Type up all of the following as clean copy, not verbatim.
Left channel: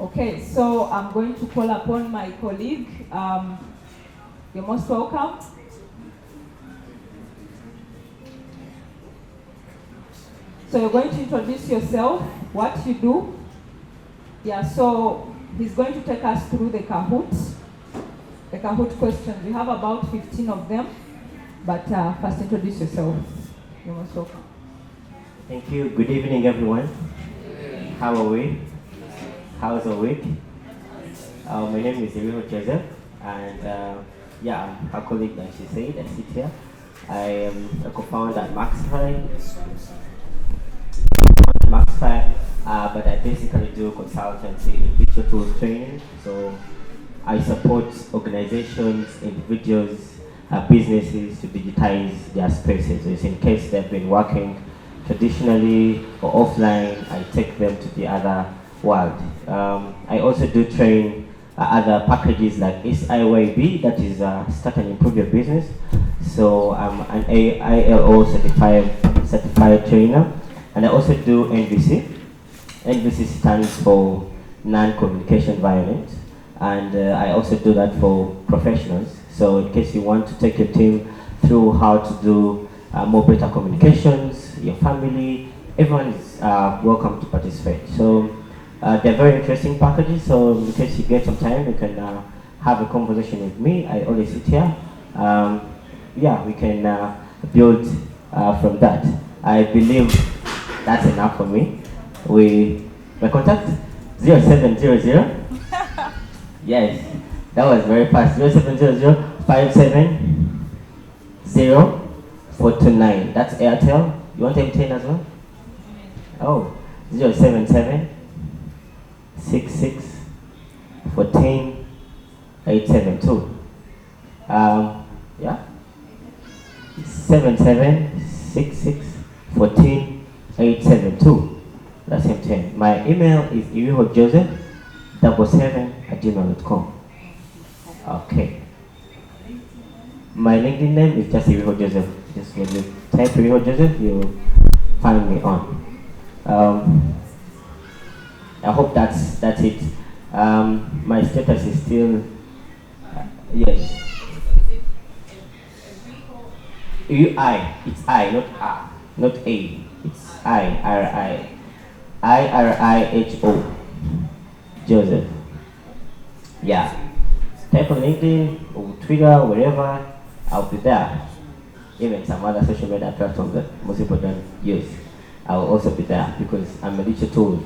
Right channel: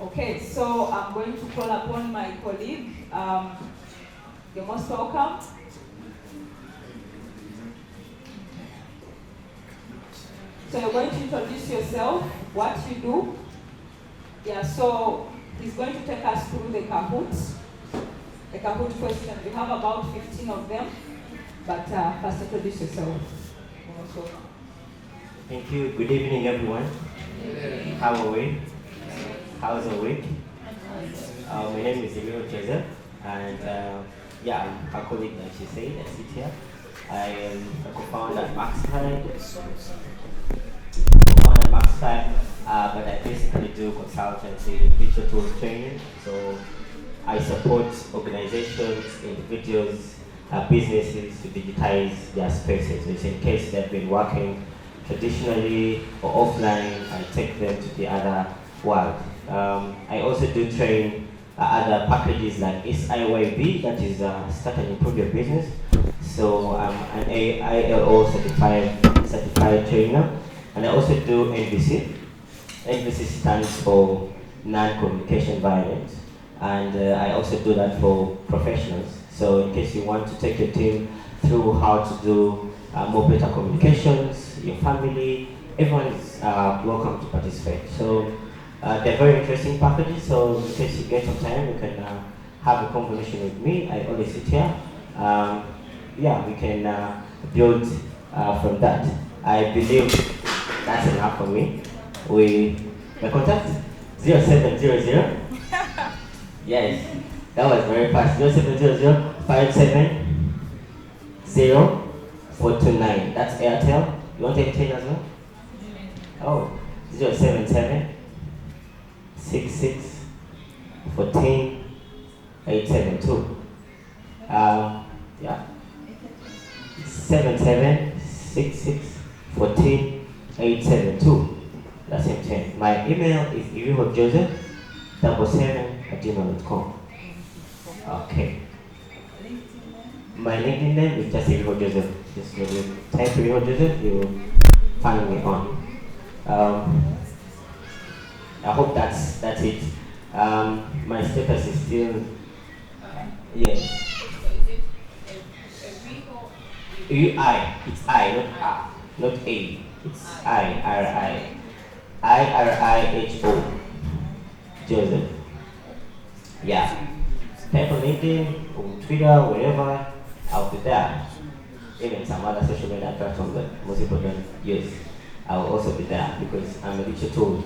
Okay, so I'm going to call upon my colleague. You're most welcome. So you're going to introduce yourself, what you do. Yeah, so he's going to take us through the Kahoot questions. We have about 15 of them, but first introduce yourself. You're most welcome. Thank you. Good evening, everyone. How are we? How's the week? My name is Joseph, and I'm a colleague, like she said, at Cynthia. I am a co-founder at Maxify. But I basically do consultancy in digital tools training. So I support organizations, individuals, businesses to digitize their spaces. So in case they've been working traditionally or offline, I take them to the other world. I also do train other packages like SIYB, that is Start and Improve Your Business. So I'm an ILO certified trainer, and I also do NVC. NVC stands for Non-Communication Violence, and I also do that for professionals. So in case you want to take your team through how to do more better communications, your family, everyone is welcome to participate. So they're very interesting packages, so in case you get some time, you can have a conversation with me. I always sit here. We can build from that. I believe that's enough for me. My contact 0700. Yes, that was very fast. 0700 570 429. That's Airtel. You want Airtel as well? Oh, 077 66 14 872. 77 66 14 872. That's M10. My email is iriho.joseph77@gmail.com. Okay. My LinkedIn name is just Iriho Joseph. Just when you type Iriho Joseph, you'll find me on. I hope that's it. My status is still yes. It's I, not A, not A. It's IRIHO Joseph. Yeah. Type on LinkedIn or Twitter, wherever, I'll be there. Even some other social media platforms that most people don't use, I'll also be there because I'm a digital tool.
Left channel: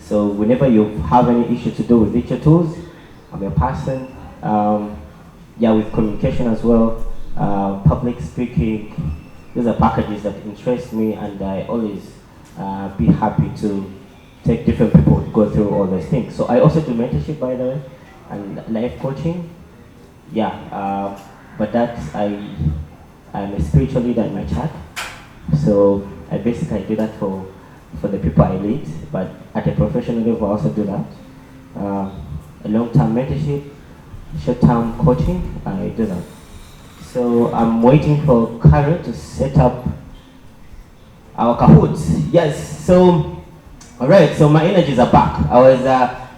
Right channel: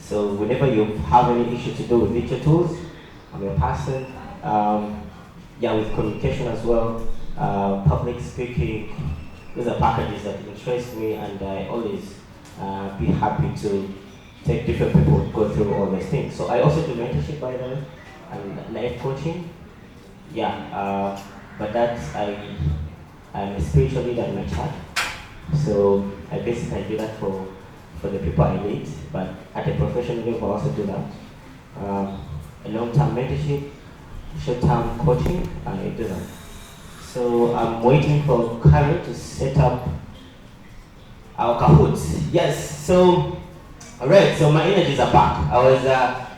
So whenever you have any issue to do with digital tools, I'm your person. With communication as well, public speaking. Those are packages that interest me, and I always be happy to take different people to go through all those things. So I also do mentorship, by the way, and life coaching. But that's I'm a spiritual leader in my church. So I basically do that for the people I lead, but at a professional level I also do that. A long-term mentorship, short-term coaching, I do that. So I'm waiting for Karen to set up our Kahoot. Yes, so, alright, so my energies are back. I was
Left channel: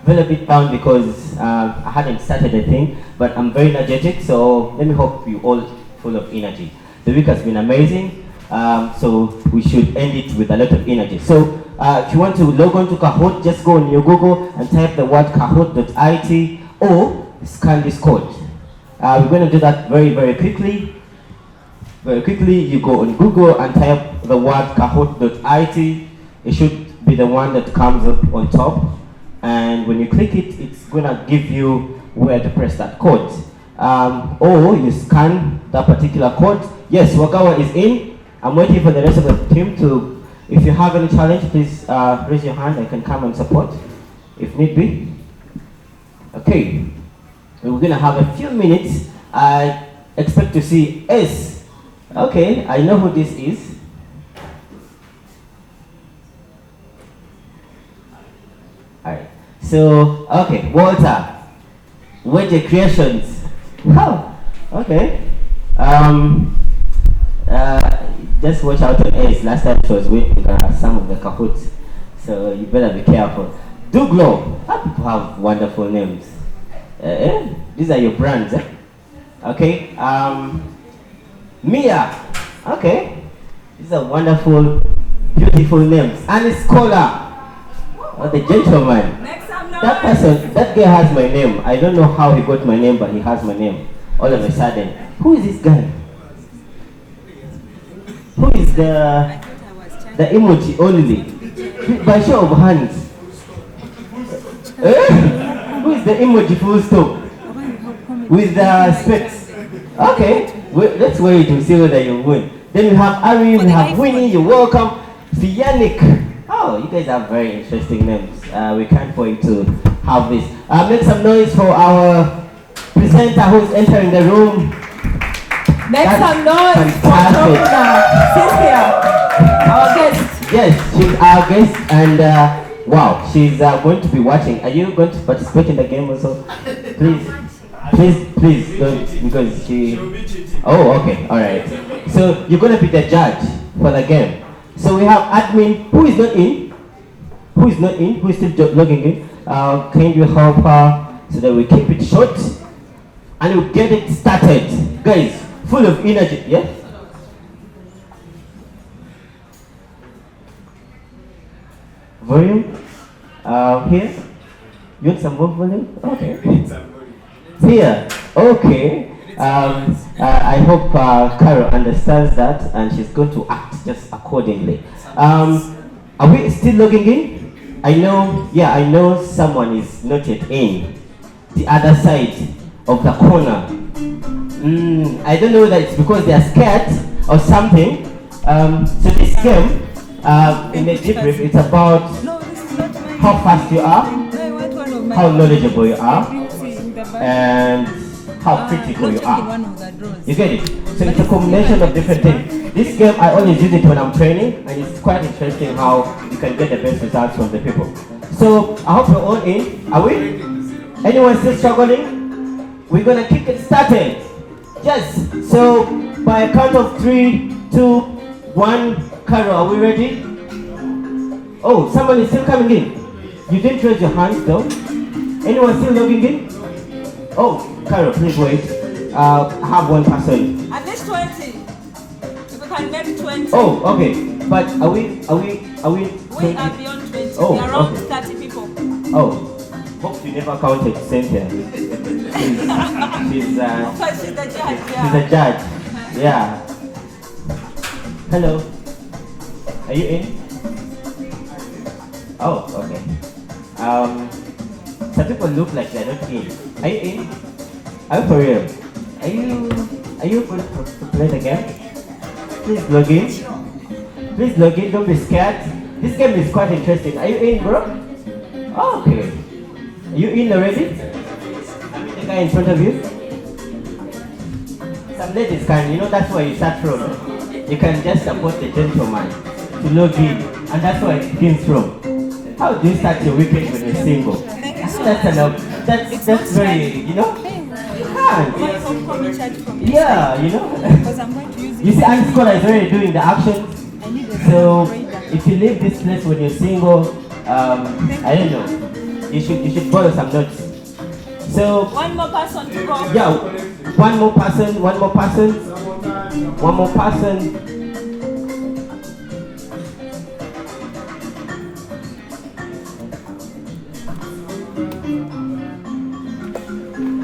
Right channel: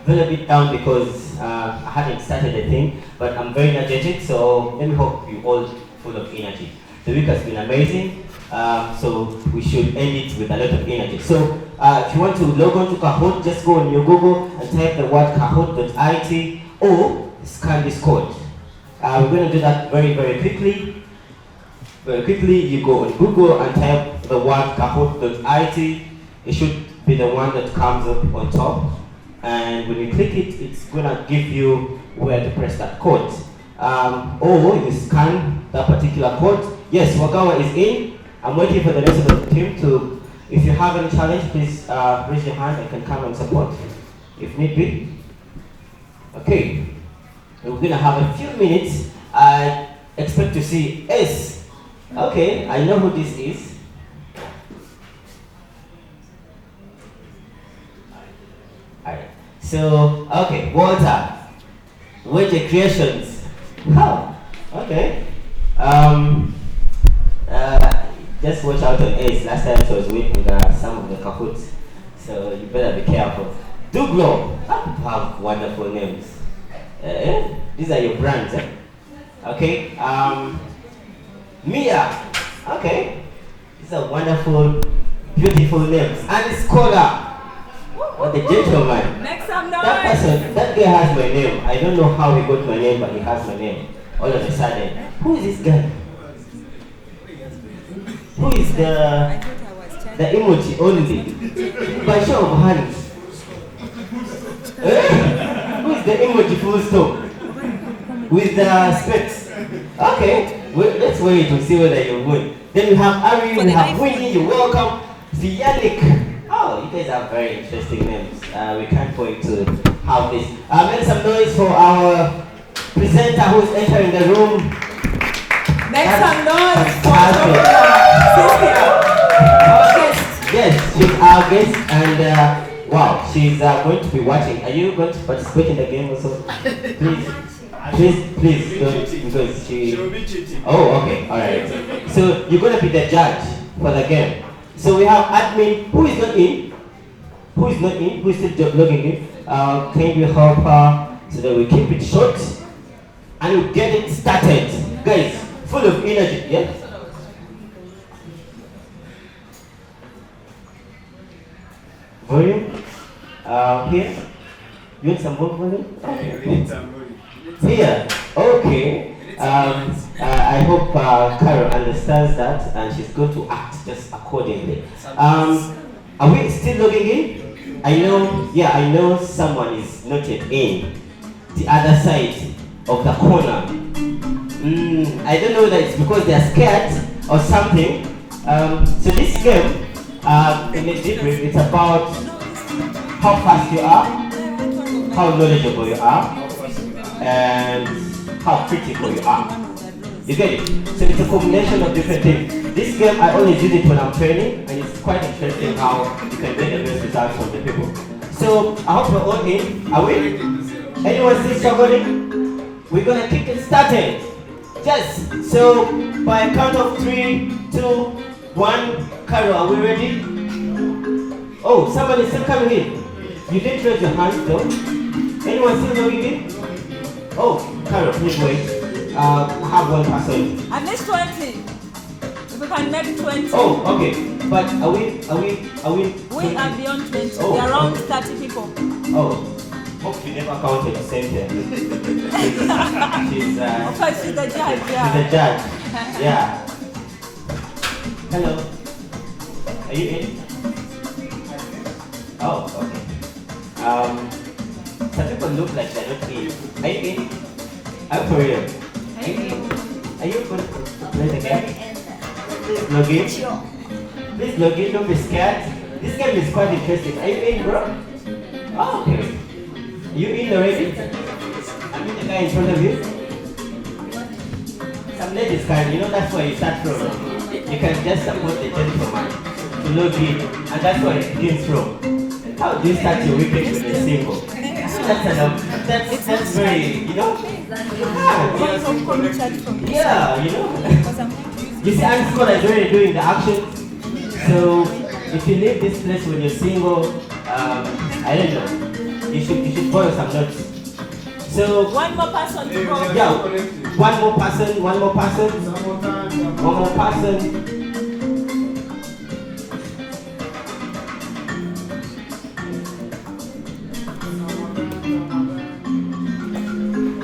very bit down because I hadn't started a thing, but I'm very energetic, so let me hope you all full of energy. The week has been amazing, so we should end it with a lot of energy. So if you want to log on to Kahoot, just go on your Google and type the word kahoot.it or scan this code. We're going to do that very, very quickly. Very quickly, you go on Google and type the word kahoot.it. It should be the one that comes up on top. And when you click it, it's going to give you where to press that code. Or you scan that particular code. Yes, Wakawa is in. I'm waiting for the rest of the team to, if you have any challenge, please raise your hand. I can come and support if need be. Okay. We're going to have a few minutes. I expect to see S. Okay, I know who this is. Alright. So, okay, Walter. Wedge Creations. Oh, okay. Just watch out on S. Last time she was winning some of the Kahoots. So you better be careful. Do Glow. Have wonderful names. These are your brands, eh? Okay. Mia. Okay. These are wonderful, beautiful names. And Scholar. What a gentleman. Make some noise. That person, that guy has my name. I don't know how he got my name, but he has my name. All of a sudden. Who is this guy? Who is the emoji only? By show of hands. Who is the emoji full stop? With the specs. Okay, let's wait to see whether you win. Then we have Ari, we have Winnie, you're welcome. Yannick. Oh, you guys have very interesting names. We can't wait to have this. Make some noise for our presenter who's entering the room. Make some noise fantastic. for Cynthia, our guest. Yes, she's our guest, and wow, she's going to be watching. Are you going to participate in the game also? Please, don't, because she... Oh, okay, all right. So you're going to be the judge for the game. So we have admin. Who is not in? Who is not in? Who is still logging in? Can you help her so that we keep it short and we get it started, guys? Full of energy, yeah? Volume? Here? You want some more volume? Okay. Here? Okay. I hope Carol understands that and she's going to act just accordingly. Are we still logging in? I know someone is not yet in. The other side of the corner. I don't know that it's because they are scared or something. So this game, in a debrief, it's about how fast you are, how knowledgeable you are, and how critical you are. You get it? So it's a combination of different things. This game, I always use it when I'm training, and it's quite interesting how you can get the best results from the people. So I hope you're all in. Are we? Anyone still struggling? We're gonna kick it started. Yes, so by a count of 3, 2, 1, Carol, are we ready? Oh, someone is still coming in. You didn't raise your hands though. Anyone still logging in? Oh, Carol, please wait. I have one person. At least 20. If we can make 20. Oh, okay. But are we? We are beyond 20. Oh, we are around okay. 30 people. Oh, hope you never counted Cynthia. She's Of course, she's the judge, She's a judge. Yeah. Hello. Are you in? Oh, okay. Some people look like they're not in. Are you in? I'm for real. Are you going to play the game? Please log in. Please log in, don't be scared. This game is quite interesting. Are you in, bro? Oh, okay. Are you in already? I mean the guy in front of you? Some ladies can, that's where you start from. You can just support the gentleman to log in, and that's where it begins from. How do you start your weekend when you're single? That's very, Yeah, You see, Aunt Scholar is already doing the action. So if you leave this place when you're single, I don't know. You should borrow some notes. So one more person to go. Yeah, one more person.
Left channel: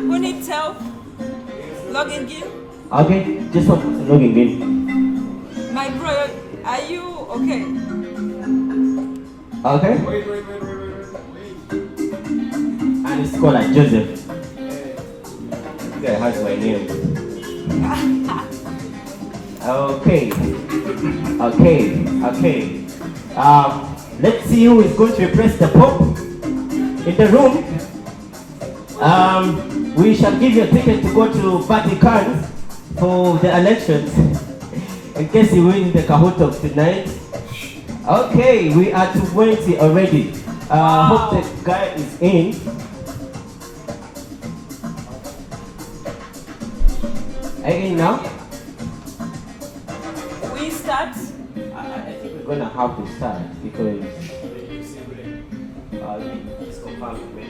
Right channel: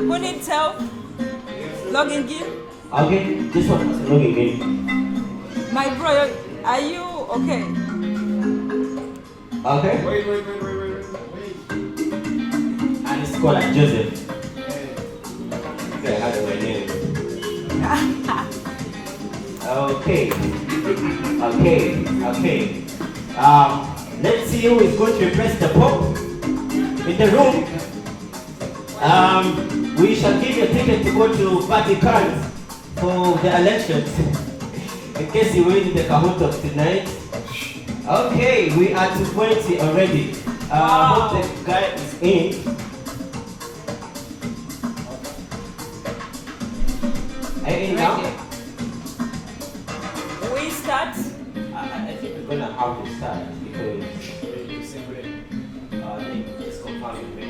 Who needs help? Logging in? Okay, just one person logging in. My bro, are you okay? Okay. Wait. And it's called like Joseph. Okay, how's my name? Okay. Let's see who is going to replace the Pope in the room. We shall give you a ticket to go to Vatican for the elections in case you win the Kahoot of tonight. Okay, we are to 20 already. Wow. Hope the guy is in. Are you in now? We start. I think we're gonna have to start because confirm with me.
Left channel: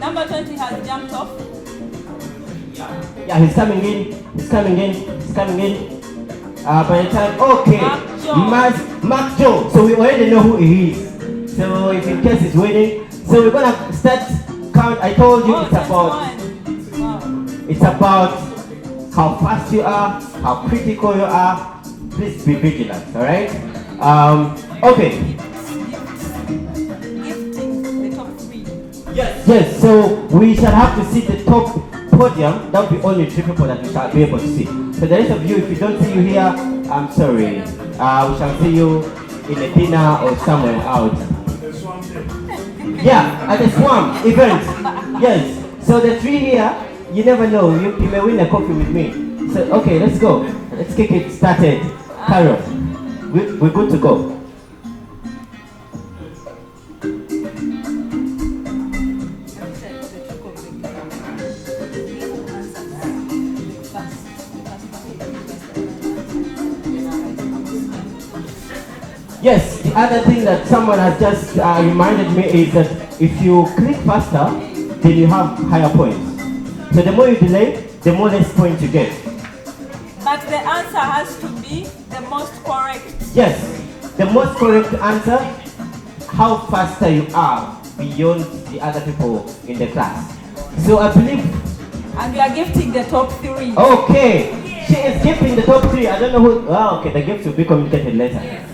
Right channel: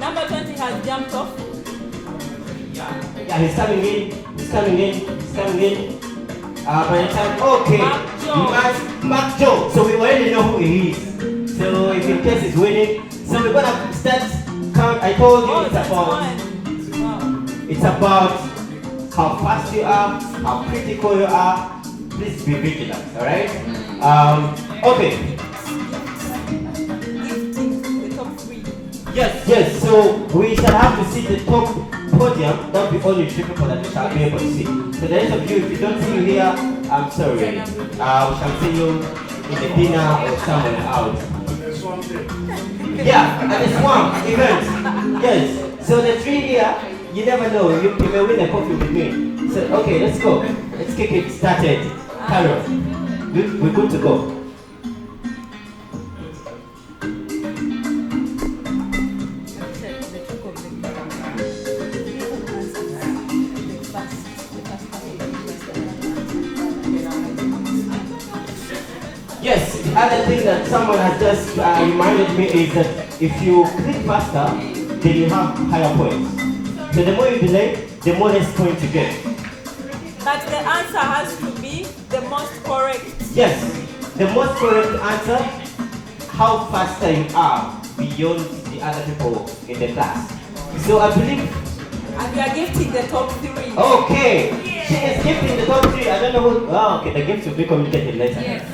Number 20 has jumped off. Yeah, he's coming in. By the time, okay, Mark Joe. So we already know who he is. So if in case he's winning, so we're gonna start count. I told you it's about how fast you are, how critical you are. Please be vigilant, all right? Okay. The top 3. Yes. So we shall have to see the top podium. That will be only 3 people that we shall be able to see. So the rest of you, if we don't see you here, I'm sorry. We shall see you in a dinner or somewhere out. Yeah, at the Swamp event. Yes. So the 3 here, you never know. You may win a coffee with me. So okay, let's go. Let's kick it started. Carol, we're good to go. Yes, the other thing that someone has just reminded me is that if you click faster, then you have higher points. So the more you delay, the more less points you get. But the answer has to be the most correct. Yes, the most correct answer, how faster you are beyond the other people in the class. So I believe... And we are gifting the top 3. Okay, she is gifting the top 3. I don't know who... Oh, okay, the gift will be communicated later. Yes.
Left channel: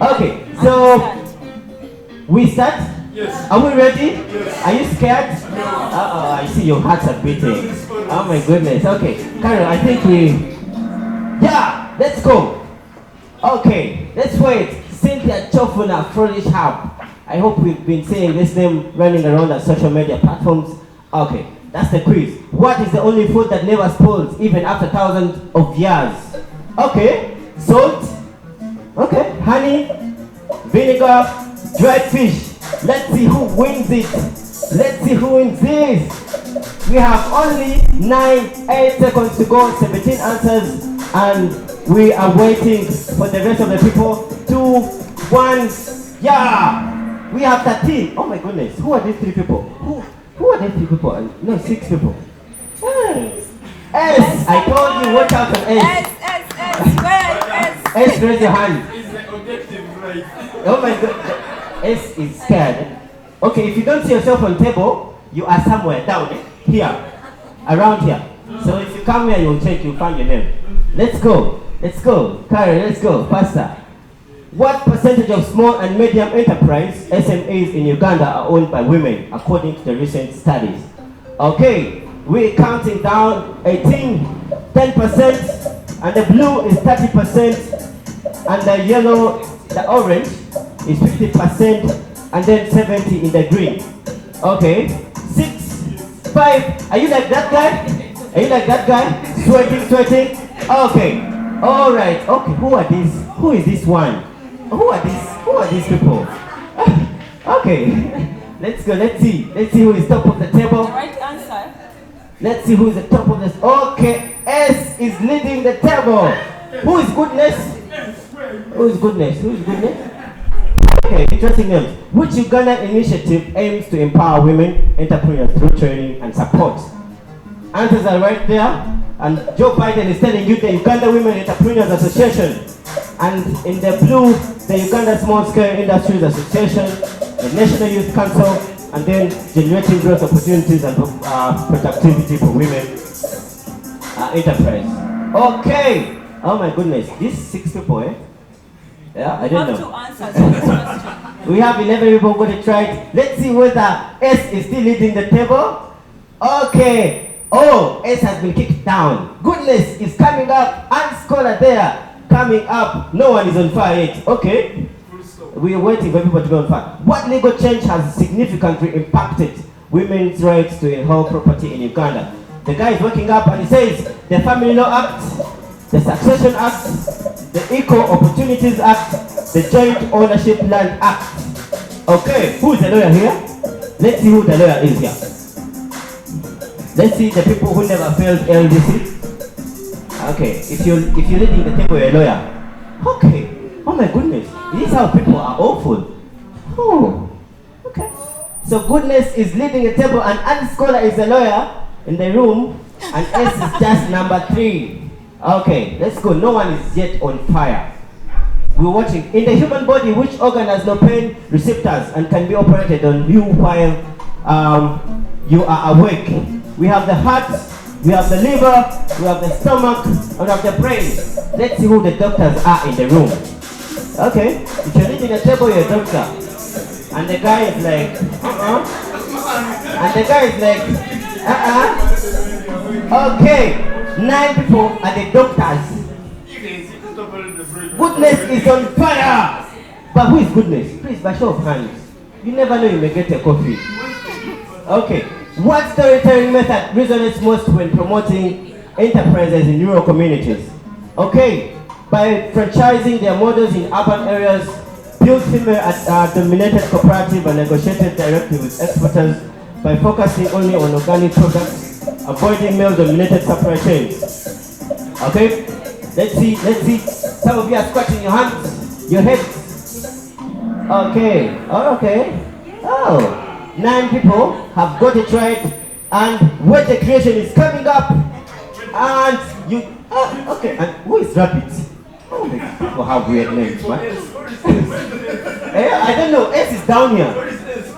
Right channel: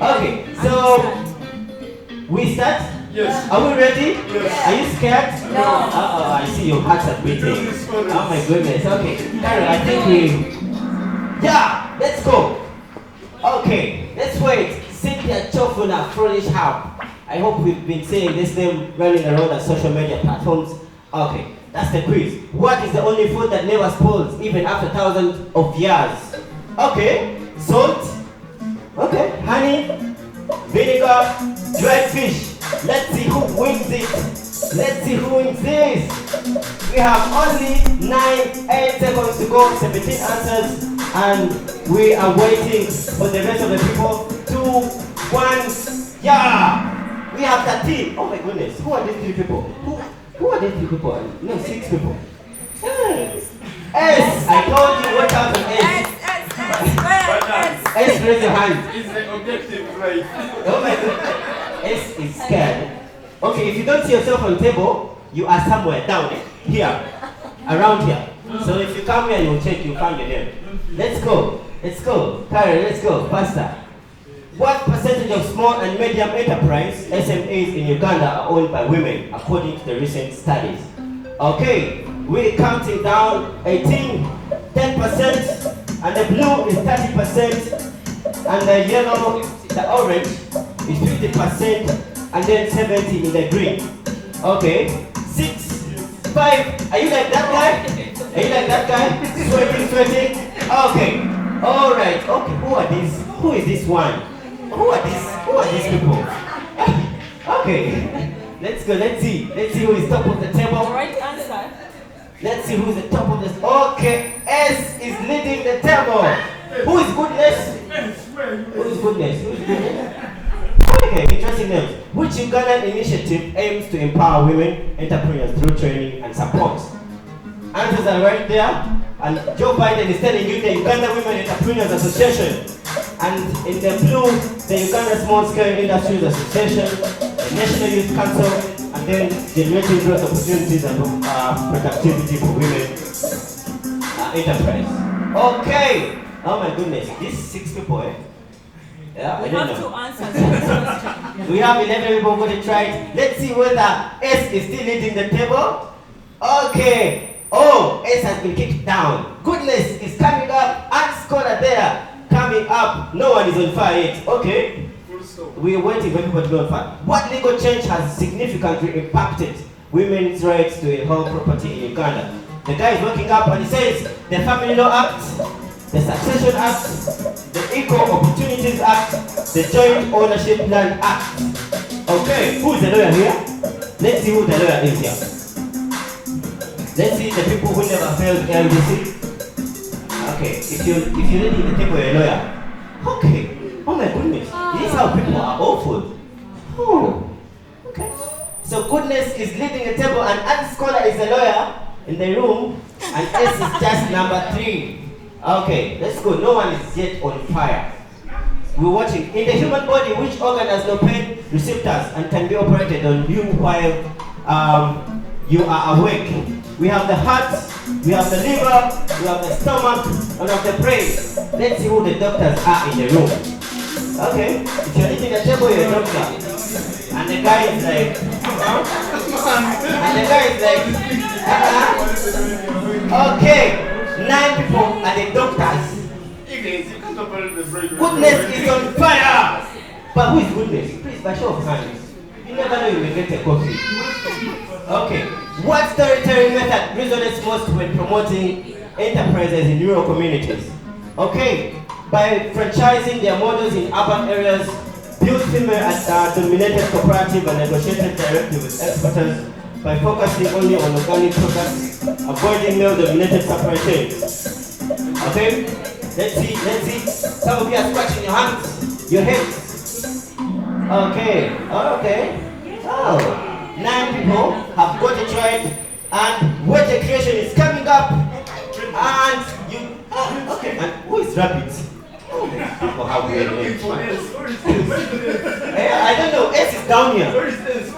Okay, so we start? Yes. Are we ready? Yes. Are you scared? No. I see your hearts are beating. Oh my goodness. Okay, Carol, I think we... Yeah, let's go. Okay, let's wait. Cynthia Kyofuna, Flourish Hub. I hope we've been seeing this name running around on social media platforms. Okay, that's the quiz. What is the only food that never spoils even after thousands of years? Okay, salt. Okay, honey, vinegar, dried fish. Let's see who wins it. Let's see who wins this. We have only 8 seconds to go, 17 answers, and we are waiting for the rest of the people. 2, 1, yeah! We have 13. Oh my goodness, who are these 3 people? Who are these 3 people? No, 6 people. S, I told you, watch out for S. S, raise your hand. It's the objective, right? Oh my god. S is scared. Okay, if you don't see yourself on the table, you are somewhere down here, around here. So if you come here, you'll check, you'll find your name. Let's go. Karen, let's go, faster. What percentage of small and medium enterprise, SMEs in Uganda, are owned by women, according to the recent studies? Okay, we're counting down 18, 10%, and the blue is 30%, and the yellow, the orange, is 50%, and then 70 in the green. Okay, 6, 5, are you like that guy? Sweating? Okay, alright, okay, who are these? Who is this one? Who are these people? Okay, let's go, let's see who is top of the table. The right answer. Let's see who is the top of this. Okay, S is leading the table. Who is goodness? Okay, interesting names. Which Uganda initiative aims to empower women entrepreneurs through training and support? Answers are right there. And Joe Biden is telling you the Uganda Women Entrepreneurs Association. And in the blue, the Uganda Small Scale Industries Association, the National Youth Council, and then generating growth opportunities and productivity for women enterprise. Okay. Oh my goodness, these 6 people, eh? Yeah, I don't know. We have 2 answers to this question. We have 11 people got it right. Let's see whether S is still leading the table. Okay. Oh, S has been kicked down. Goodness is coming up. And Scholar there. Coming up. No one is on fire yet. Okay. We are waiting for people to go on fire. What legal change has significantly impacted women's rights to hold property in Uganda? The guy is waking up and he says the Family Law Act, the Succession Act, the Equal Opportunities Act, the Joint Ownership Land Act. Okay, who is the lawyer here? Let's see who the lawyer is here. Let's see the people who never failed LDC. Okay, if you're leading the table, you're a lawyer. Okay, oh my goodness, this is how people are awful. Oh, okay. So goodness is leading a table, and Andy Scholar is a lawyer in the room, and S is just number 3. Okay, let's go. No one is yet on fire. We're watching. In the human body, which organ has no pain receptors and can be operated on you while you are awake? We have the heart, we have the liver, we have the stomach, and we have the brain. Let's see who the doctors are in the room. Okay, if you're eating a table, you're a doctor. And the guy is like, And the guy is like, Okay, 9 people are the doctors. Goodness is on fire! But who is goodness? Please, by show of hands. You never know, you may get a coffee. Okay, what storytelling method resonates most when promoting enterprises in rural communities? Okay, by franchising their models in urban areas, build female-dominated cooperative and negotiated directly with exporters by focusing only on organic products, avoiding male-dominated supply chains. Okay, let's see. Some of you are scratching your hands, your heads. Okay, okay. Oh. 9 people have got it right, and wealth creation is coming up, and you, okay, and who is rabbit? Oh, these people have weird names, man. I don't know, S is down here.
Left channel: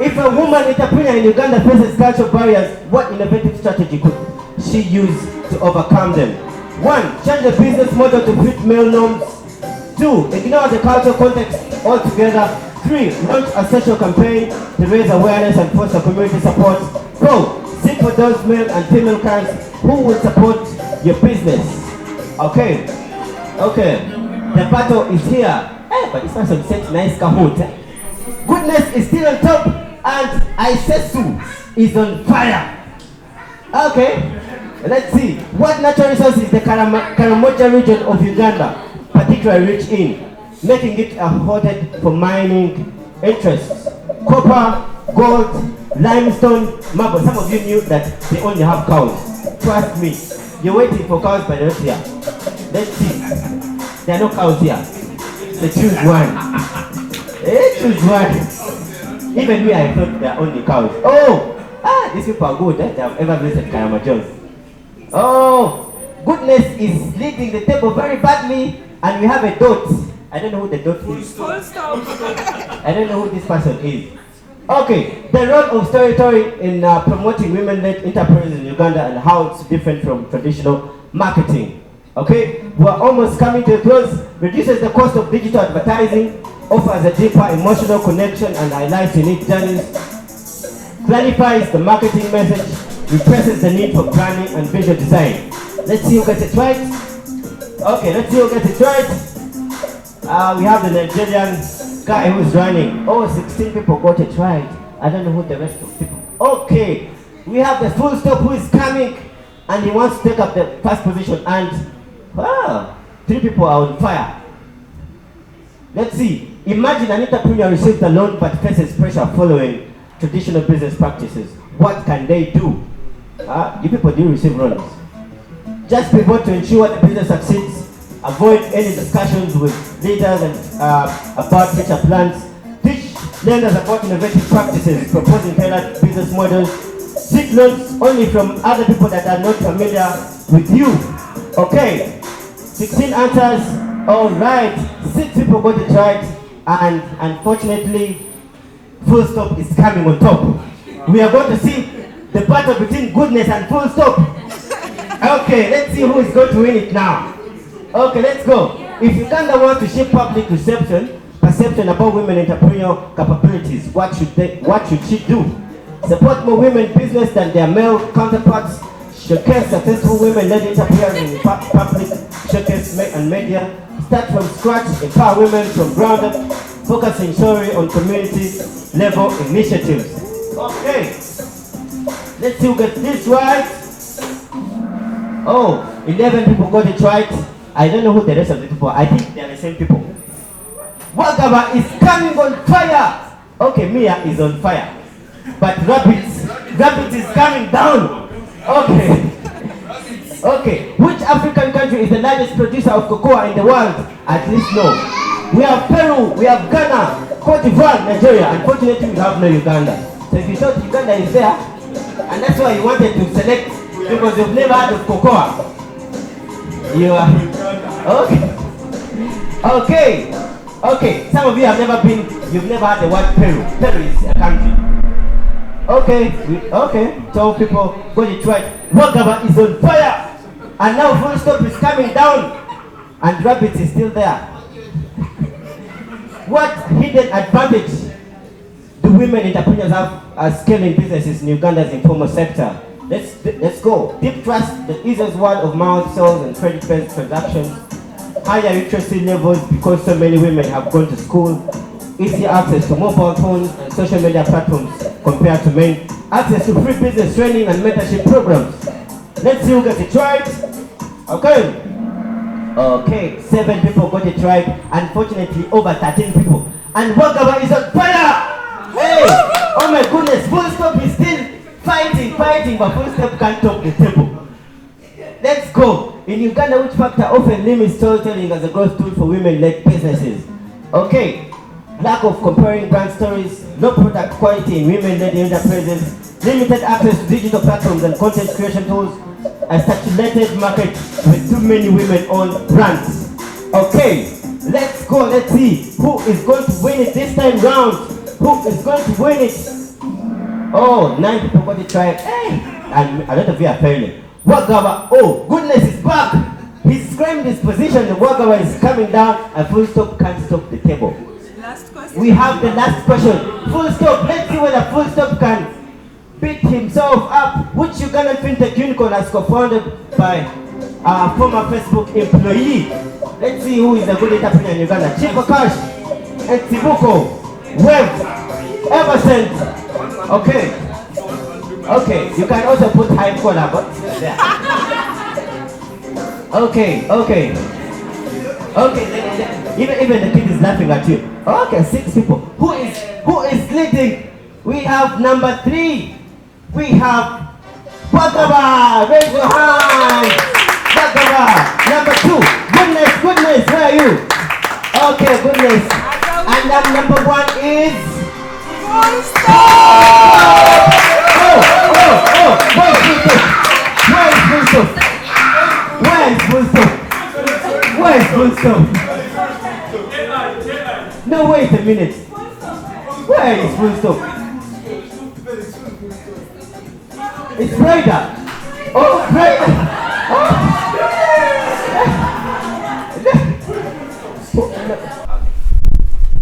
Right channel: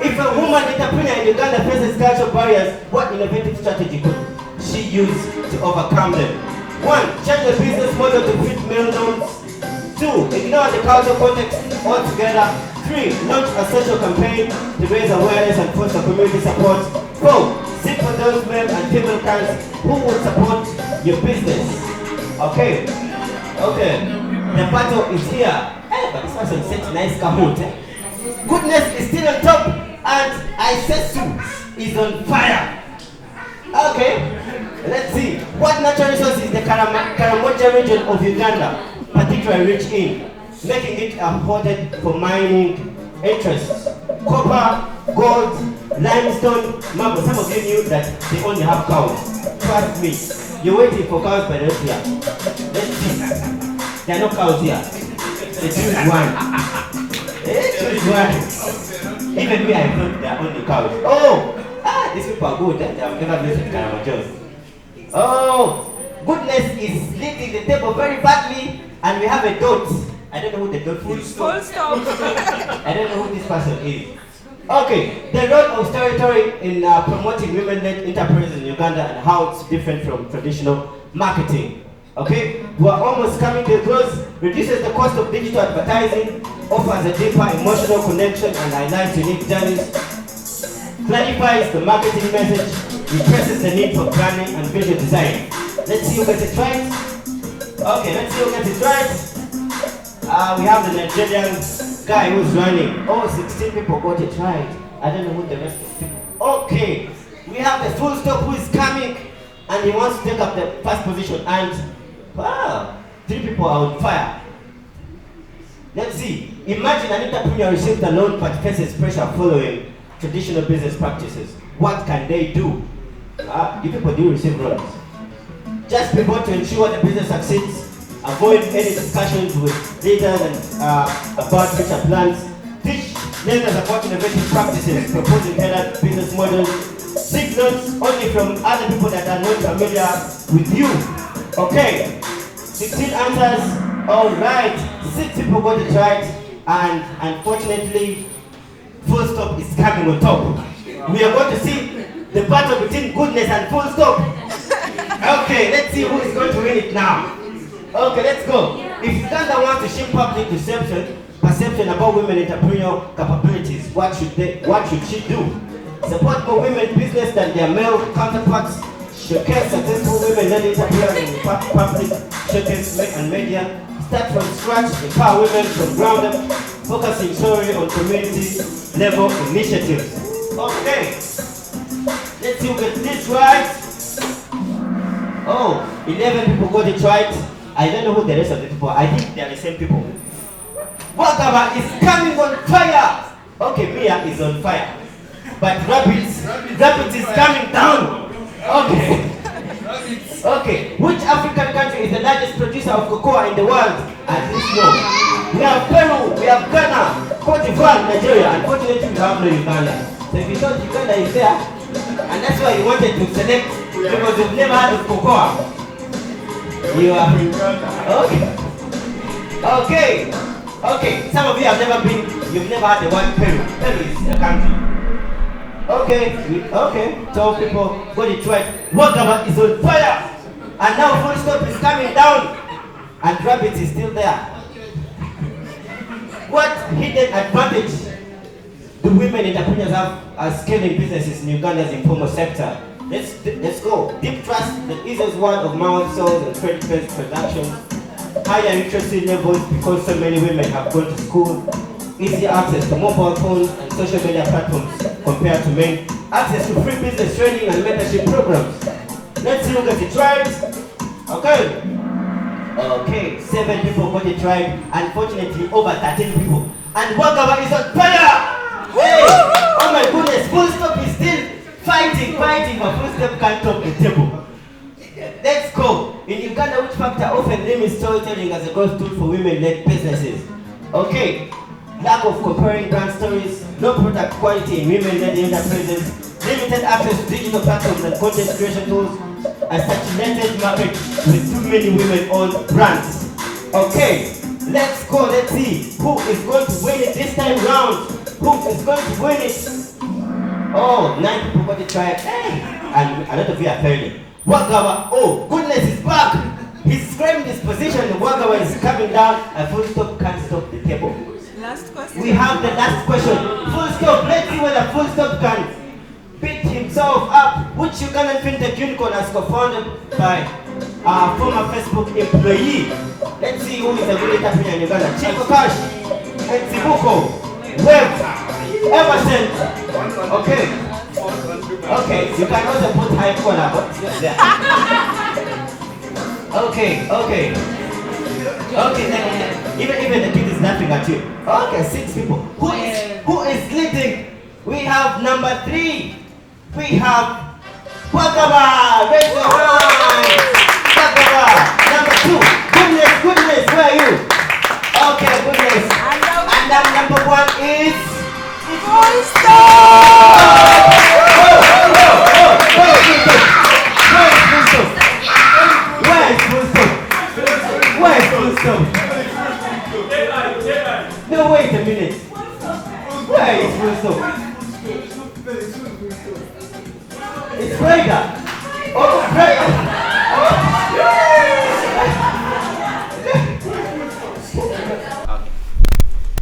If a woman entrepreneur in Uganda faces cultural barriers, what innovative strategy could she use to overcome them? 1, change the business model to fit male norms. 2, ignore the cultural context altogether. 3, launch a social campaign to raise awareness and foster community support. 4, seek for those male and female clients who will support your business. Okay, the battle is here. But this person said nice Kahoot. Goodness is still on top, and Isesu is on fire. Okay, let's see. What natural resource is the Karamoja region of Uganda particularly rich in, making it afforded for mining interests? Copper, gold, limestone, marble. Some of you knew that they only have cows. Trust me, you're waiting for cows, but they're not here. Let's see. There are no cows here. They choose one. They choose one. Even me, I thought there are only cows. Oh, these people are good. They have ever visited Karamajos. Oh, goodness is leading the table very badly, and we have a dot. I don't know who the dot is. Full stop. I don't know who this person is. Okay, the role of storytelling in promoting women-led enterprises in Uganda and how it's different from traditional marketing. Okay, we're almost coming to a close. Reduces the cost of digital advertising, offers a deeper emotional connection and highlights unique journeys, clarifies the marketing message, represses the need for branding and visual design. Let's see who gets it right. Okay, let's see who gets it right. We have the Nigerian guy who's running. 16 people got it right. I don't know who the rest of the people. Okay, we have the full stop who is coming, and he wants to take up the first position, and 3 people are on fire. Let's see. Imagine an entrepreneur receives a loan but faces pressure following traditional business practices. What can they do? You people do receive loans. Just pivot to ensure the business succeeds. Avoid any discussions with leaders and about future plans. Teach lenders about innovative practices, proposing tailored business models. Seek loans only from other people that are not familiar with you. Okay, 16 answers. All right, 6 people got it right, and unfortunately, full stop is coming on top. We are going to see the battle between goodness and full stop. Okay, let's see who is going to win it now. Okay, let's go. If Uganda wants to shape public perception about women entrepreneurial capabilities, what should she do? Support more women business than their male counterparts. Showcase successful women-led entrepreneurs in public showcase and media. Start from scratch, empower women from ground up, focusing solely on community level initiatives. Okay, let's see who gets this right. 11 people got it right. I don't know who the rest of the people are. I think they are the same people. Wakaba is coming on fire. Okay, Mia is on fire. But Rabbit is coming down. Okay, which African country is the largest producer of cocoa in the world? At least no. We have Peru, we have Ghana, Cote d'Ivoire, Nigeria. Unfortunately, we have no Uganda. So if you thought Uganda is there, and that's why you wanted to select, because you've never had of cocoa. You are okay. Some of you have never been. You've never had the word Peru. Peru is a country. Okay. Tell people go to Detroit. Wagaba is on fire, and now Full Stop is coming down, and Rabbit is still there. What hidden advantage do women entrepreneurs have as scaling businesses in Uganda's informal sector? Let's go. Deep trust, the easiest word of mouth sales and credit-based transactions. Higher literacy levels because so many women have gone to school. Easy access to mobile phones and social media platforms compared to men. Access to free business training and mentorship programs. Let's see who gets it right. Okay, 7 people got it right. Unfortunately, over 13 people. And Wagaba is on fire! Hey! Oh my goodness, Full Stop is still fighting, but Full Stop can't top the table. Let's go. In Uganda, which factor often limits storytelling as a growth tool for women-led businesses? Okay. Lack of comparing brand stories, low product quality in women-led enterprises, limited access to digital platforms and content creation tools, a saturated market with too many women-owned brands. Okay, let's go. Let's see who is going to win it this time round. Who is going to win it? Oh, 9 people got it right. Hey, and a lot of you are failing. Wagaba, oh goodness, is back. He's claimed his position. The Wagaba is coming down. A Full Stop can't stop the table. Last question. We have the last question. Full Stop. Let's see whether Full Stop can pick himself up. Which Ugandan fintech unicorn has co-founded by a former Facebook employee? Let's see who is a good entrepreneur in Uganda. Chico Cash, Etibuko, Web, Emerson. Okay, you can also put high corner, but okay. Even the kid is laughing at you. Okay, 6 people. Who is leading? We have number 3. We have Wagaba. Raise your hand. Wagaba. Number 2. Goodness, where are you? Okay, Goodness. And then number 1 is Full Stop. Where is Full Stop? No, wait a minute. Where is Full Stop? It's Freda. Oh, Freda.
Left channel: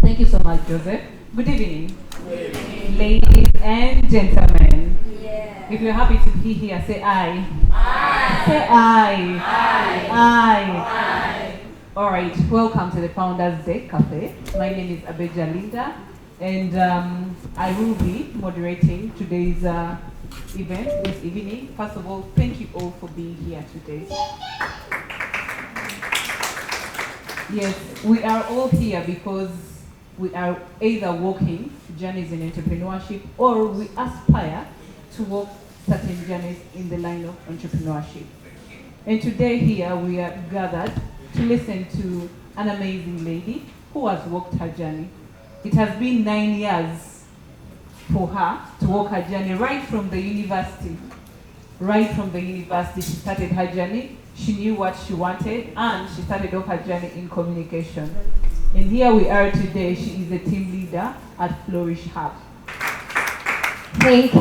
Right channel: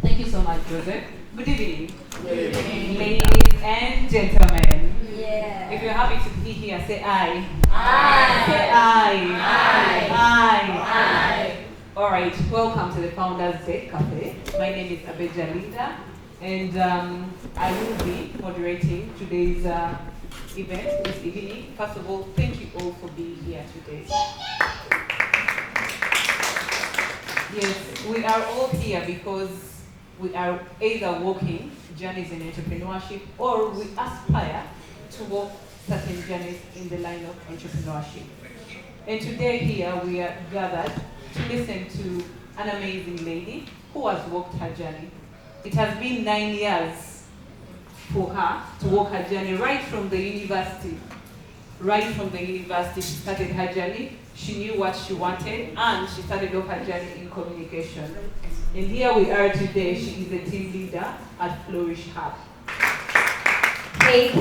Thank you so much, Joseph. Good evening. Ladies and gentlemen. Yeah. If you're happy to be here, say aye. Aye. Say aye. Aye. Aye. All right, welcome to the Founders Day Café. My name is Abeja Linda, and I will be moderating today's event this evening. First of all, thank you all for being here today. Yes, we are all here because we are either walking journeys in entrepreneurship or we aspire to walk certain journeys in the line of entrepreneurship. And today here we are gathered to listen to an amazing lady who has walked her journey. It has been 9 years for her to walk her journey right from the university. Right from the university, she started her journey. She knew what she wanted, and she started off her journey in communication. And here we are today. She is a team leader at Flourish Hub. Thank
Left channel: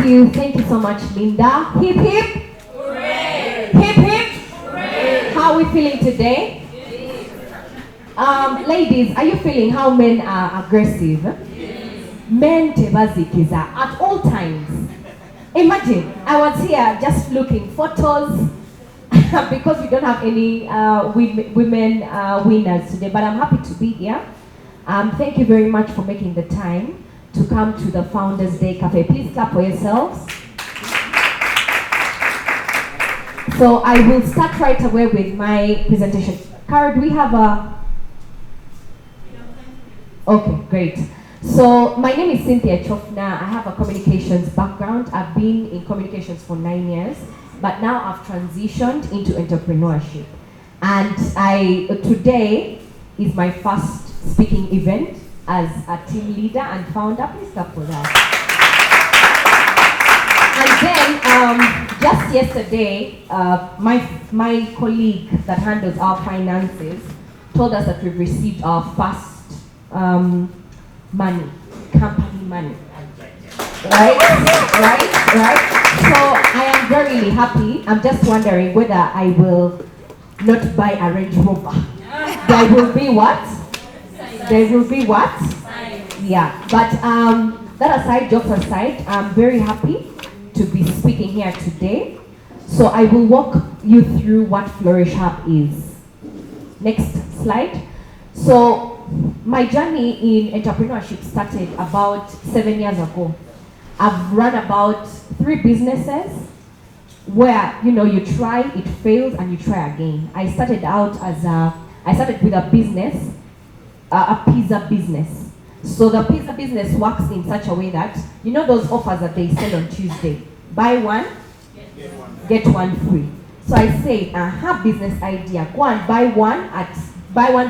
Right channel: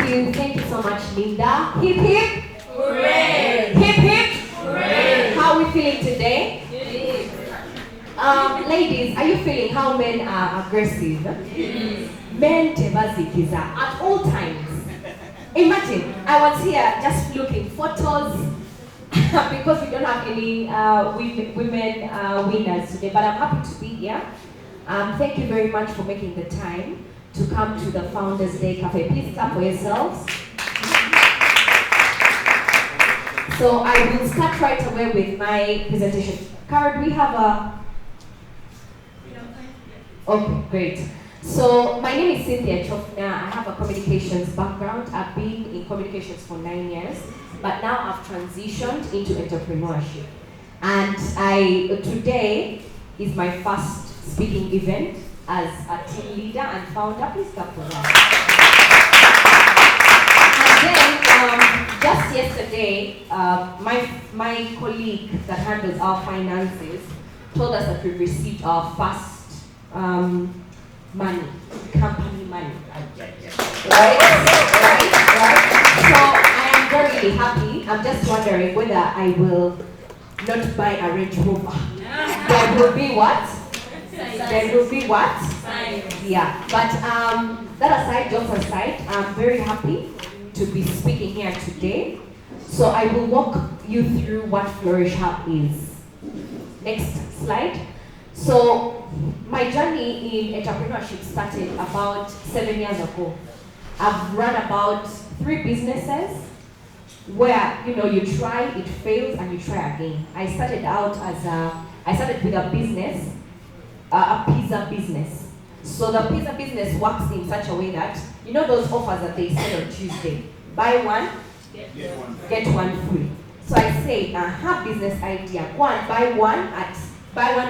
you so much, Linda. Hip hip. Hooray! Hip hip. Hooray! How are we feeling today? Ladies, are you feeling how men are aggressive? Yes. Men tebazikiza at all times. Imagine, I was here just looking photos because we don't have any women winners today, but I'm happy to be here. Thank you very much for making the time to come to the Founders Day Café. Please clap for yourselves. So I will start right away with my presentation. Cara, do we have a... Okay, great. So my name is Cynthia Kyofuna. I have a communications background. I've been in communications for 9 years, but now I've transitioned into entrepreneurship. And today is my first speaking event as a team leader and founder. Please clap for that. And then, just yesterday, my colleague that handles our finances told us that we've received our first money, company money. Right? So I am very happy. I'm just wondering whether I will not buy a Range Rover. There will be what? There will be what? Yeah. But that aside, jokes aside, I'm very happy to be speaking here today. So I will walk you through what Flourish Hub is. Next slide. So my journey in entrepreneurship started about 7 years ago. I've run about 3 businesses where you try, it fails, and you try again. I started with a business, a pizza business. So the pizza business works in such a way that those offers that they sell on Tuesday, buy one, get one free. So I say, business idea, go and buy one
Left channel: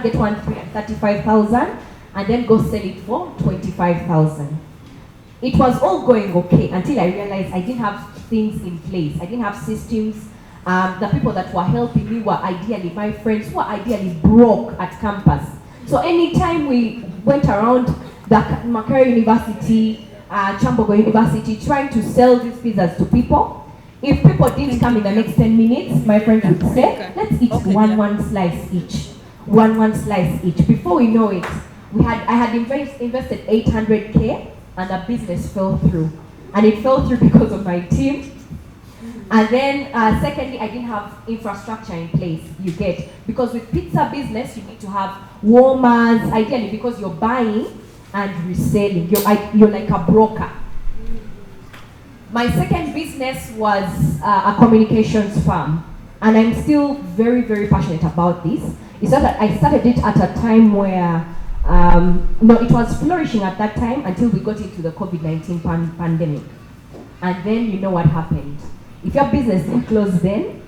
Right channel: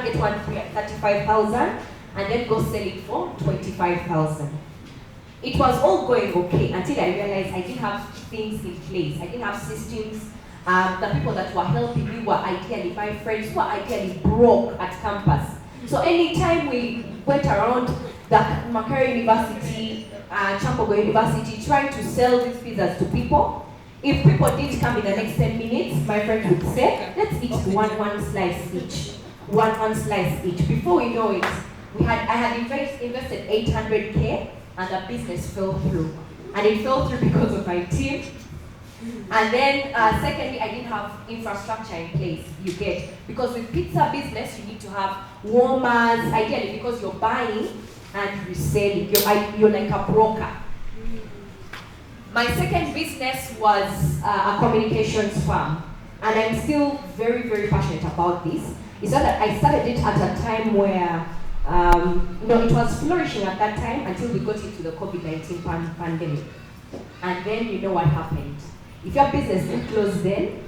get one free at 35,000, and then go sell it for 25,000. It was all going okay until I realized I didn't have things in place. I didn't have systems. The people that were helping me were ideally my friends who were ideally broke at campus. So anytime we went around the Makerere University, Chambogo University, trying to sell these pizzas to people, if people didn't come in the next 10 minutes, my friend would say, let's eat one slice each. One slice each. Before we know it, I had invested 800K, and the business fell through. And it fell through because of my team. And then secondly, I didn't have infrastructure in place, you get. Because with pizza business, you need to have warmers, ideally because you're buying and reselling. You're like a broker. My second business was a communications firm. And I'm still very, very passionate about this. It's not that I started it at a time where it was flourishing at that time until we got into the COVID-19 pandemic. And then you know what happened. If your business didn't close then,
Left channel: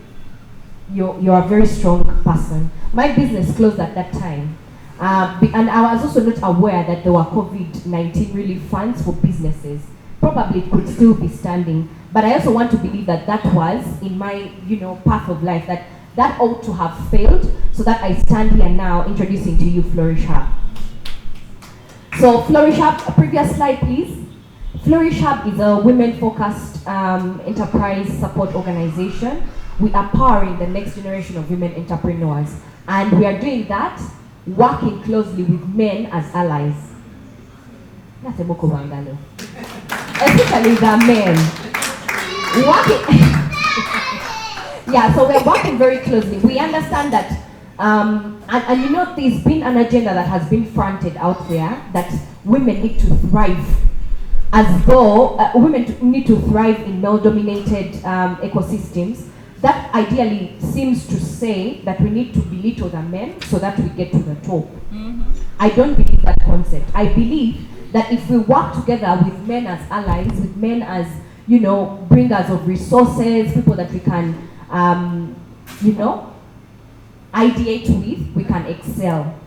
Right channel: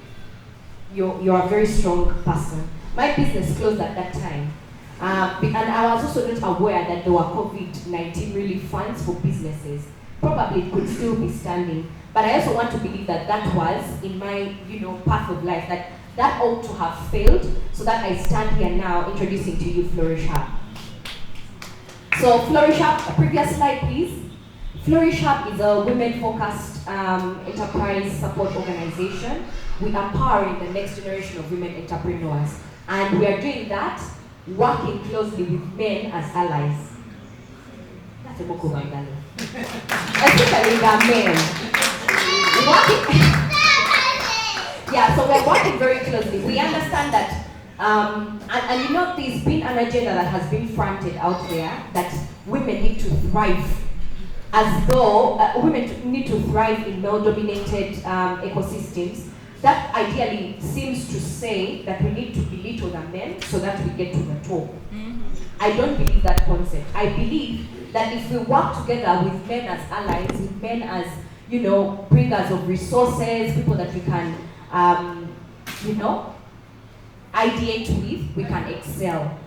you're a very strong person. My business closed at that time. And I was also not aware that there were COVID-19 relief funds for businesses. Probably it could still be standing. But I also want to believe that that was in my path of life, that ought to have failed, so that I stand here now introducing to you Flourish Hub. So Flourish Hub, previous slide please. Flourish Hub is a women-focused enterprise support organization. We are powering the next generation of women entrepreneurs. And we are doing that working closely with men as allies. Especially the men. Yeah, so we're working very closely. We understand that, there's been an agenda that has been fronted out there that women need to thrive, as though women need to thrive in male-dominated ecosystems. That ideally seems to say that we need to belittle the men so that we get to the top. Mm-hmm. I don't believe that concept. I believe that if we work together with men as allies, with men as bringers of resources, people that we can ideate with, we can excel.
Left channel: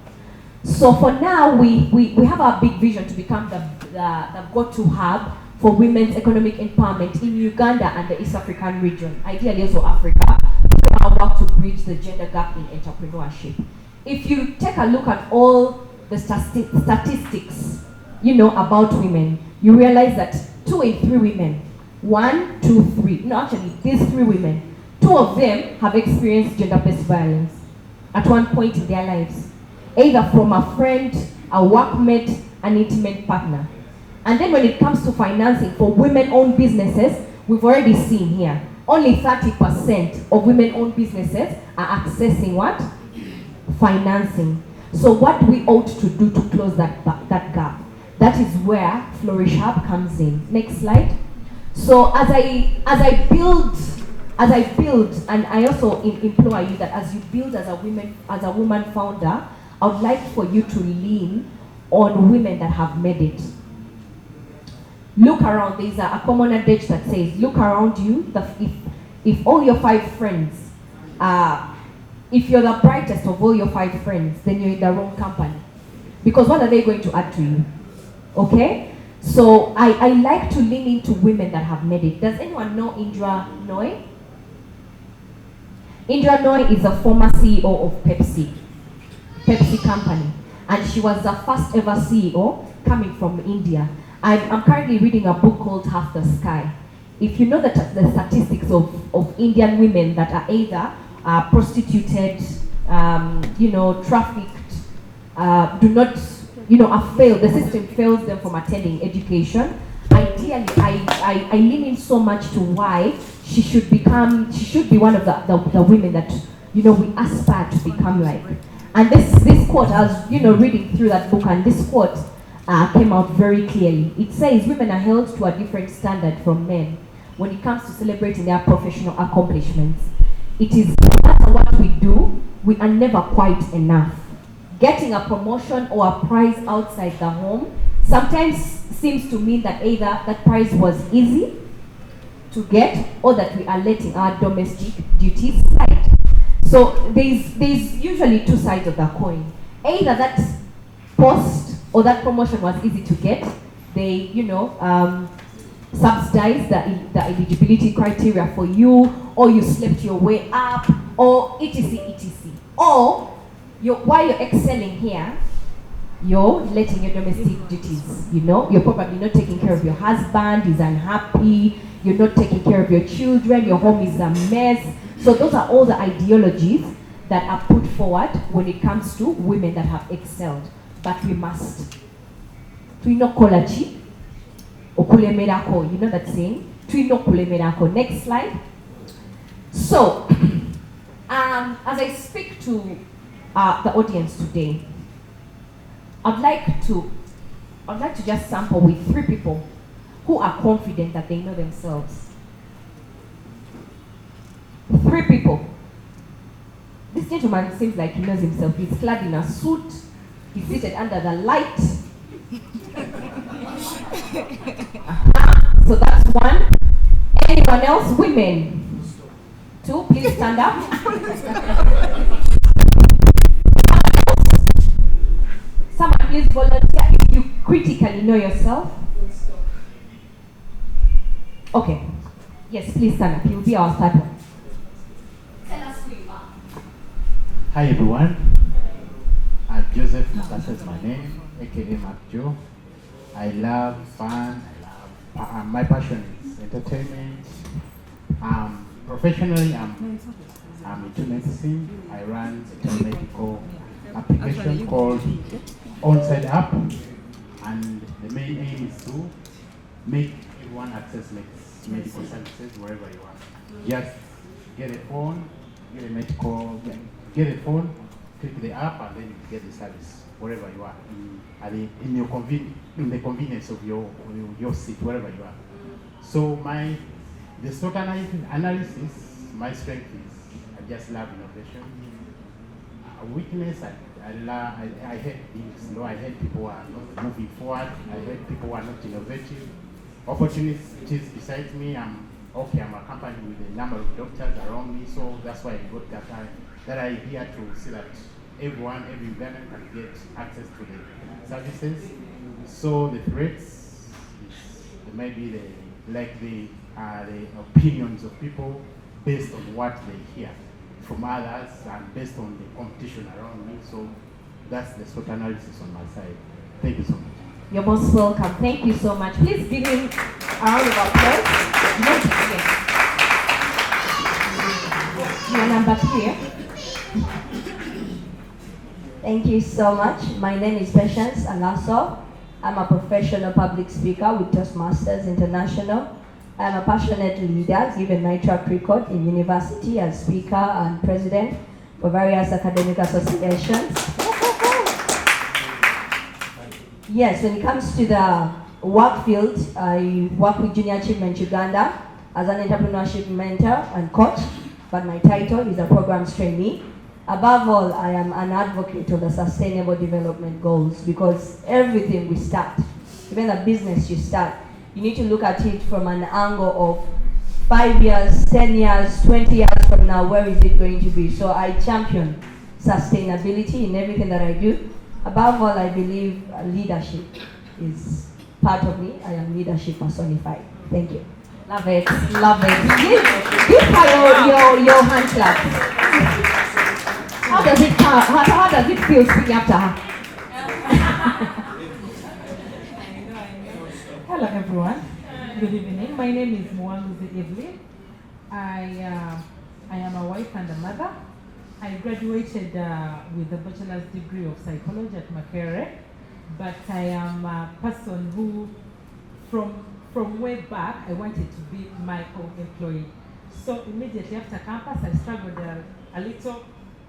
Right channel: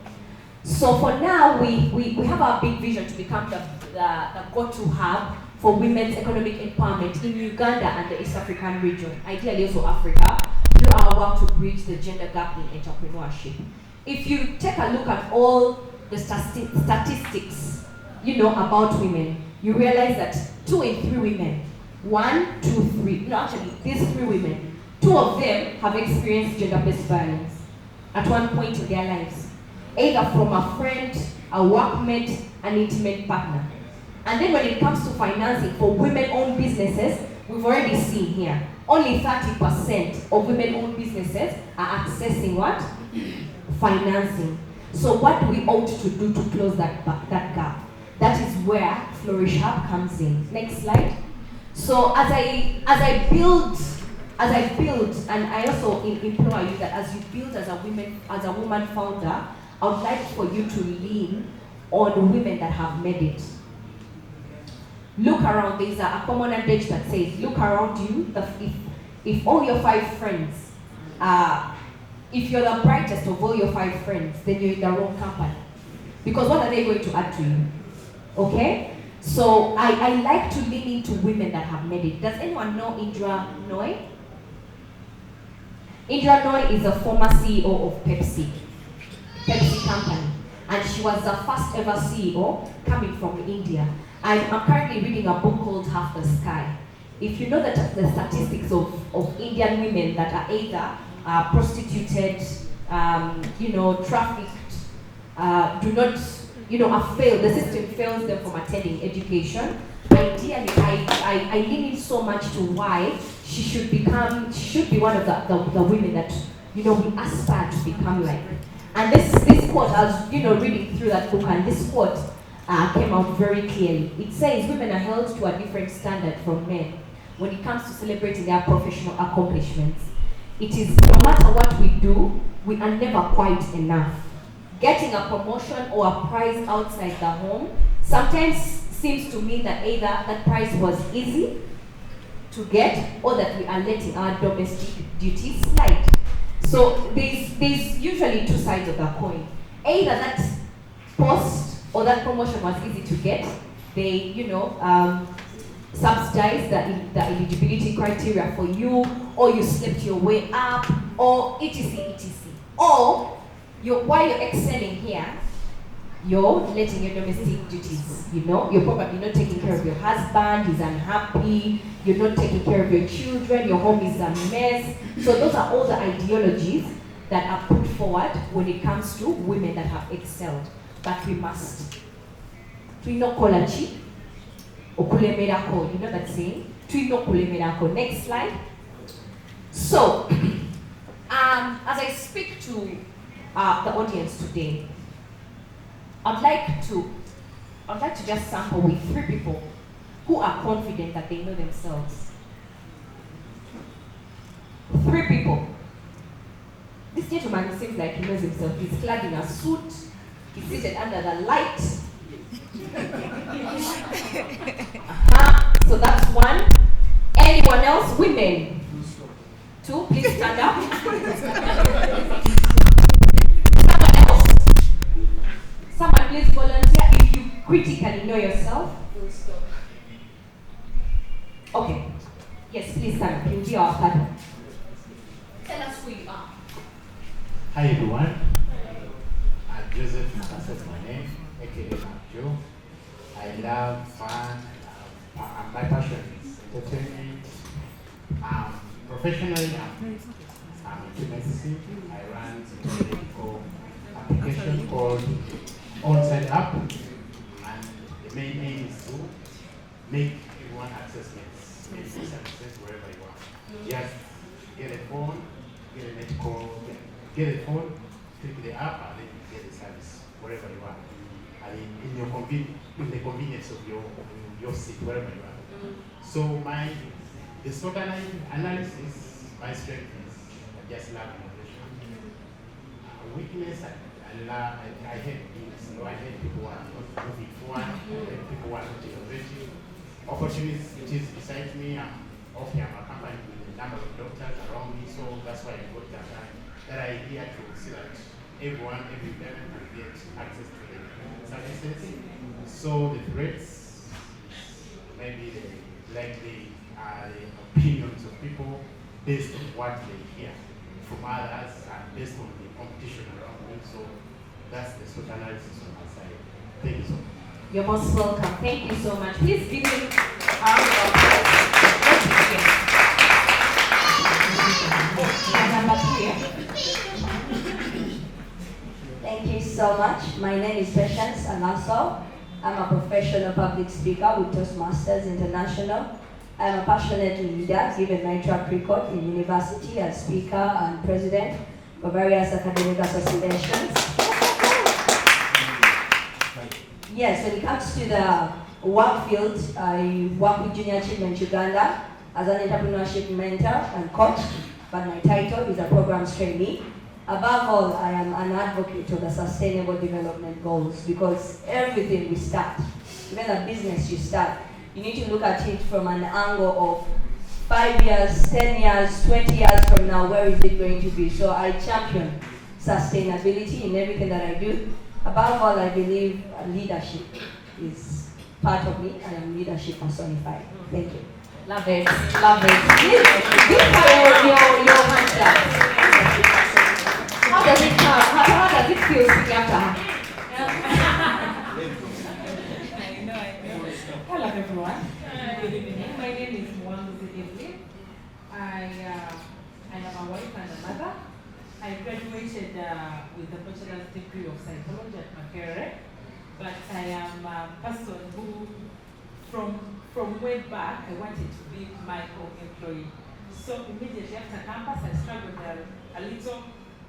So for now, we have a big vision to become the go-to hub for women's economic empowerment in Uganda and the East African region, ideally also Africa, through our work to bridge the gender gap in entrepreneurship. If you take a look at all the statistics, about women, you realize that 2 in 3 women, 1, 2, 3, these 3 women, 2 of them have experienced gender-based violence at one point in their lives, either from a friend, a workmate, an intimate partner. And then when it comes to financing for women-owned businesses, we've already seen here, only 30% of women-owned businesses are accessing what? Financing. So what we ought to do to close that gap, that is where Flourish Hub comes in. Next slide. So as I build, and I also implore you that as you build as a woman founder, I would like for you to lean on women that have made it. Look around. There's a common adage that says, look around you. If all your 5 friends, if you're the brightest of all your 5 friends, then you're in the wrong company. Because what are they going to add to you? Okay? So I like to lean into women that have made it. Does anyone know Indra Nooy? Indra Nooy is a former CEO of Pepsi company. And she was the first ever CEO coming from India. I'm currently reading a book called Half the Sky. If you know the statistics of Indian women that are either prostituted, trafficked, do not, are failed, the system fails them from attending education. Ideally, I lean in so much to why she should be one of the women that, we aspire to become like. And this quote, I was, reading through that book, and this quote came out very clearly. It says, women are held to a different standard from men when it comes to celebrating their professional accomplishments. It is, no matter what we do, we are never quite enough. Getting a promotion or a prize outside the home sometimes seems to mean that either that prize was easy to get or that we are letting our domestic duties slide. So there's usually two sides of the coin. Either that post or that promotion was easy to get, they subsidize the eligibility criteria for you, or you slept your way up, or etc. Or while you're excelling here, you're letting your domestic duties, you're probably not taking care of your husband, he's unhappy, you're not taking care of your children, your home is a mess. So those are all the ideologies that are put forward when it comes to women that have excelled. But we must. Tuino kolachi, okulemerako, you know that saying? Tuino kulemerako. Next slide. So, as I speak to the audience today, I'd like to just sample with 3 people who are confident that they know themselves. 3 people. This gentleman seems like he knows himself. He's clad in a suit. He's seated under the light. So that's 1. Anyone else? Women. 2, please stand up. Someone else? Someone please volunteer if you critically know yourself. Okay. Yes, please stand up. You'll be our third one. Tell us who you are. Hi everyone. Joseph Mukasa is my name, aka Mark Joe. I love fun. My passion is entertainment. Professionally, I'm into medicine. I run a medical application called Onside App, and the main aim is to make everyone access medical services wherever you are. Just get a phone, get a phone, click the app, and then you get the service wherever you are, and in the convenience of your seat, wherever you are. So the SWOT analysis, my strength is I just love innovation. Weakness, I hate things. I hate people who are not moving forward. I hate people who are not innovative. Opportunities beside me. I'm a company with a number of doctors around me, so that's why I got that idea to see that every woman can get access to the services. So the threats, maybe the opinions of people based on what they hear from others and based on the competition around me. So that's the SWOT analysis on my side. Thank you so much. You're most welcome. Thank you so much. Please give him a round of applause. Let's begin. Number 3. Thank you so much. My name is Patience Alaso. I'm a professional public speaker with Toastmasters International. I'm a passionate leader, given my track record in university as speaker and president for various academic associations. Yes, when it comes to the work field, I work with Junior Achievement Uganda as an entrepreneurship mentor and coach, but my title is a programs trainee. Above all, I am an advocate of the Sustainable Development Goals, because everything we start, even the business you start, you need to look at it from an angle of 5 years, 10 years, 20 years from now, where is it going to be? So I champion sustainability in everything that I do. Above all, I believe leadership is part of me. I am leadership personified. Thank you. Love it, love it. Give her your hand clap. How does it feel speaking after her? Hello everyone. Good evening. My name is Mwanzi Evelyn. I am a wife and a mother. I graduated with a bachelor's degree of psychology at Makerere, but I am a person who, from way back, I wanted to be my own employee. So immediately after campus, I struggled a little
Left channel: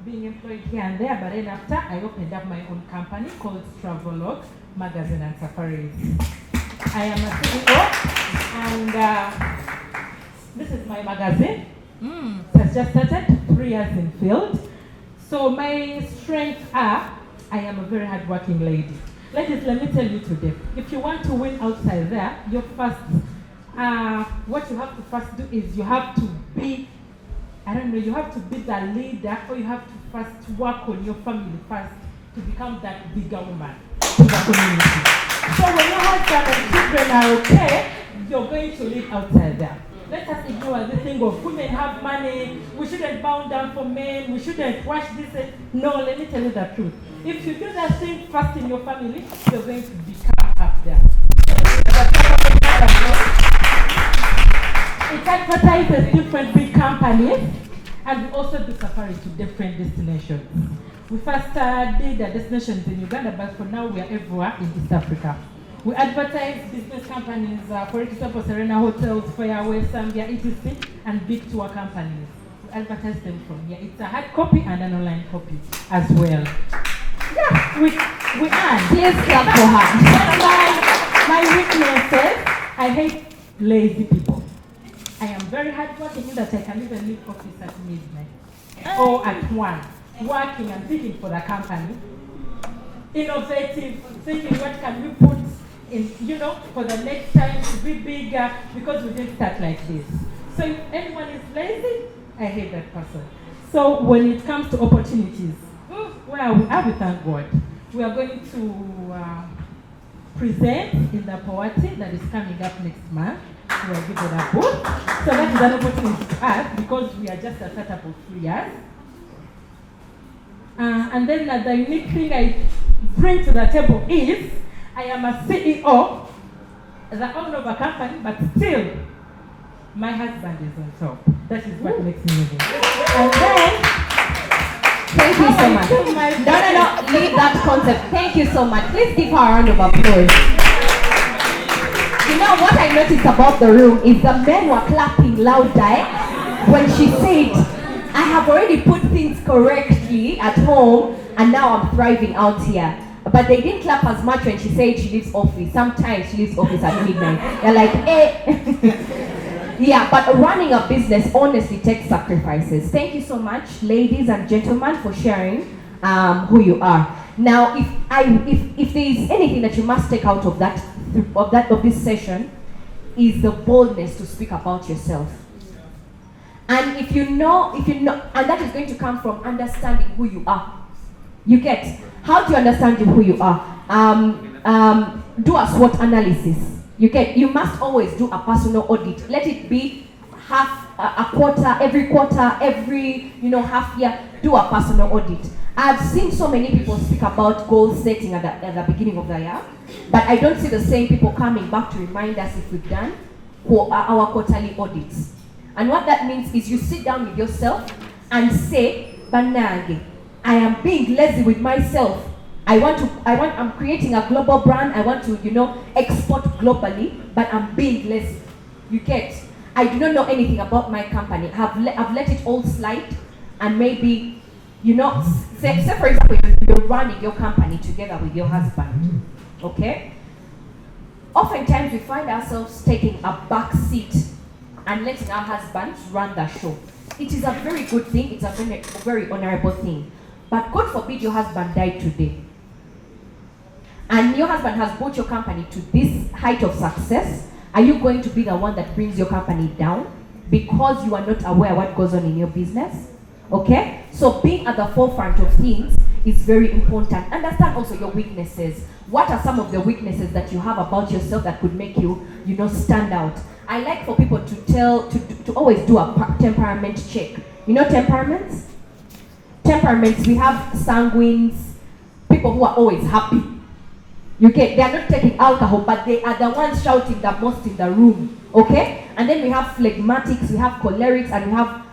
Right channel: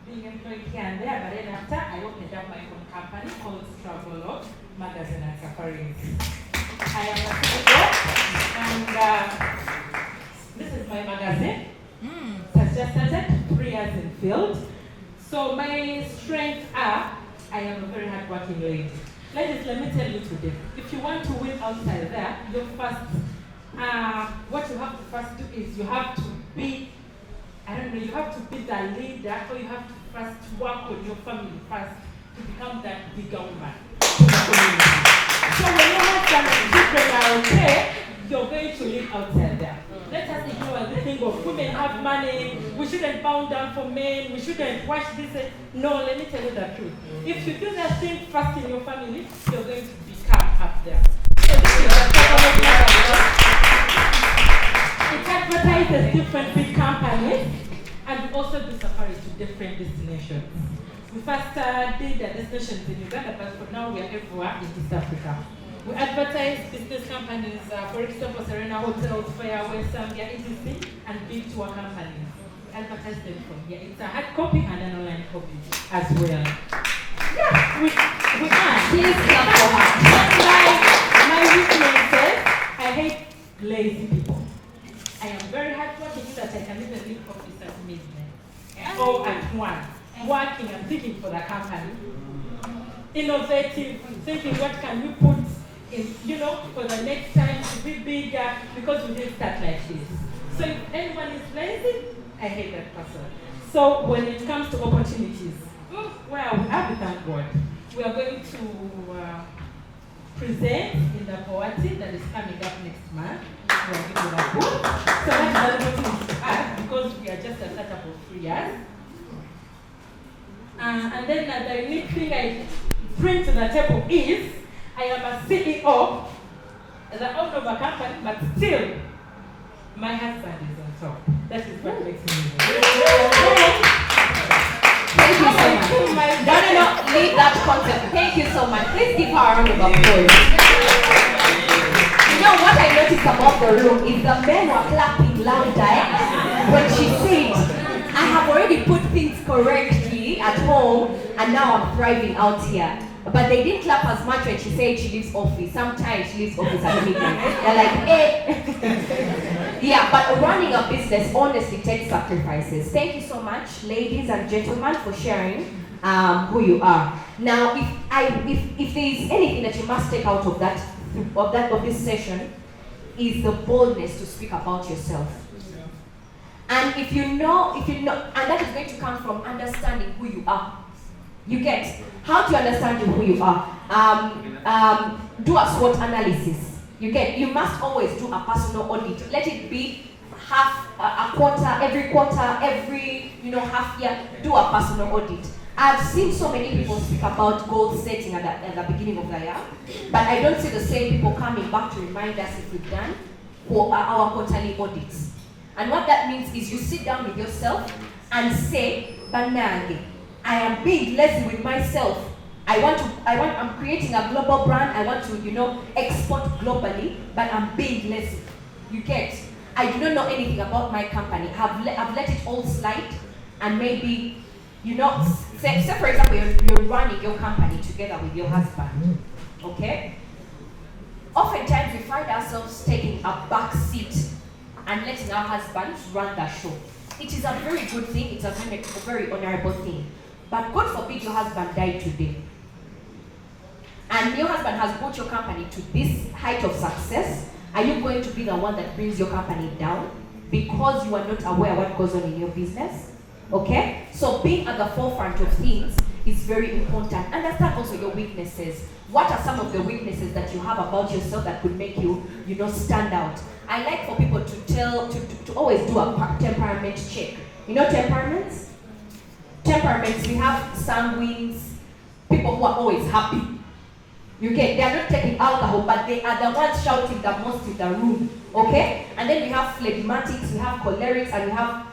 being employed here and there, but then after, I opened up my own company called Travelog Magazine and Safaris. I am a CEO, and this is my magazine. It has just started, 3 years in field. So my strengths are, I am a very hardworking lady. Ladies, let me tell you today, if you want to win outside there, what you have to first do is you have to be, you have to be the leader, or you have to first work on your family first to become that bigger woman to the community. So when your husband and children are okay, you're going to live outside there. Let us ignore the thing of women have money, we shouldn't bow down for men, we shouldn't watch this. No, let me tell you the truth. If you do that thing first in your family, you're going to become up there. So this is the problem. It advertises different big companies, and we also do safaris to different destinations. We first did the destinations in Uganda, but for now we are everywhere in East Africa. We advertise business companies, for example, Serena Hotels, Fairway, Zambia, etc., and big tour companies. We advertise them from here. It's a hard copy and an online copy as well. Yeah, we earn. Please clap for her. My weaknesses, I hate lazy people. I am very hardworking in that I can even leave office at midnight or at 1, working and thinking for the company. Innovative, thinking what can we put in, for the next time to be bigger, because we didn't start like this. So if anyone is lazy, I hate that person. So when it comes to opportunities, where are we? We thank God. We are going to present in the poetry that is coming up next month. We are giving a book. So that's an opportunity to us, because we are just a startup of 3 years. And then the unique thing I bring to the table is, I am a CEO, the owner of a company, but still, my husband is on top. That is what makes me move. And then, Thank you so much. No, leave that concept. Thank you so much. Please give her a round of applause. You know what I noticed about the room is the men were clapping louder when she said, I have already put things correctly at home and now I'm thriving out here. But they didn't clap as much when she said she leaves office. Sometimes she leaves office at midnight. They're like, eh. Yeah, but running a business honestly takes sacrifices. Thank you so much, ladies and gentlemen, for sharing who you are. Now, if there is anything that you must take out of this session, is the boldness to speak about yourself. And if you know, and that is going to come from understanding who you are. You get, how do you understand who you are? Do a SWOT analysis. You get, you must always do a personal audit. Let it be a quarter, every half year, do a personal audit. I've seen so many people speak about goal setting at the beginning of the year, but I don't see the same people coming back to remind us if we've done our quarterly audits. And what that means is you sit down with yourself and say, Banage, I am being lazy with myself. I'm creating a global brand. I want to, export globally, but I'm being lazy. You get, I do not know anything about my company. I've let it all slide, and maybe, say for example, you're running your company together with your husband, okay? Oftentimes we find ourselves taking a back seat and letting our husbands run the show. It is a very good thing, it's a very honorable thing. But God forbid your husband died today. And your husband has brought your company to this height of success. Are you going to be the one that brings your company down because you are not aware what goes on in your business? Okay? So being at the forefront of things is very important. Understand also your weaknesses. What are some of the weaknesses that you have about yourself that could make you, stand out? I like for people to always do a temperament check. You know temperaments? Temperaments, we have sanguines, people who are always happy. They are not taking alcohol, but they are the ones shouting the most in the room. Okay? And then we have phlegmatics, we have cholerics, and we have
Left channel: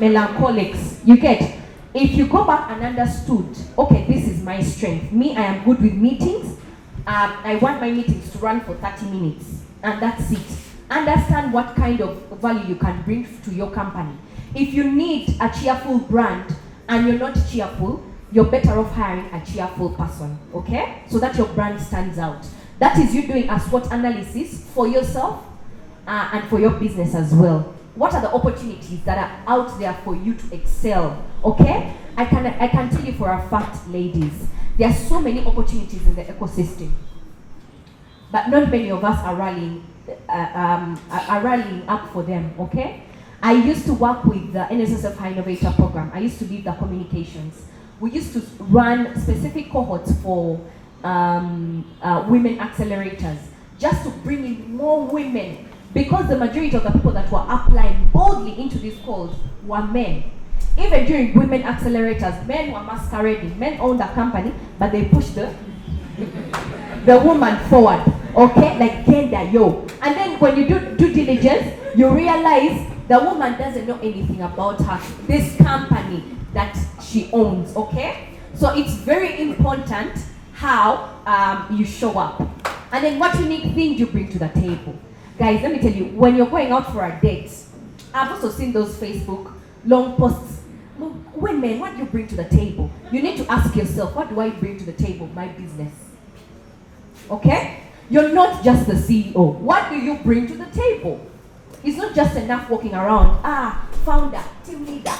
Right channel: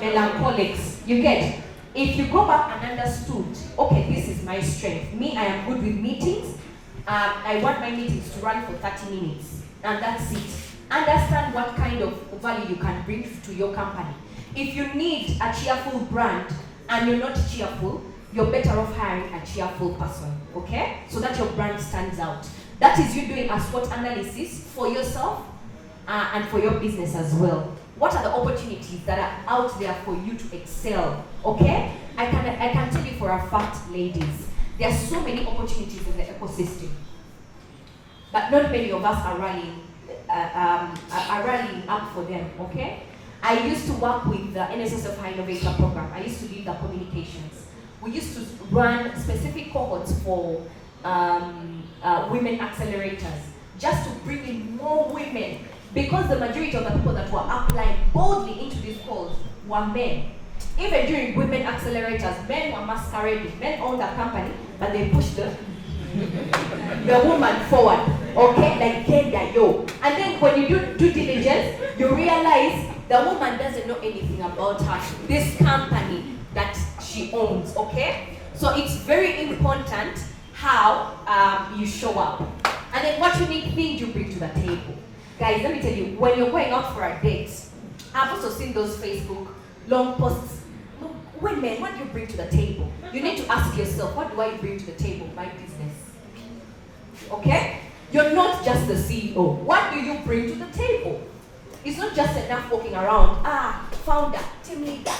melancholics. You get? If you go back and understood, okay, this is my strength. Me, I am good with meetings. I want my meetings to run for 30 minutes. And that's it. Understand what kind of value you can bring to your company. If you need a cheerful brand and you're not cheerful, you're better off hiring a cheerful person, okay? So that your brand stands out. That is you doing a SWOT analysis for yourself and for your business as well. What are the opportunities that are out there for you to excel, okay? I can tell you for a fact, ladies, there are so many opportunities in the ecosystem, but not many of us are rallying up for them, okay? I used to work with the NSSF High Innovator Program. I used to lead the communications. We used to run specific cohorts for women accelerators, just to bring in more women, because the majority of the people that were applying boldly into these calls were men. Even during women accelerators, men were masquerading. Men owned the company, but they pushed the woman forward, okay? Like gender, yo. And then when you do due diligence, you realize the woman doesn't know anything about this company that she owns, okay? So it's very important how you show up. And then what unique thing you bring to the table. Guys, let me tell you, when you're going out for a date, I've also seen those Facebook long posts. Women, what do you bring to the table? You need to ask yourself, what do I bring to the table? My business. Okay? You're not just the CEO. What do you bring to the table? It's not just enough walking around. Founder, team leader.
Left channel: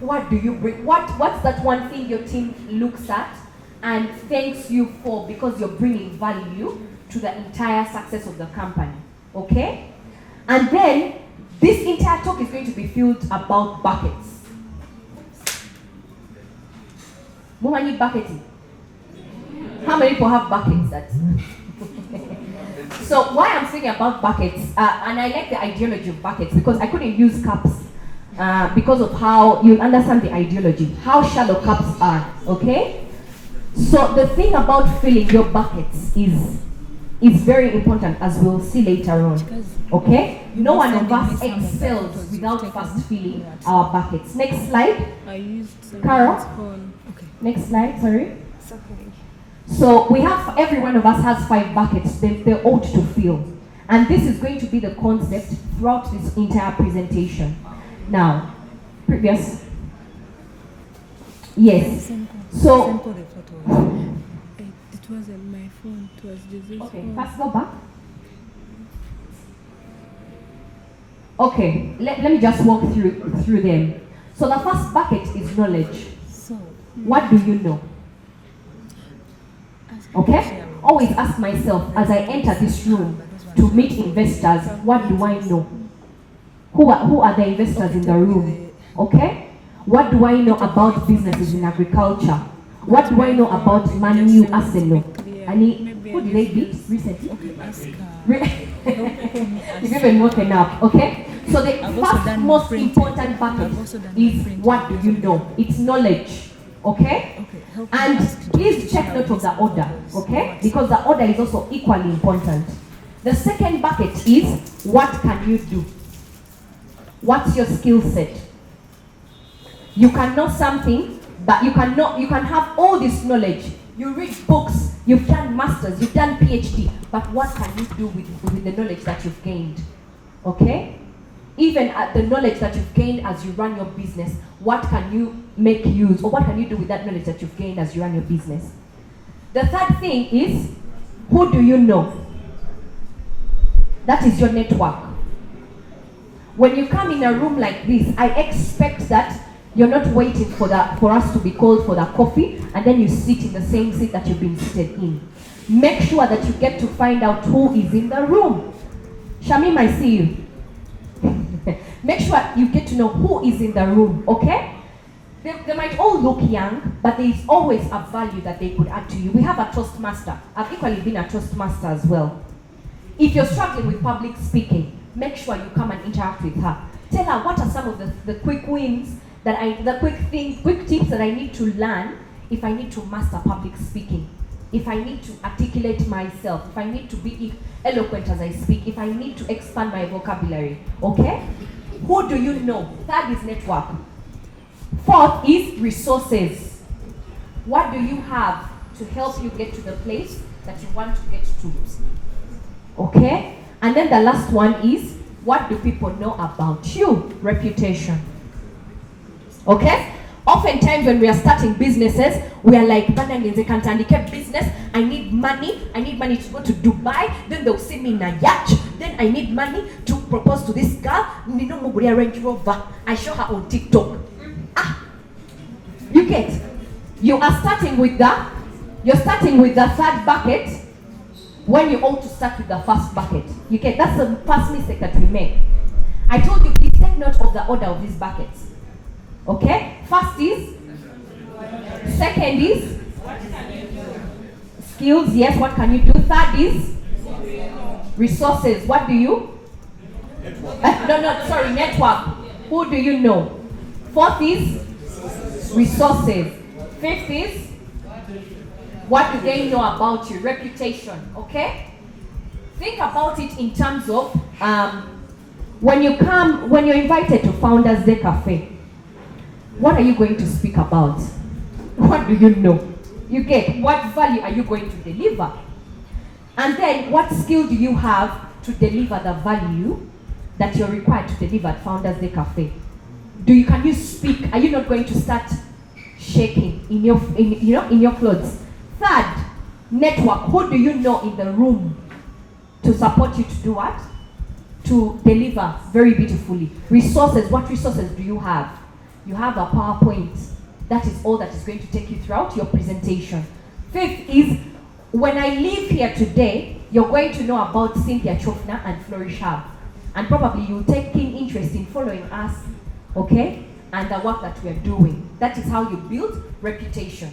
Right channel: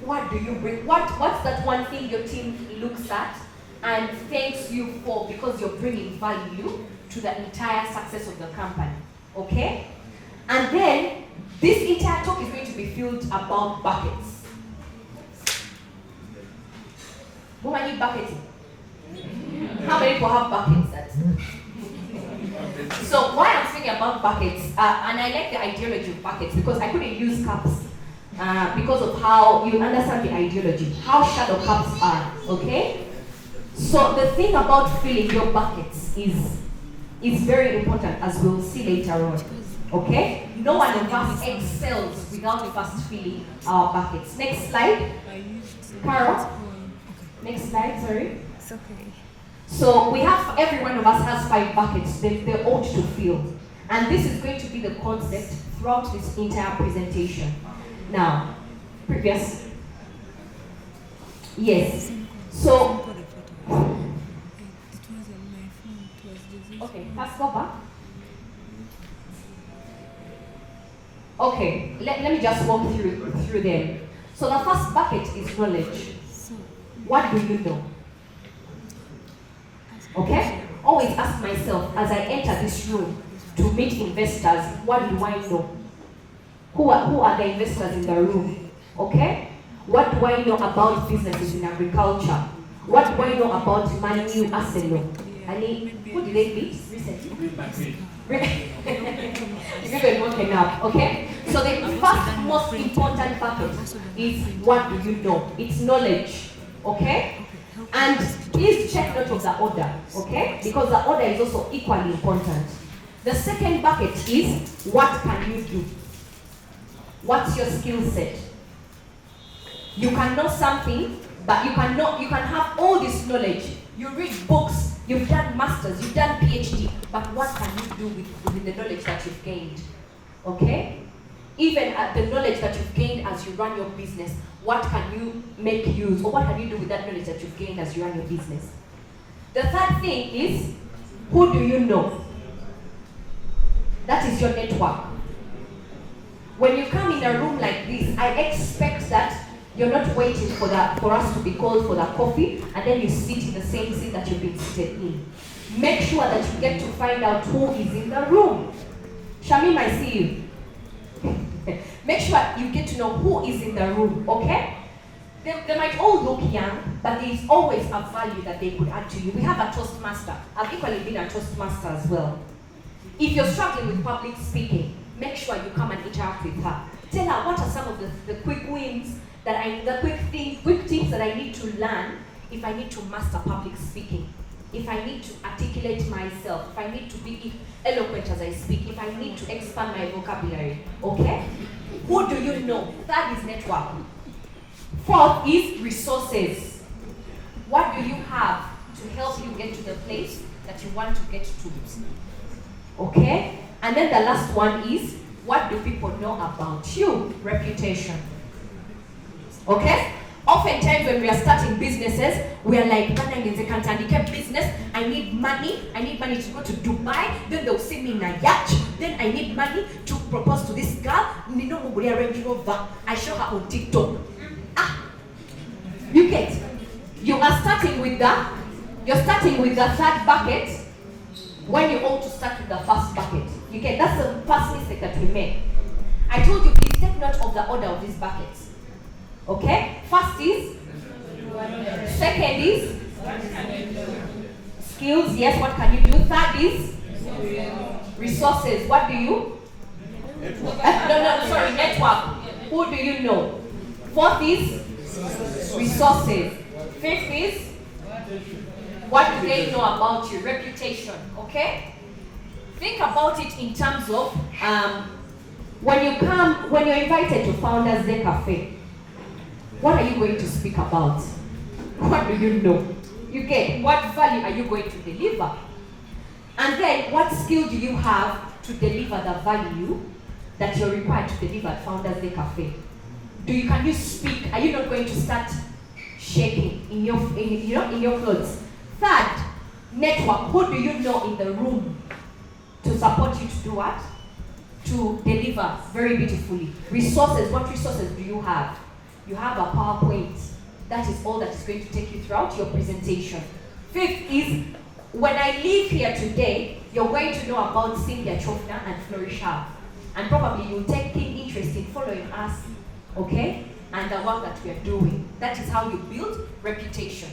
What do you bring? What's that one thing your team looks at and thanks you for because you're bringing value to the entire success of the company? Okay? And then this entire talk is going to be filled about buckets. How many bucketing? How many people have buckets? So why I'm thinking about buckets, and I like the ideology of buckets because I couldn't use cups because of how you understand the ideology, how shallow cups are, okay? So the thing about filling your buckets is very important, as we'll see later on, okay? No one of us excels without first filling our buckets. Next slide. Carol. Next slide, sorry. It's okay. So we have, every one of us has 5 buckets they ought to fill. And this is going to be the concept throughout this entire presentation. Now, previous. Yes. So, It wasn't my phone, it was Jose's okay, phone. let's go back. Okay, let me just walk through them. So the first bucket is knowledge. So, What do you know? Okay? Always ask myself as I enter this room to meet investors, what do I know? Who are the investors in the room? Okay? What do I know about businesses in agriculture? What do I know about Manu Arsenal? Who did they beat recently? You've even woken up, okay? So the first most important bucket is what do you know? It's knowledge, okay? And please check note of the order, okay? Because the order is also equally important. The second bucket is what can you do? What's your skill set? You can know something, but you can have all this knowledge. You read books, you've done masters, you've done PhD, but what can you do with the knowledge that you've gained? Okay? Even at the knowledge that you've gained as you run your business, what can you make use, or what can you do with that knowledge that you've gained as you run your business? The third thing is, who do you know? That is your network. When you come in a room like this, I expect that you're not waiting for us to be called for the coffee, and then you sit in the same seat that you've been seated in. Make sure that you get to find out who is in the room. Shamim, I see you. Make sure you get to know who is in the room, okay? They might all look young, but there is always a value that they could add to you. We have a Toastmaster. I've equally been a Toastmaster as well. If you're struggling with public speaking, make sure you come and interact with her. Tell her what are some of the quick wins quick tips that I need to learn if I need to master public speaking, if I need to articulate myself, if I need to be eloquent as I speak, if I need to expand my vocabulary, okay? Who do you know? Third is network. Fourth is resources. What do you have to help you get to the place that you want to get to? Okay? And then the last one is, what do people know about you? Reputation. Okay? Oftentimes when we are starting businesses, we are like, business, I need money to go to Dubai, then they'll see me in a yacht, then I need money to propose to this girl, I show her on TikTok. You get, you're starting with the third bucket when you ought to start with the first bucket. You get, that's the first mistake that we make. I told you, please take note of the order of these buckets. Okay? First is, second is, skills, yes, what can you do? Third is, resources, what do you? Network. Who do you know? Fourth is, resources. Fifth is, what do they know about you? Reputation, okay? Think about it in terms of, when you're invited to Founders Day Café, what are you going to speak about? What do you know? You get, what value are you going to deliver? And then, what skill do you have to deliver the value that you're required to deliver at Founders Day Café? Can you speak? Are you not going to start shaking in your clothes? Third, network. Who do you know in the room to support you to do what? To deliver very beautifully. Resources. What resources do you have? You have a PowerPoint. That is all that is going to take you throughout your presentation. Fifth is, when I leave here today, you're going to know about Cynthia Kyofuna and Flourish Hub. And probably you'll take keen interest in following us, okay? And the work that we are doing. That is how you build reputation.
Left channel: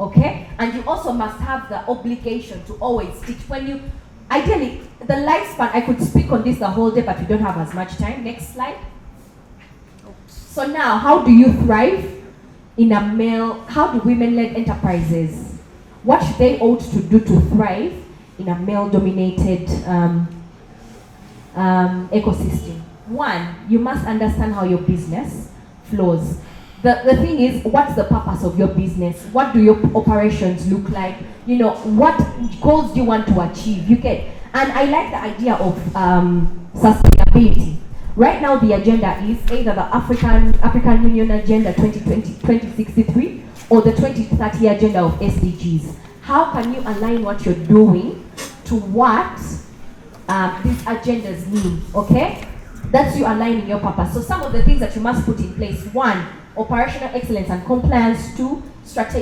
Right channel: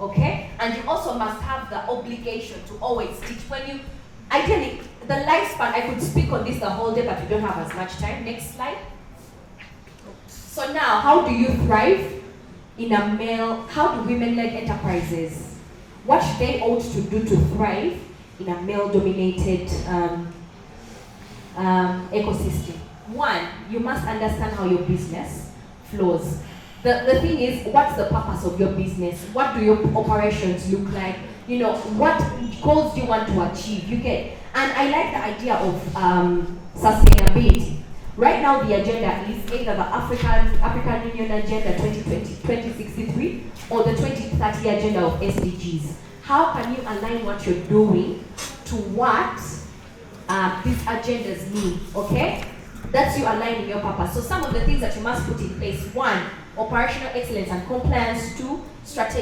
Okay? And you also must have the obligation to always teach. Ideally, the lifespan, I could speak on this the whole day, but we don't have as much time. Next slide. So now, how do you thrive in how do women-led enterprises, what they ought to do to thrive in a male-dominated ecosystem? One, you must understand how your business flows. The thing is, what's the purpose of your business? What do your operations look like? What goals do you want to achieve? You get, and I like the idea of sustainability. Right now, the agenda is either the African Union Agenda 2063 or the 2030 Agenda of SDGs. How can you align what you're doing to what these agendas mean? Okay, that's you aligning your purpose. So some of the things that you must put in place: one, operational excellence and compliance. Two,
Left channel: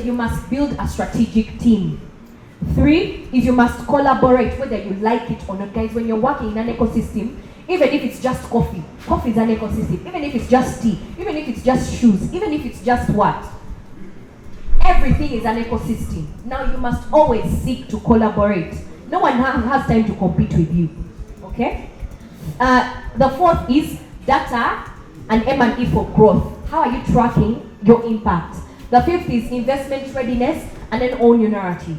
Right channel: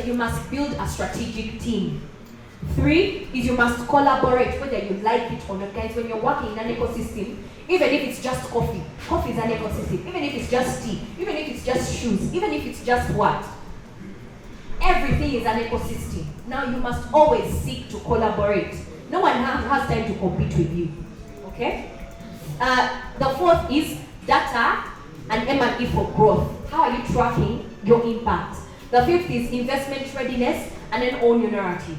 you must build a strategic team. Three is you must collaborate, whether you like it or not. Guys, when you're working in an ecosystem, even if it's just coffee is an ecosystem. Even if it's just tea, even if it's just shoes, even if it's just what? Everything is an ecosystem. Now you must always seek to collaborate. No one has time to compete with you. Okay? The fourth is data and M&E for growth. How are you tracking your impact? The fifth is investment readiness, and then own your narrative.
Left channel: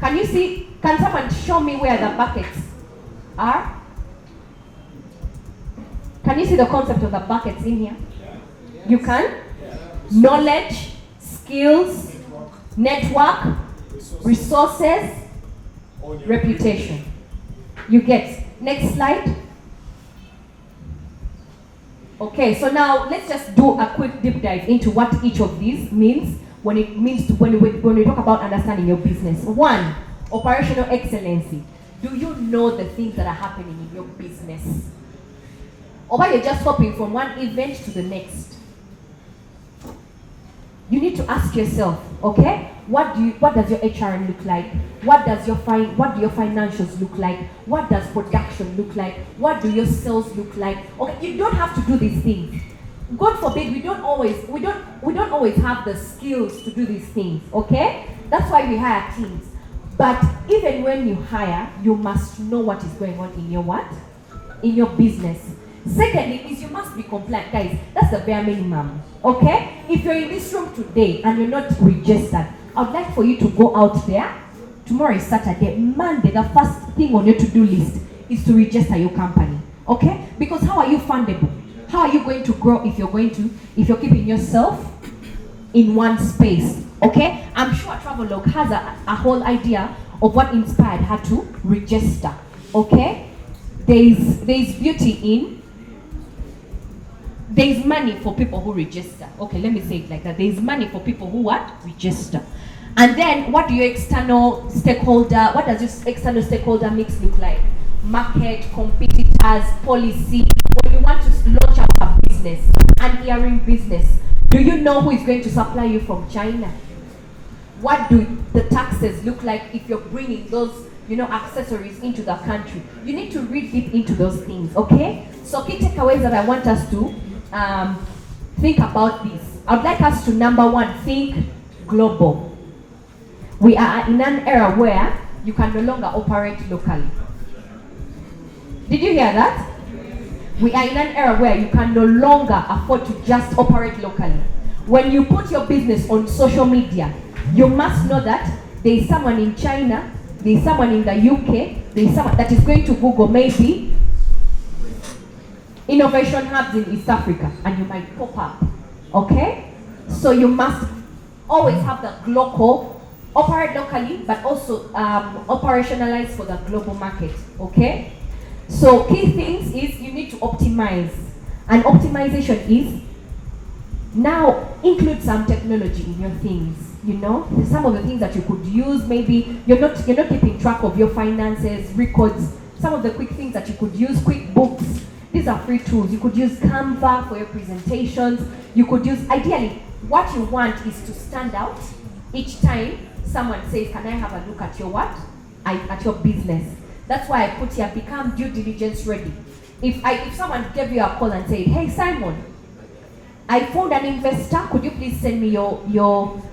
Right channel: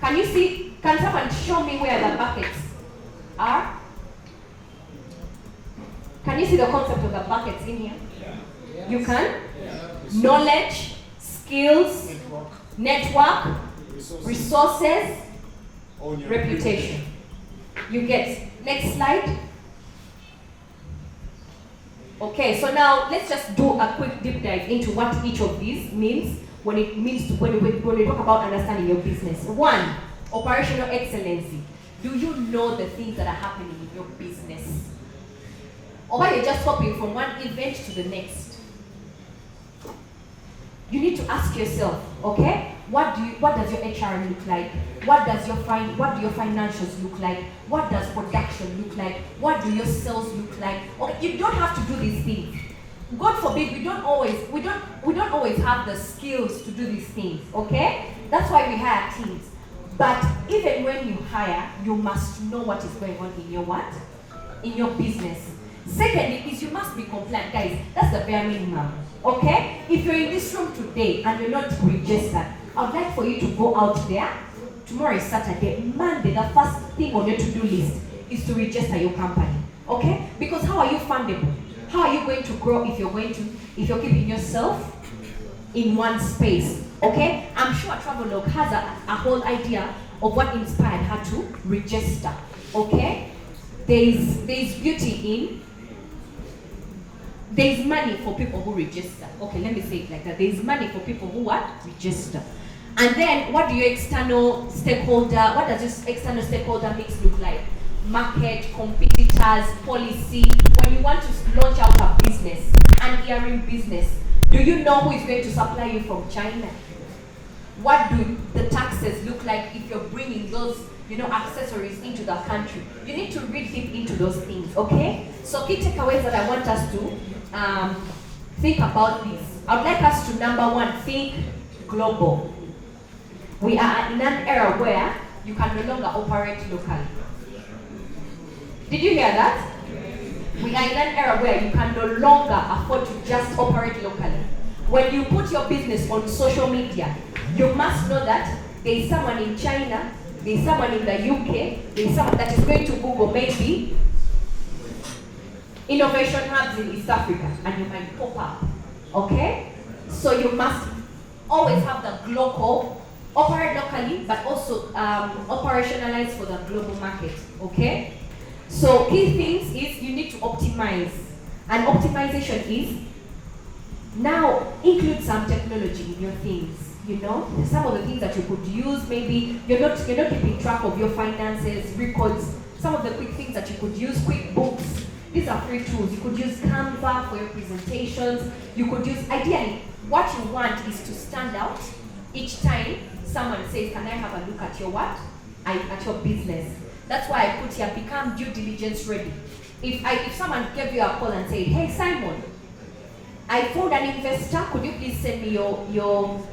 Can someone show me where the buckets are? Can you see the concept of the buckets in here? Yeah. You can? Yeah. Knowledge, skills, network, resources, reputation. You get. Next slide. Okay, so now let's just do a quick deep dive into what each of these means when we talk about understanding your business. One, operational excellency. Do you know the things that are happening in your business? Or are you just hopping from one event to the next? You need to ask yourself, okay, what does your HRM look like? What do your financials look like? What does production look like? What do your sales look like? Okay, you don't have to do these things. God forbid, we don't always have the skills to do these things, okay? That's why we hire teams. But even when you hire, you must know what is going on in your what? In your business. Secondly, is you must be compliant. Guys, that's the bare minimum, okay? If you're in this room today and you're not registered, I would like for you to go out there. Tomorrow is Saturday. Monday, the first thing on your to-do list is to register your company, okay? Because how are you fundable? How are you going to grow if you're keeping yourself in one space, okay? I'm sure Travelog has a whole idea of what inspired her to register, okay? There's money for people who register. Okay, let me say it like that. There's money for people who what? Register. And then what does your external stakeholder mix look like? Market, competitors, policy. When you want to launch out a business, an earring business, do you know who is going to supply you from China? What do the taxes look like if you're bringing those, accessories into the country? You need to read deep into those things, okay? So key takeaways that I want us to think about this. I would like us to, number one, think global. We are in an era where you can no longer operate locally. Did you hear that? We are in an era where you can no longer afford to just operate locally. When you put your business on social media, you must know that there is someone in China, there is someone in the UK, there is someone that is going to Google maybe innovation hubs in East Africa, and you might pop up, okay? So you must always have the local, operate locally, but also operationalize for the global market, okay? So key things is you need to optimize, and optimization is now include some technology in your things. Some of the things that you could use, maybe you're not keeping track of your finances, records. Some of the quick things that you could use, QuickBooks. These are free tools. You could use Canva for your presentations. You could use, ideally, what you want is to stand out each time someone says, can I have a look at your what? At your business. That's why I put here, become due diligence ready. If someone gave you a call and said, hey Simon, I found an investor, could you please send me your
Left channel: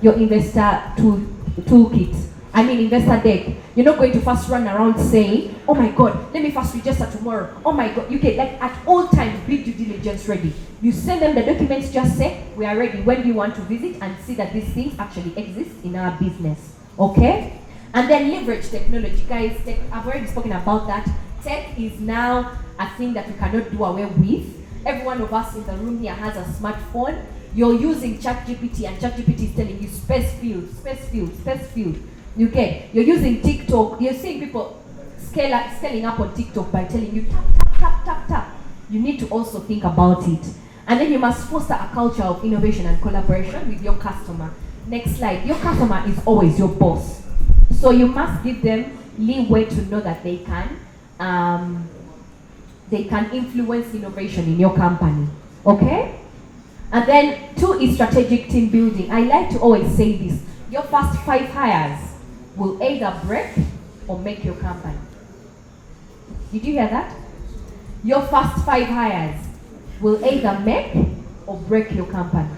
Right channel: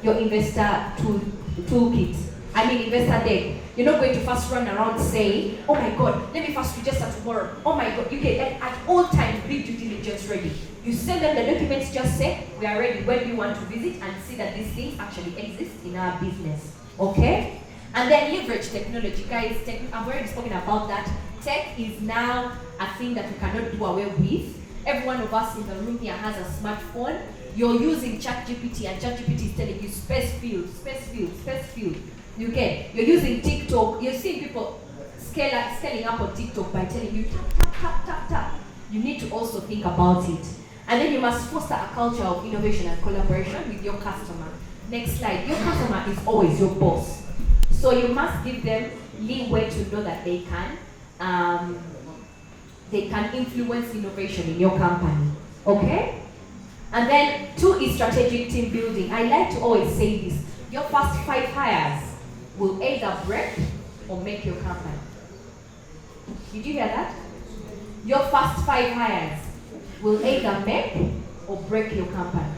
investor toolkit? Investor deck. You're not going to first run around saying, oh my God, let me first register tomorrow. Oh my God, you get at all times, be due diligence ready. You send them the documents, just say, we are ready when we want to visit and see that these things actually exist in our business, okay? And then leverage technology. Guys, I've already spoken about that. Tech is now a thing that we cannot do away with. Every one of us in the room here has a smartphone. You're using ChatGPT, and ChatGPT is telling you space field. You're using TikTok. You're seeing people scaling up on TikTok by telling you tap. You need to also think about it. And then you must foster a culture of innovation and collaboration with your customer. Next slide. Your customer is always your boss. So you must give them leeway to know that they can influence innovation in your company, okay? And then 2 is strategic team building. I like to always say this, your first 5 hires will either break or make your company. Did you hear that? Your first 5 hires will either make or break your company.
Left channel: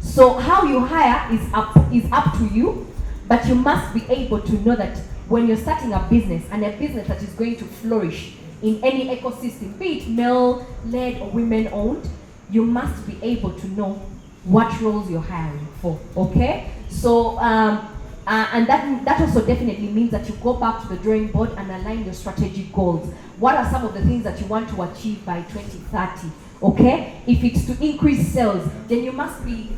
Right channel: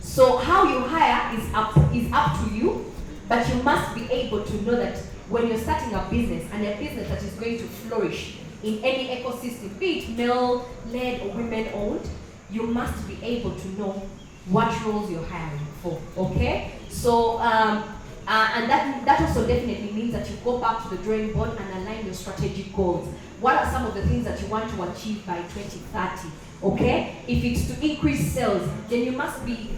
So how you hire is up to you, but you must be able to know that when you're starting a business, and a business that is going to flourish in any ecosystem, be it male-led or women-owned, you must be able to know what roles you're hiring for, okay? So, and that also definitely means that you go back to the drawing board and align your strategic goals. What are some of the things that you want to achieve by 2030, okay? If it's to increase sales, then you must be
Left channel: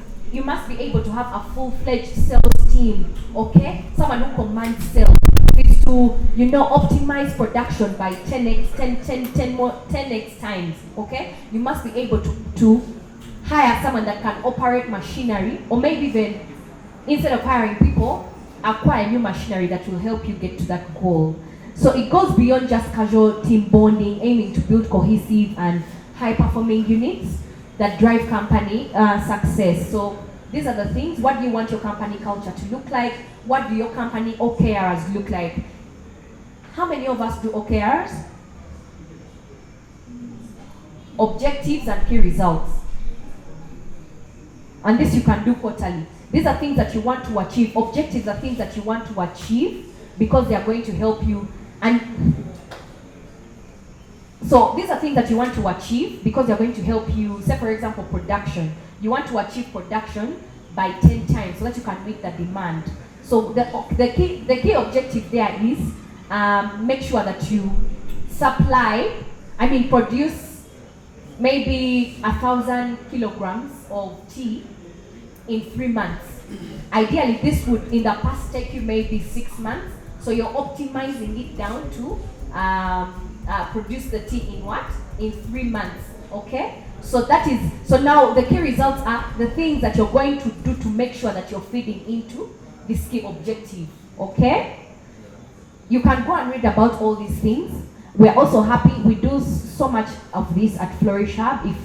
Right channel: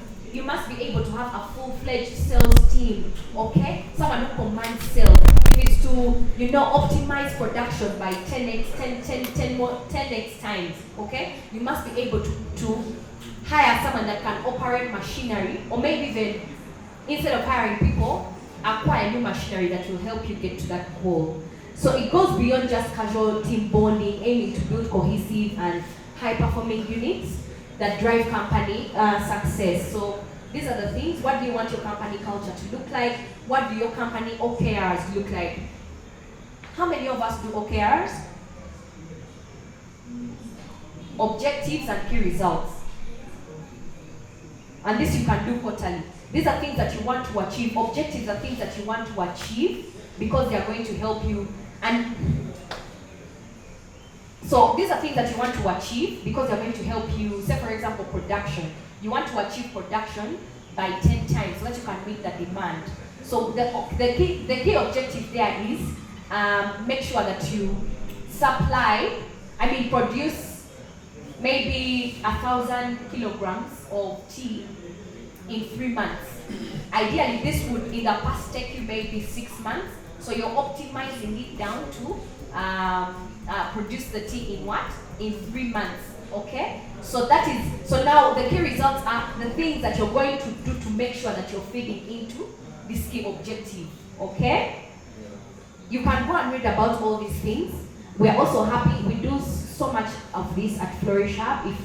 able to have a full-fledged sales team, okay? Someone who commands sales. If it's to, optimize production by 10x times, okay? You must be able to hire someone that can operate machinery, or maybe even, instead of hiring people, acquire new machinery that will help you get to that goal. So it goes beyond just casual team bonding, aiming to build cohesive and high-performing units that drive company success. So these are the things. What do you want your company culture to look like? What do your company OKRs look like? How many of us do OKRs? objectives and key results. And this you can do quarterly. These are things that you want to achieve. Objectives are things that you want to achieve because they are going to help you. And so these are things that you want to achieve because they're going to help you. Say for example, production. You want to achieve production by 10 times so that you can meet the demand. So the key objective there is make sure that you produce maybe 1,000 kilograms of tea in 3 months. Ideally, this would in the past take you maybe 6 months. So you're optimizing it down to produce the tea in what? In 3 months. Okay? So now the key results are the things that you're going to do to make sure that you're feeding into this key objective. Okay? You can go and read about all these things. We're also happy, we do so much of this at Flourish Hub. If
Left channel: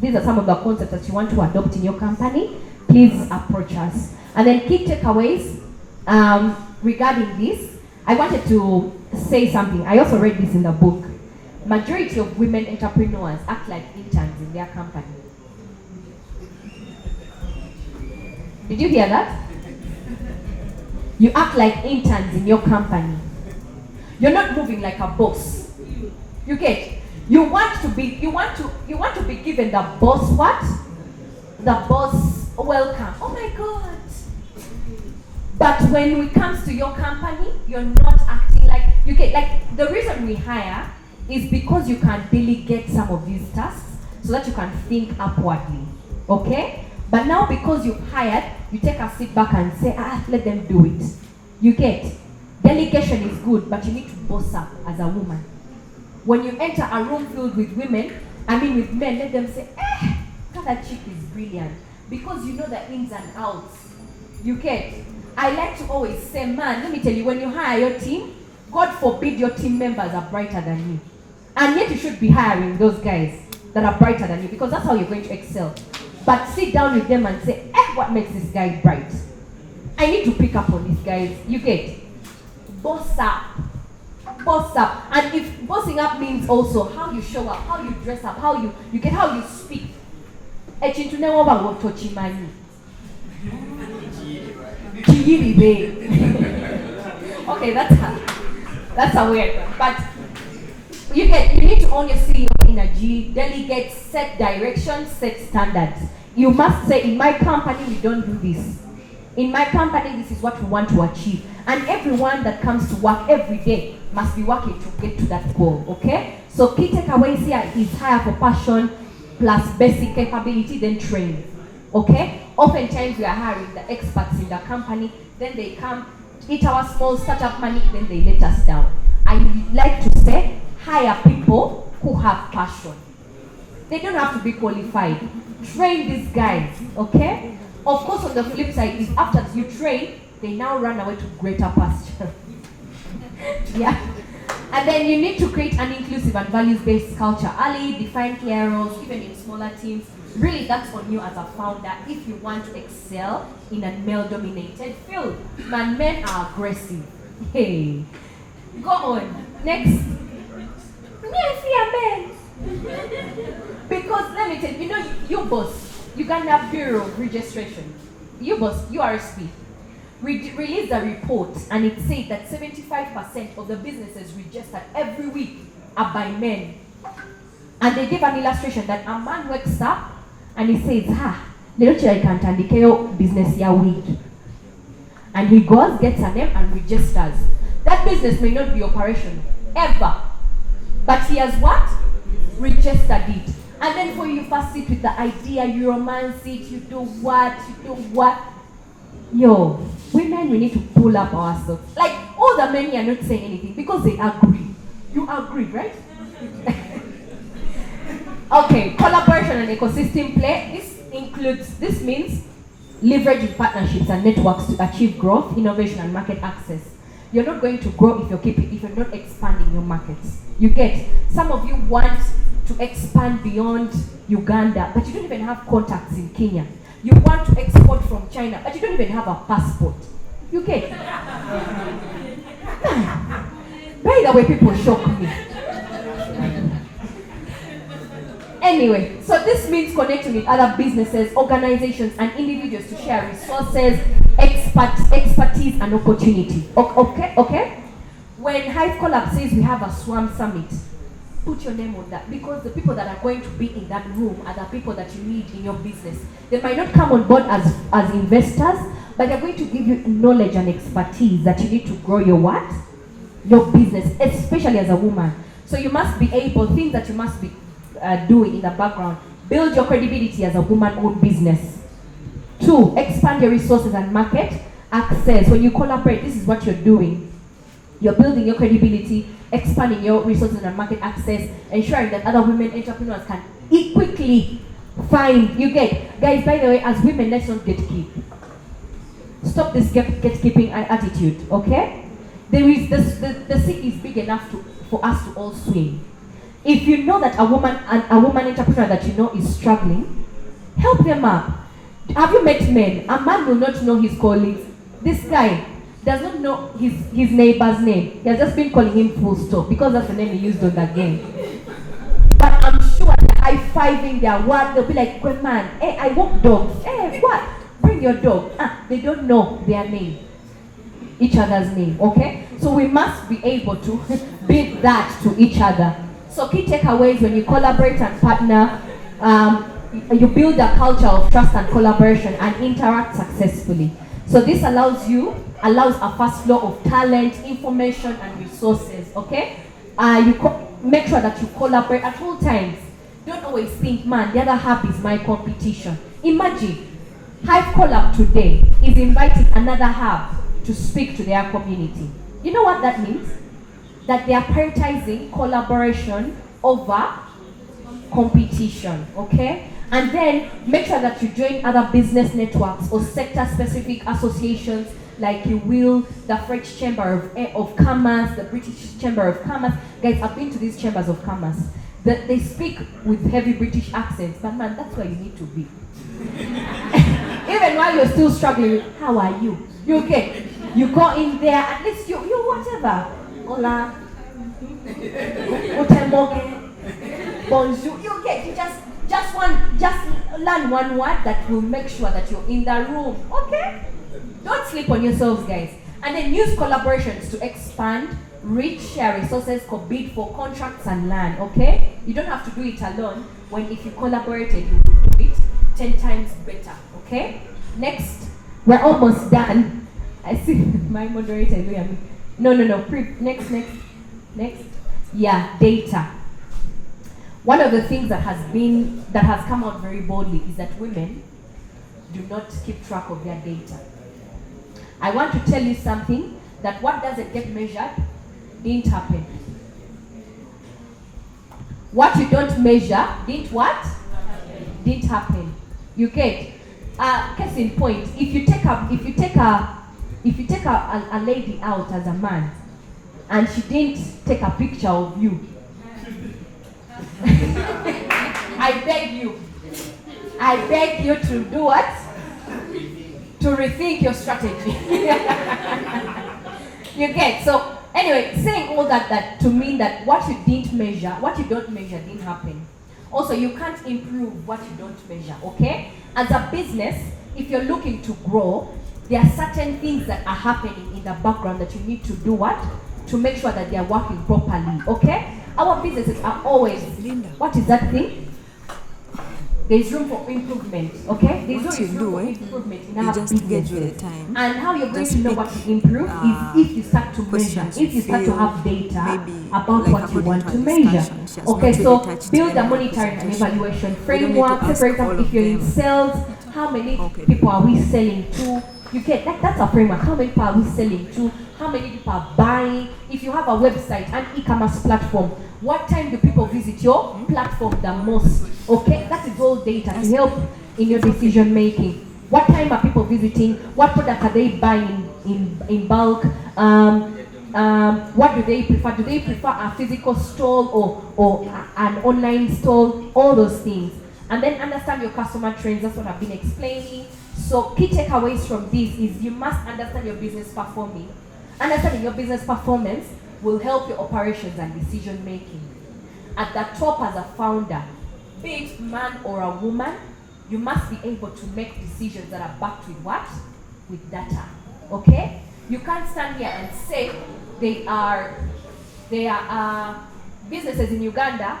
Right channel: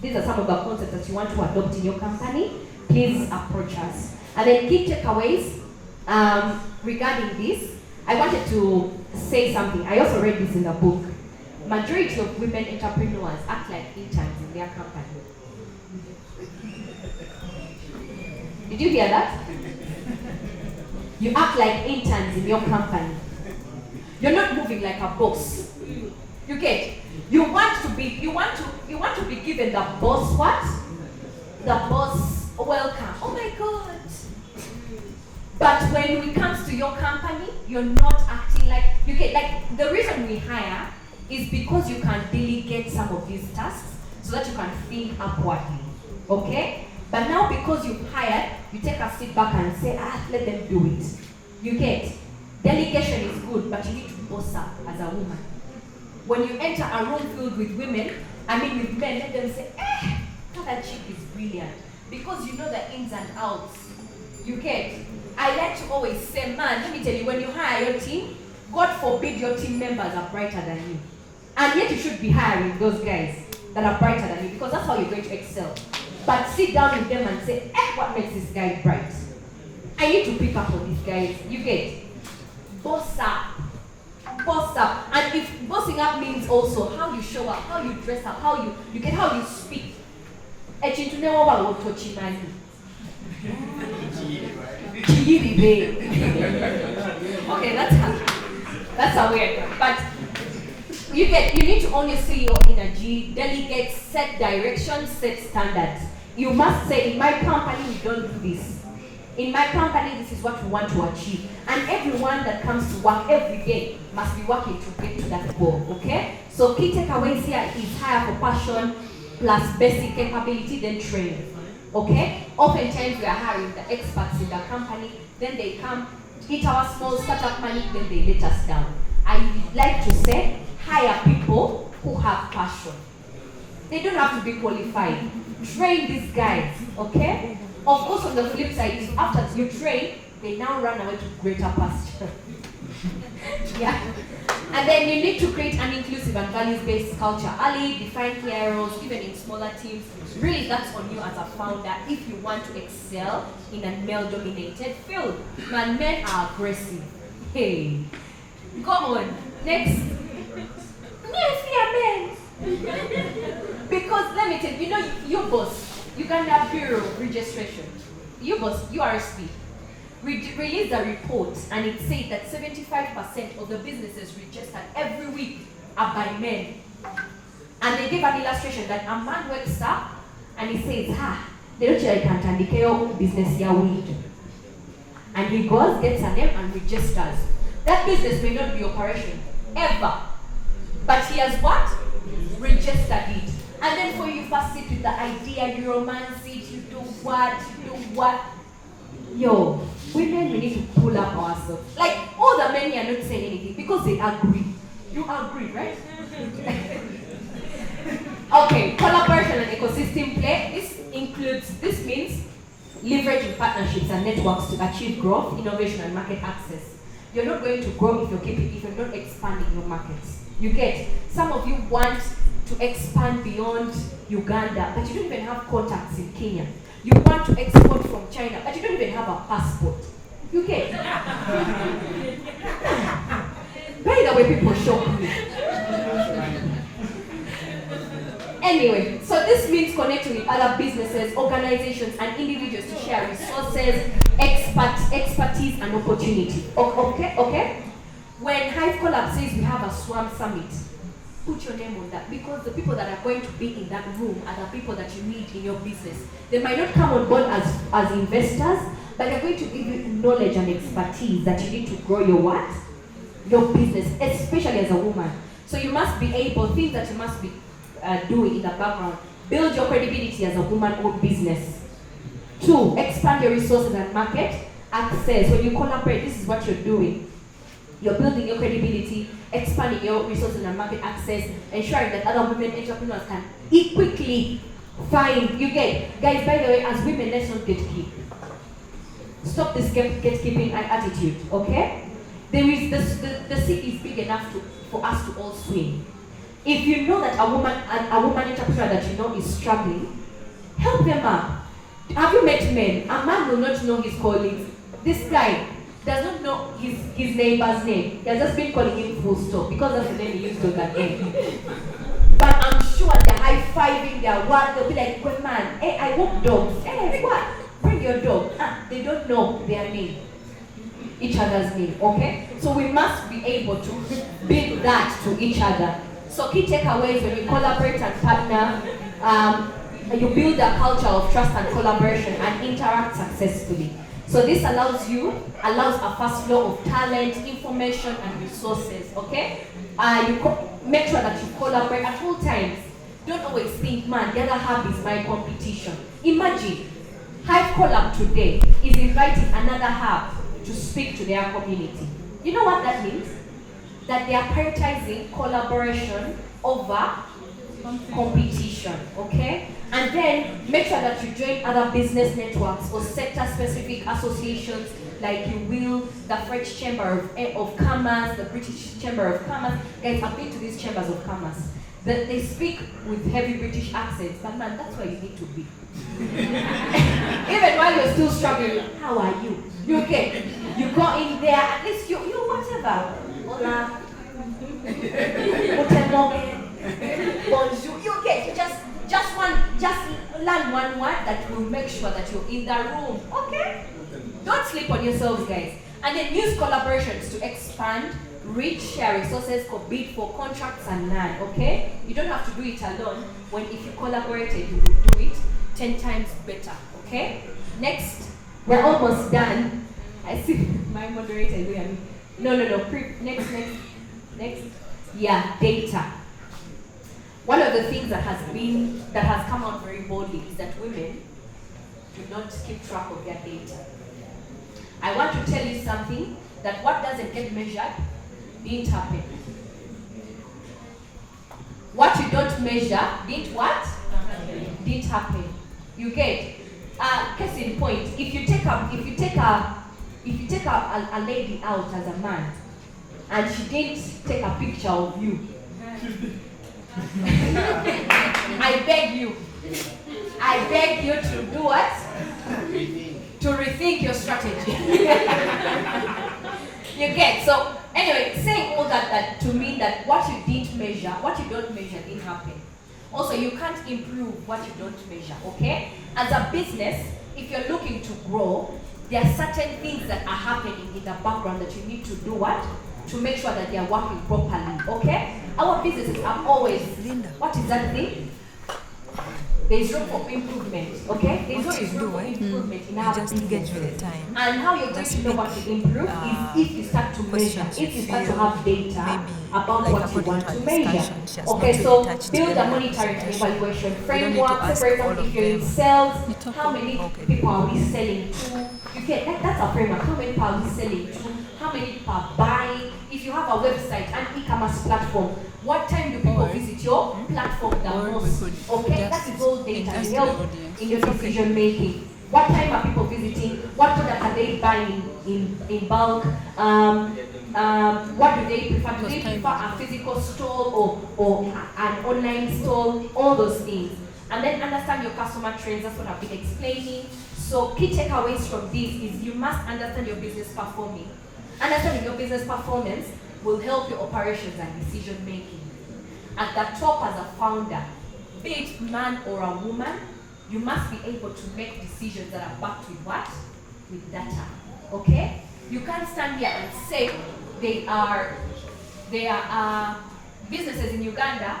these are some of the concepts that you want to adopt in your company, please approach us. And then key takeaways regarding this, I wanted to say something. I also read this in the book. Majority of women entrepreneurs act like interns in their company. Did you hear that? You act like interns in your company. You're not moving like a boss. You get? You want to be given the boss what? The boss welcome. Oh my God. But when it comes to your company, you're not acting like you get. Like the reason we hire is because you can delegate some of these tasks so that you can think upwardly. Okay? But now because you've hired, you take a sit back and say, let them do it. You get? Delegation is good, but you need to boss up as a woman. When you enter a room filled with women, with men, let them say, that chick is brilliant. Because you know the ins and outs. You get? I like to always say, man, let me tell you, when you hire your team, God forbid your team members are brighter than you. And yet you should be hiring those guys that are brighter than you because that's how you're going to excel. But sit down with them and say, what makes this guy bright? I need to pick up on these guys. You get? Boss up. Boss up. And if bossing up means also how you show up, how you dress up, how you speak. Okay, that's a weird one. But you need to own your CEO energy, delegate, set direction, set standards. You must say, in my company, we don't do this. In my company, this is what we want to achieve. And everyone that comes to work every day must be working to get to that goal, okay? So key takeaways here is hire for passion plus basic capability, then training, okay? Oftentimes we are hiring the experts in the company, then they come, eat our small startup money, then they let us down. I like to say, hire people who have passion. They don't have to be qualified. Train these guys, okay? Of course, on the flip side is after you train, they now run away to greater pasture. Yeah. And then you need to create an inclusive and values-based culture. Early, define clear roles, even in smaller teams. Really, that's on you as a founder if you want to excel in a male-dominated field. Man, men are aggressive. Hey. Go on. Next. Yes, yeah, men. Because let me tell you, you boss, Uganda Bureau of Registration, you boss, URSP, released a report and it said that 75% of the businesses registered every week are by men. And they gave an illustration that a man wakes up and he says, I can't handicap business ya weed. And he goes, gets a name and registers. That business may not be operational ever. But he has what? Registered it. And then for you first sit with the idea, you romance it, you do what? Yo, women, we need to pull up ourselves. Like, all the men are not saying anything because they agree. You agree, right? Okay, collaboration and ecosystem play. This means leveraging partnerships and networks to achieve growth, innovation, and market access. You're not going to grow if you're not expanding your markets. You get, some of you want to expand beyond Uganda, but you don't even have contacts in Kenya. You want to export from China, but you don't even have a passport. You get? By the way, people shock me. Anyway, so this means connecting with other businesses, organizations, and individuals to share resources, expertise, and opportunity. Okay? When Hive Collab says we have a Swam Summit, put your name on that, because the people that are going to be in that room are the people that you need in your business. They might not come on board as investors, but they're going to give you knowledge and expertise that you need to grow your what? Your business, especially as a woman. So you must be able, things that you must be doing in the background. Build your credibility as a woman-owned business. 2, expand your resources and market access. When you collaborate, this is what you're doing. You're building your credibility, expanding your resources and market access, ensuring that other women entrepreneurs can quickly find. You get, guys, by the way, as women, let's not gatekeep. Stop this gatekeeping attitude, okay? There is the sea is big enough for us to all swim. If you know that a woman entrepreneur that you know is struggling, help them up. Have you met men? A man will not know his colleagues. This guy does not know his neighbor's name. He has just been calling him full stop because that's the name he used again. But I'm sure they're high-fiving their word. They'll be like, "Good man, hey, I walk dogs. Hey, what? Bring your dog." They don't know their name, each other's name, okay? So we must be able to build that to each other. So key takeaways: when you collaborate and partner, you build a culture of trust and collaboration and interact successfully. So this allows a fast flow of talent, information, and resources, okay? Make sure that you collaborate at all times. Don't always think, man, the other hub is my competition. Imagine, Hive Collab today is inviting another hub to speak to their community. You know what that means? That they are prioritizing collaboration over competition, okay? And then make sure that you join other business networks or sector-specific associations like you will, the French Chamber of Commerce, the British Chamber of Commerce. Guys, I've been to these chambers of commerce. They speak with heavy British accents, but man, that's where you need to be. Even while you're still struggling, how are you? You okay? You go in there, at least you whatever. Hola. Hotel Morgan. Bonjour. You okay? You just learn one word that will make sure that you're in the room. Okay? Don't sleep on yourselves, guys. And then use collaborations to expand, reach, share resources, bid for contracts and land. Okay? You don't have to do it alone. When if you collaborated, you will do it 10 times better. Okay? Next, we're almost done. I see my moderator. No. Next. Yeah, data. One of the things that has come out very boldly is that women do not keep track of their data. I want to tell you something, that what doesn't get measured didn't happen. What you don't measure didn't what? Didn't happen. You get case in point. If you take a lady out as a man and she didn't take a picture of you, I beg you to do what? To rethink your strategy. You get? So anyway, saying all that to mean that what you didn't measure, what you don't measure didn't happen. Also, you can't improve what you don't measure, okay? As a business, if you're looking to grow, there are certain things that are happening in the background that you need to do what? To make sure that they are working properly, okay? Our businesses are always, what is that thing? There's room for improvement, okay? There's always room for improvement in our businesses. And how you're going to know what to improve is if you start to measure, if you start to have data about what you want to measure. Okay, so build a monitoring and evaluation framework. So for example, if you're in sales, how many people are we selling to? You get that's a framework. How many people are we selling to? How many people are buying? If you have a website, an e-commerce platform, what time do people visit your platform the most? Okay, that is all data to help in your decision making. What time are people visiting? What product are they buying in bulk? What do they prefer? Do they prefer a physical stall or an online stall? All those things. And then understand your customer trends. That's what I've been explaining. So key takeaways from this is you must understand your business performing. Understanding your business performance will help your operations and decision making. At the top as a founder, be it man or a woman, you must be able to make decisions that are backed with what? With data. Okay? You can't stand here and say there are businesses in Uganda,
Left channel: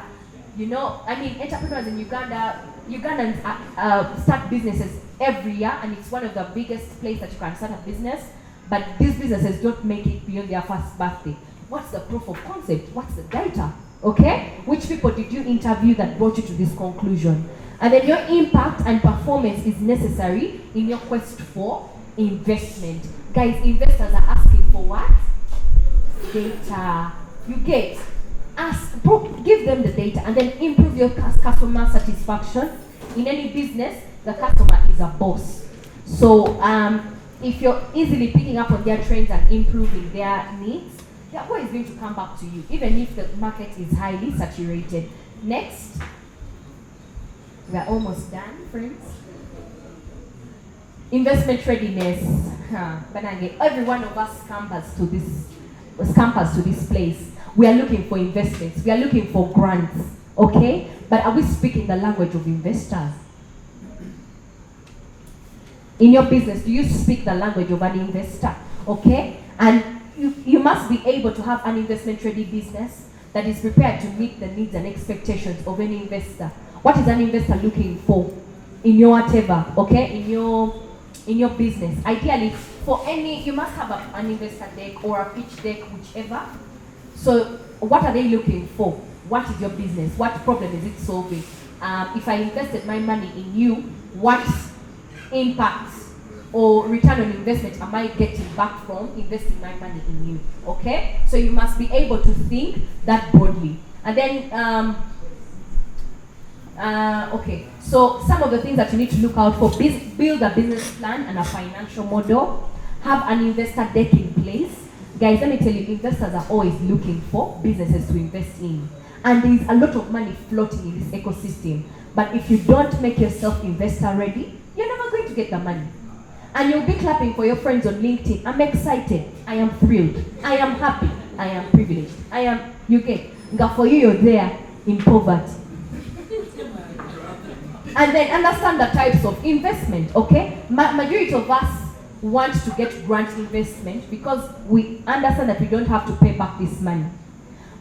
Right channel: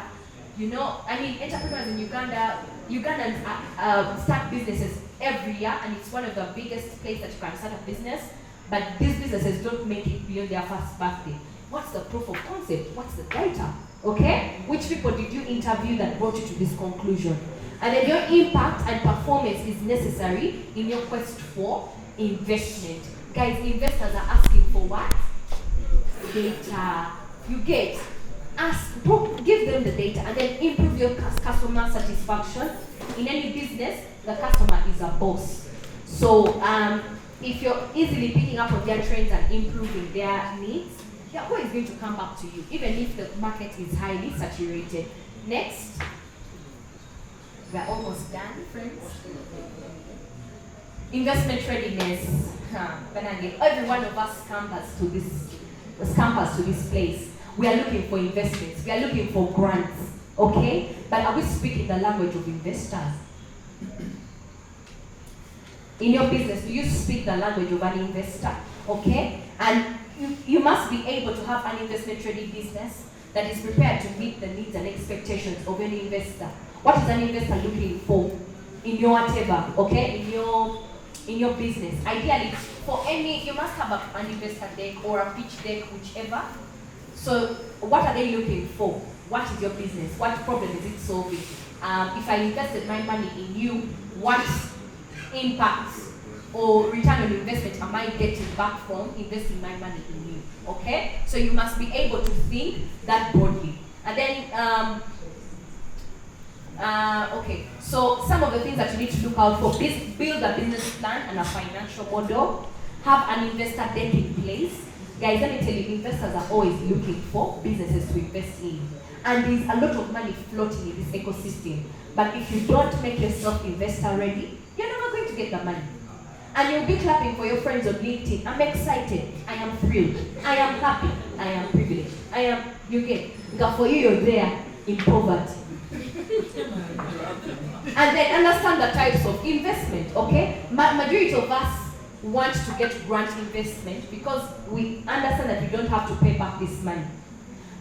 entrepreneurs in Uganda, Ugandans start businesses every year, and it's one of the biggest places that you can start a business, but these businesses don't make it beyond their first birthday. What's the proof of concept? What's the data? Okay? Which people did you interview that brought you to this conclusion? And then your impact and performance is necessary in your quest for investment. Guys, investors are asking for what? Data. You get? Give them the data and then improve your customer satisfaction. In any business, the customer is a boss. So if you're easily picking up on their trends and improving their needs, they're always going to come back to you, even if the market is highly saturated. Next. We're almost done, friends. Investment readiness. Every one of us campus to this place. We are looking for investments. We are looking for grants. Okay? But are we speaking the language of investors? In your business, do you speak the language of an investor? Okay? And you must be able to have an investment-ready business that is prepared to meet the needs and expectations of any investor. What is an investor looking for in your whatever, okay? In your business. Ideally, you must have an investor deck or a pitch deck, whichever. So, what are they looking for? What is your business? What problem is it solving? If I invested my money in you, what impact or return on investment am I getting back from investing my money in you? Okay? So you must be able to think that broadly. And then, okay, so some of the things that you need to look out for: build a business plan and a financial model, have an investor deck in place. Guys, let me tell you, investors are always looking for businesses to invest in. And there's a lot of money floating in this ecosystem. But if you don't make yourself investor ready, you're never going to get the money. And you'll be clapping for your friends on LinkedIn. I'm excited. I am thrilled. I am happy. I am privileged. You get. But for you, you're there in poverty. And then understand the types of investment, okay? Majority of us want to get grant investment because we understand that we don't have to pay back this money.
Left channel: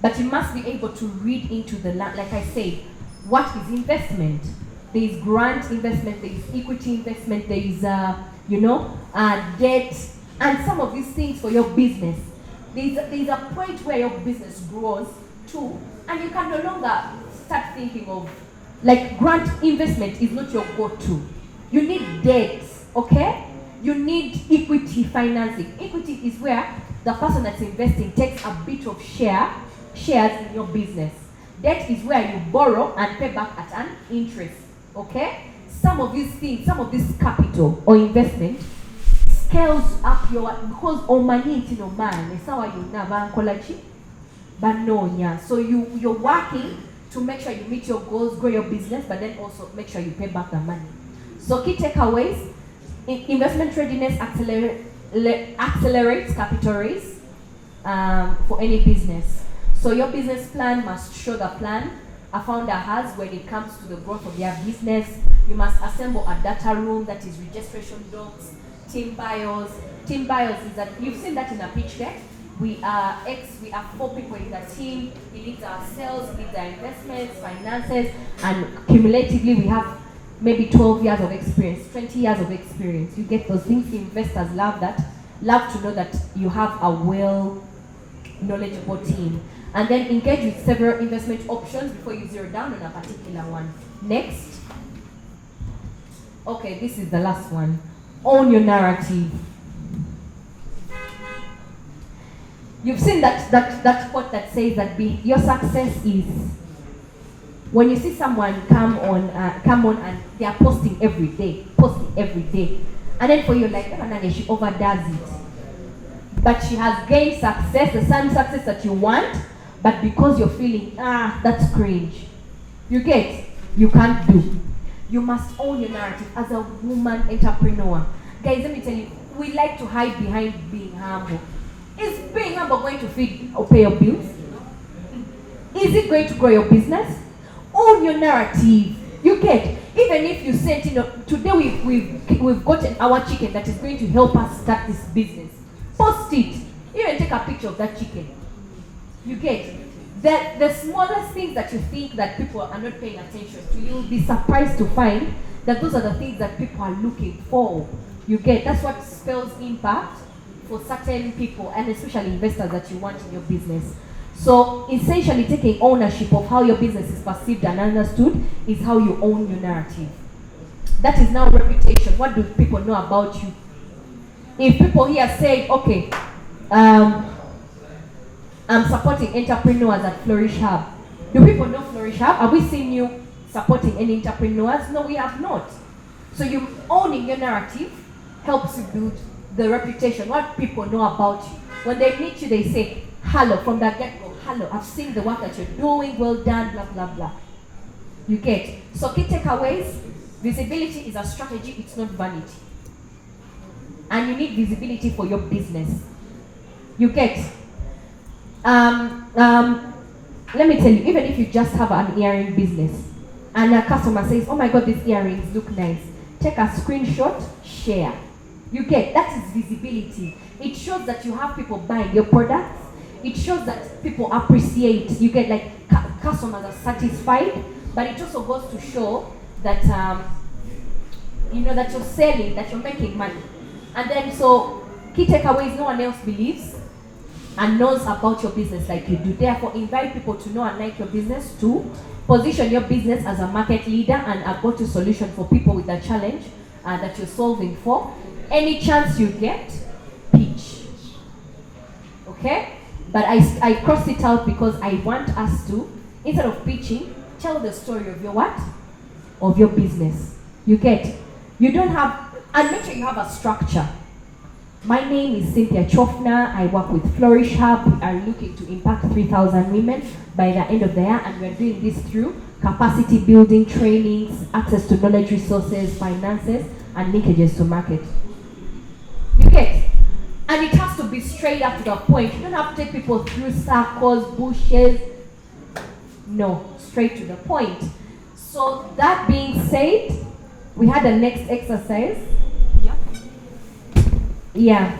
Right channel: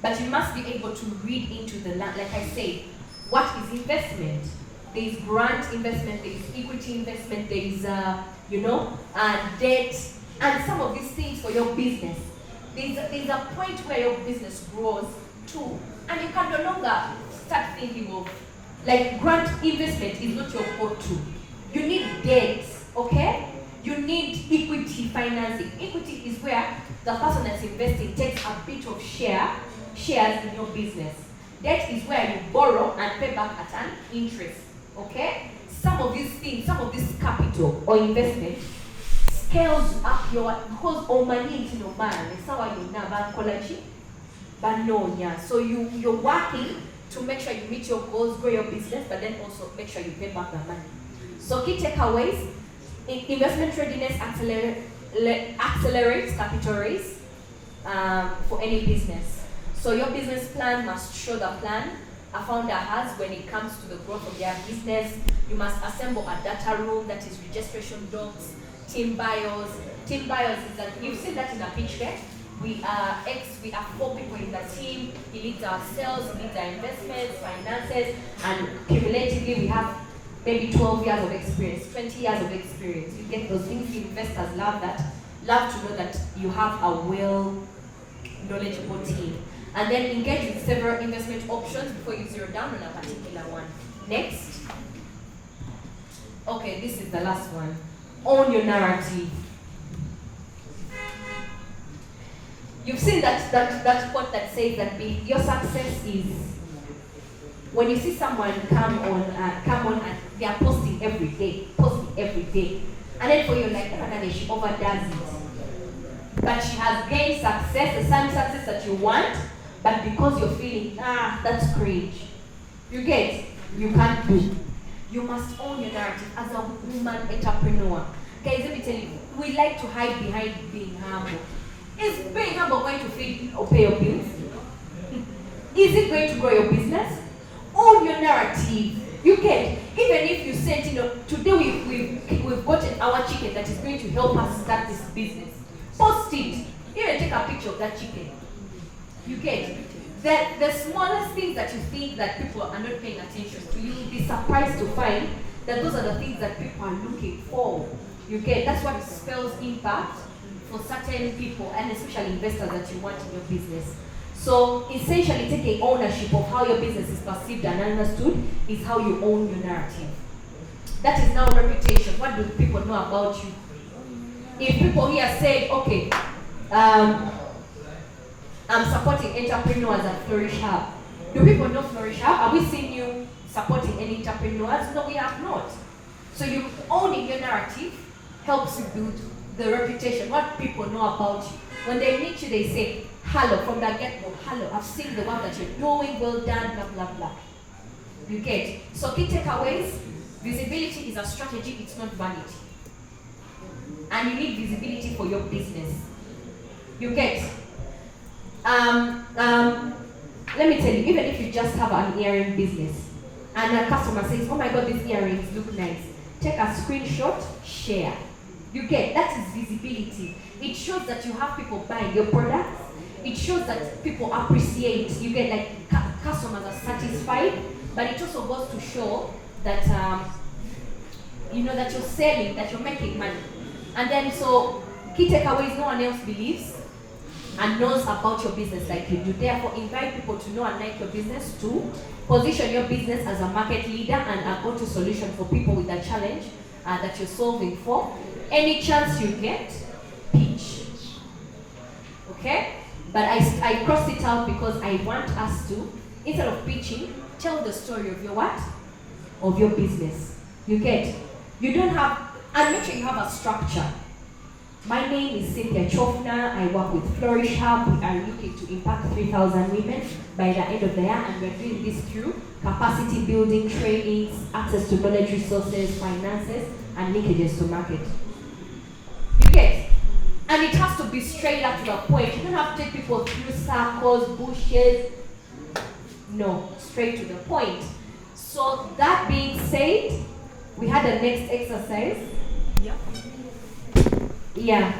But you must be able to read into the, like I said, what is investment? There is grant investment, there is equity investment, there is, debt, and some of these things for your business. There's a point where your business grows too, and you can no longer start thinking of, like, grant investment is not your go-to. You need debt, okay? You need equity financing. Equity is where the person that's investing takes a bit of shares in your business. Debt is where you borrow and pay back at an interest, okay? Some of these things, some of this capital or investment scales up your, because so you're working to make sure you meet your goals, grow your business, but then also make sure you pay back the money. So key takeaways: investment readiness accelerates capital raise for any business. So your business plan must show the plan a founder has when it comes to the growth of their business. You must assemble a data room, that is registration docs, team bios. Team bios is that, you've seen that in a pitch deck. We are 4 people in the team. He leads our sales, he leads our investments, finances, and cumulatively we have maybe 12 years of experience, 20 years of experience. You get those things. Investors love that. Love to know that you have a well-knowledgeable team. And then engage with several investment options before you zero down on a particular one. Next. Okay, this is the last one. Own your narrative. You've seen that quote that says that your success is when you see someone come on and they are posting every day, and then for you like, oh, she overdoes it, but she has gained success, the same success that you want, but because you're feeling that's cringe, you can't do. You must own your narrative as a woman entrepreneur. Guys, let me tell you, we like to hide behind being humble. Is being humble going to feed or pay your bills? Is it going to grow your business? Own your narrative. You get, even if you said, today we've got our chicken that is going to help us start this business. Post it. Even take a picture of that chicken. You get that the smallest things that you think that people are not paying attention to, you'll be surprised to find that those are the things that people are looking for. You get, that's what spells impact for certain people, and especially investors that you want in your business. So essentially taking ownership of how your business is perceived and understood is how you own your narrative. That is now reputation. What do people know about you? If people here say, okay, I'm supporting entrepreneurs at Flourish Hub. Do people know Flourish Hub? Have we seen you supporting any entrepreneurs? No, we have not. So you owning your narrative helps you build the reputation, what people know about you. When they meet you, they say, hello, from the get-go, hello, I've seen the work that you're doing, well done, blah, blah, blah. You get. So key takeaways, visibility is a strategy, it's not vanity. And you need visibility for your business. You get. Let me tell you, even if you just have an earring business and a customer says, oh my God, these earrings look nice, take a screenshot, share. You get, that is visibility. It shows that you have people buying your products. It shows that people appreciate. You get, like, customers are satisfied, but it also goes to show that that you're selling, that you're making money. And then so key takeaways, no one else believes and knows about your business like you do. Therefore, invite people to know and like your business too. Position your business as a market leader and a go-to solution for people with a challenge that you're solving for. Any chance you get, pitch. Okay? But I crossed it out because I want us to, instead of pitching, tell the story of your what? Of your business. You get? You don't have, and make sure you have a structure. My name is Cynthia Kyofuna. I work with Flourish Hub. We are looking to impact 3,000 women by the end of the year, and we're doing this through capacity building, trainings, access to knowledge resources, finances, and linkages to market. You get? And it has to be straight up to the point. You don't have to take people through circles, bushes. No, straight to the point. So that being said, we had the next exercise. Yeah.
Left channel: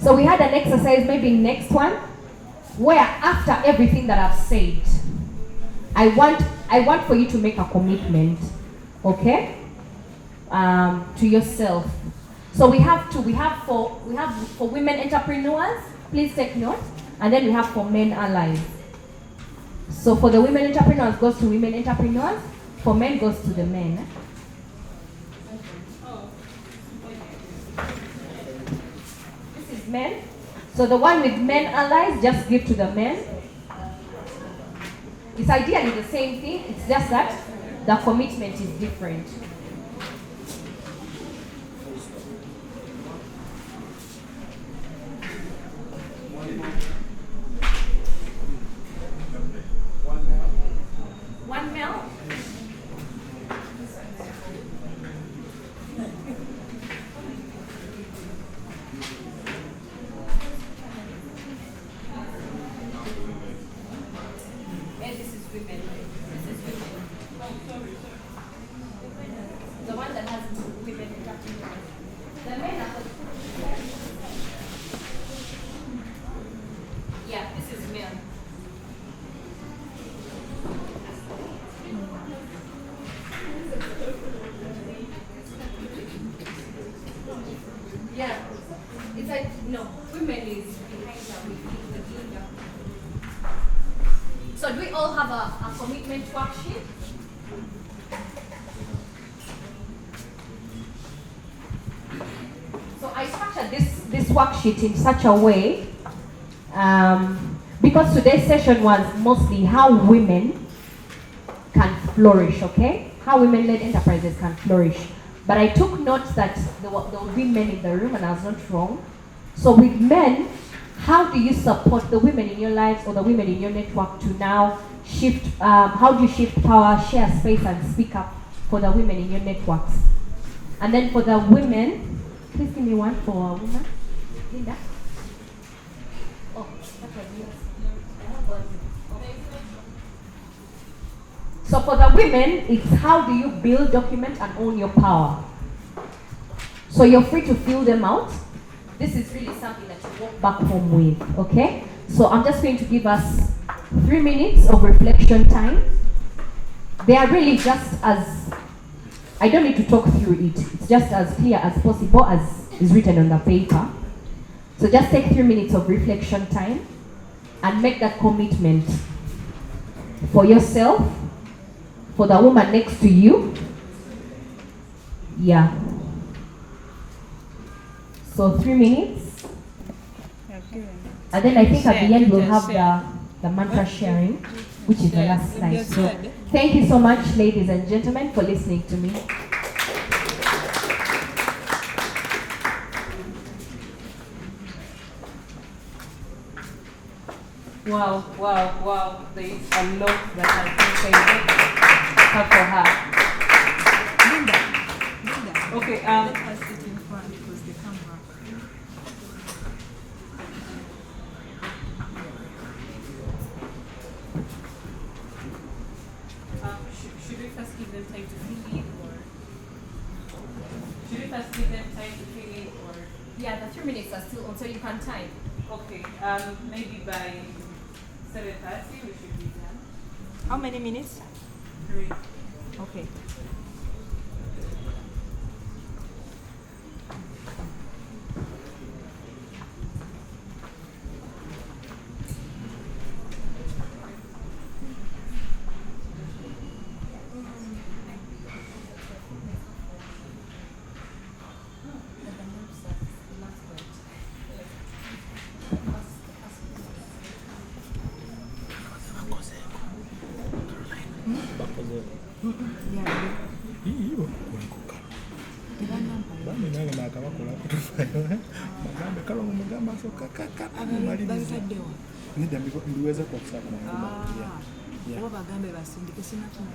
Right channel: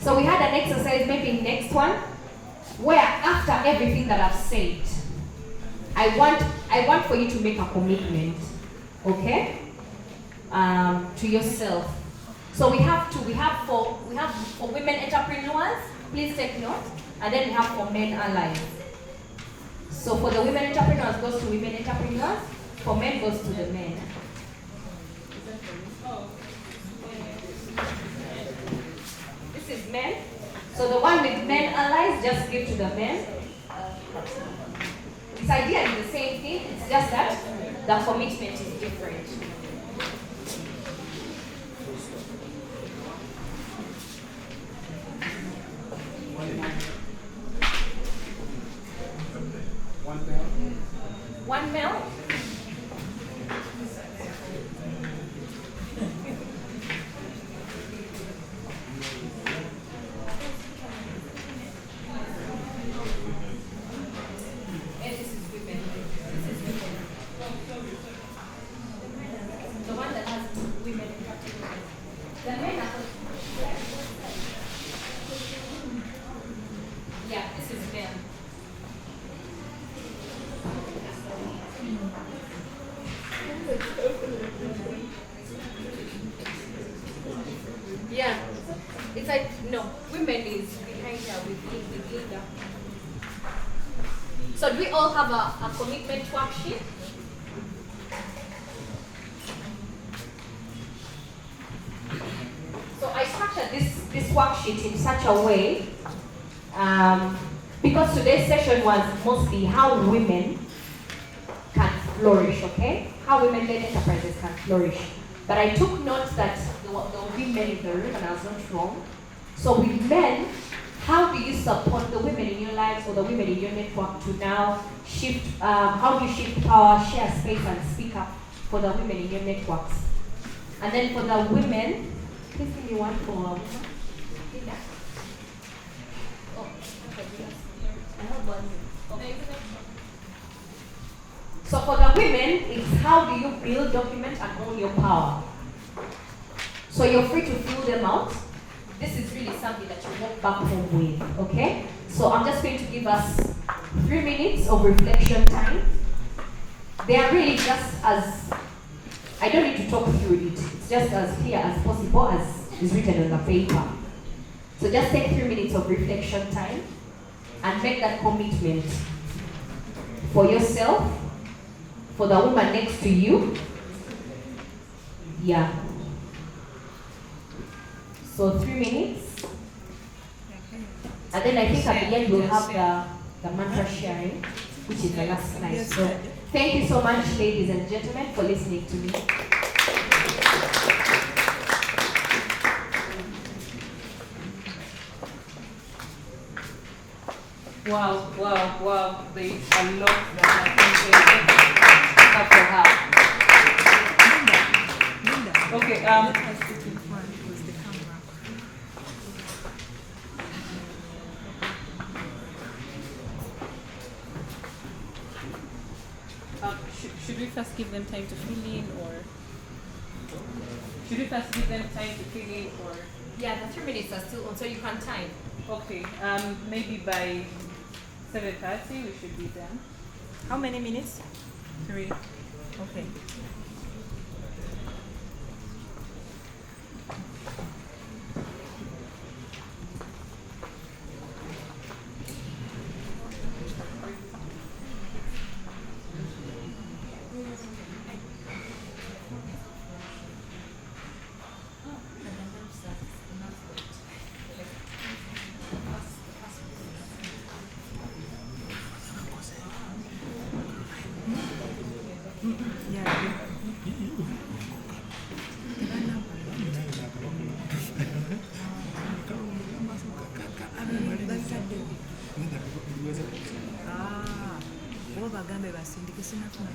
So we had an exercise, maybe next one, where after everything that I've said, I want for you to make a commitment, okay? To yourself. So we have for women entrepreneurs, please take note, and then we have for men allies. So for the women entrepreneurs goes to women entrepreneurs, for men goes to the men. This is men. So the one with men allies, just give to the men. It's ideally the same thing, it's just that the commitment is different. One male. And this is women. This is women. The one that has women interacting with us. The men are. Yeah, this is male. Yeah, it's like, no, women is behind her with the leader. So do we all have a commitment worksheet? So I structured this worksheet in such a way, because today's session was mostly how women can flourish, okay? How women-led enterprises can flourish. But I took note that there will be men in the room, and I was not wrong. So with men, how do you support the women in your lives or the women in your network to now shift, how do you shift power, share space, and speak up for the women in your networks? And then for the women, please give me one for a woman. Linda? Oh, okay, yes. I have one. So for the women, it's how do you build, document, and own your power. So you're free to fill them out. This is really something that you walk back home with, okay? So I'm just going to give us 3 minutes of reflection time. They are really just as, I don't need to talk through it. It's just as clear as possible as is written on the paper. So just take 3 minutes of reflection time and make that commitment for yourself, for the woman next to you. Yeah. So 3 minutes. And then I think at the end we'll have the mantra sharing, which is the last slide. So thank you so much, ladies and gentlemen, for listening to me. Wow, wow, wow. There is a lot that I think I have for her. Okay, Let us sit in front because they come back. should we first give them time to fill in, or should we first give them time to fill in, or? Yeah, the 3 minutes are still on, so you can time. Okay, maybe by 7:30 we should be done. How many minutes? 3. Okay. Kuba bagambe basindike sinafuna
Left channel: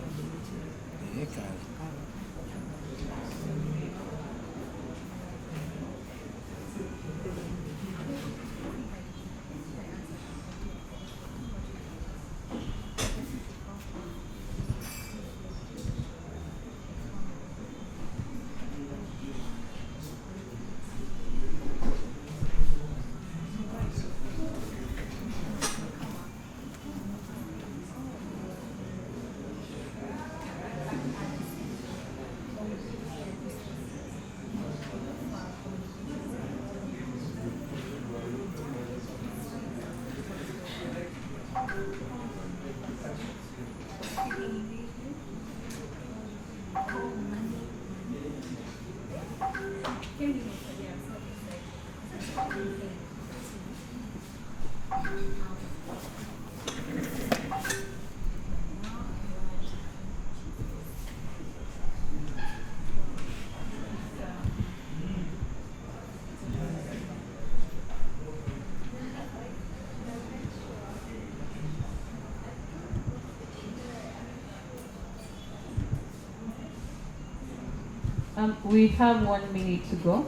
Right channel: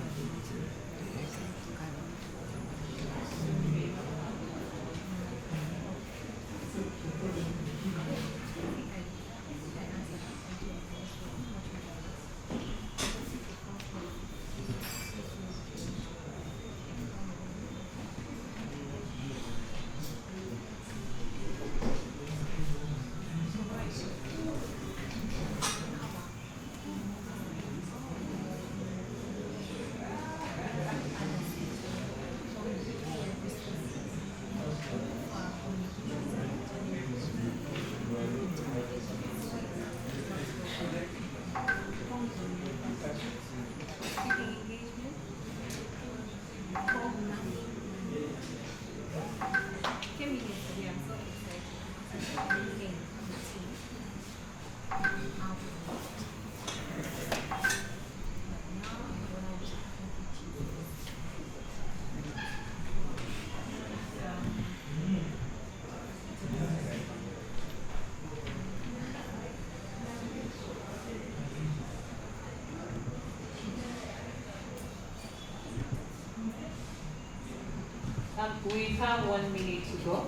We have 1 minute to go.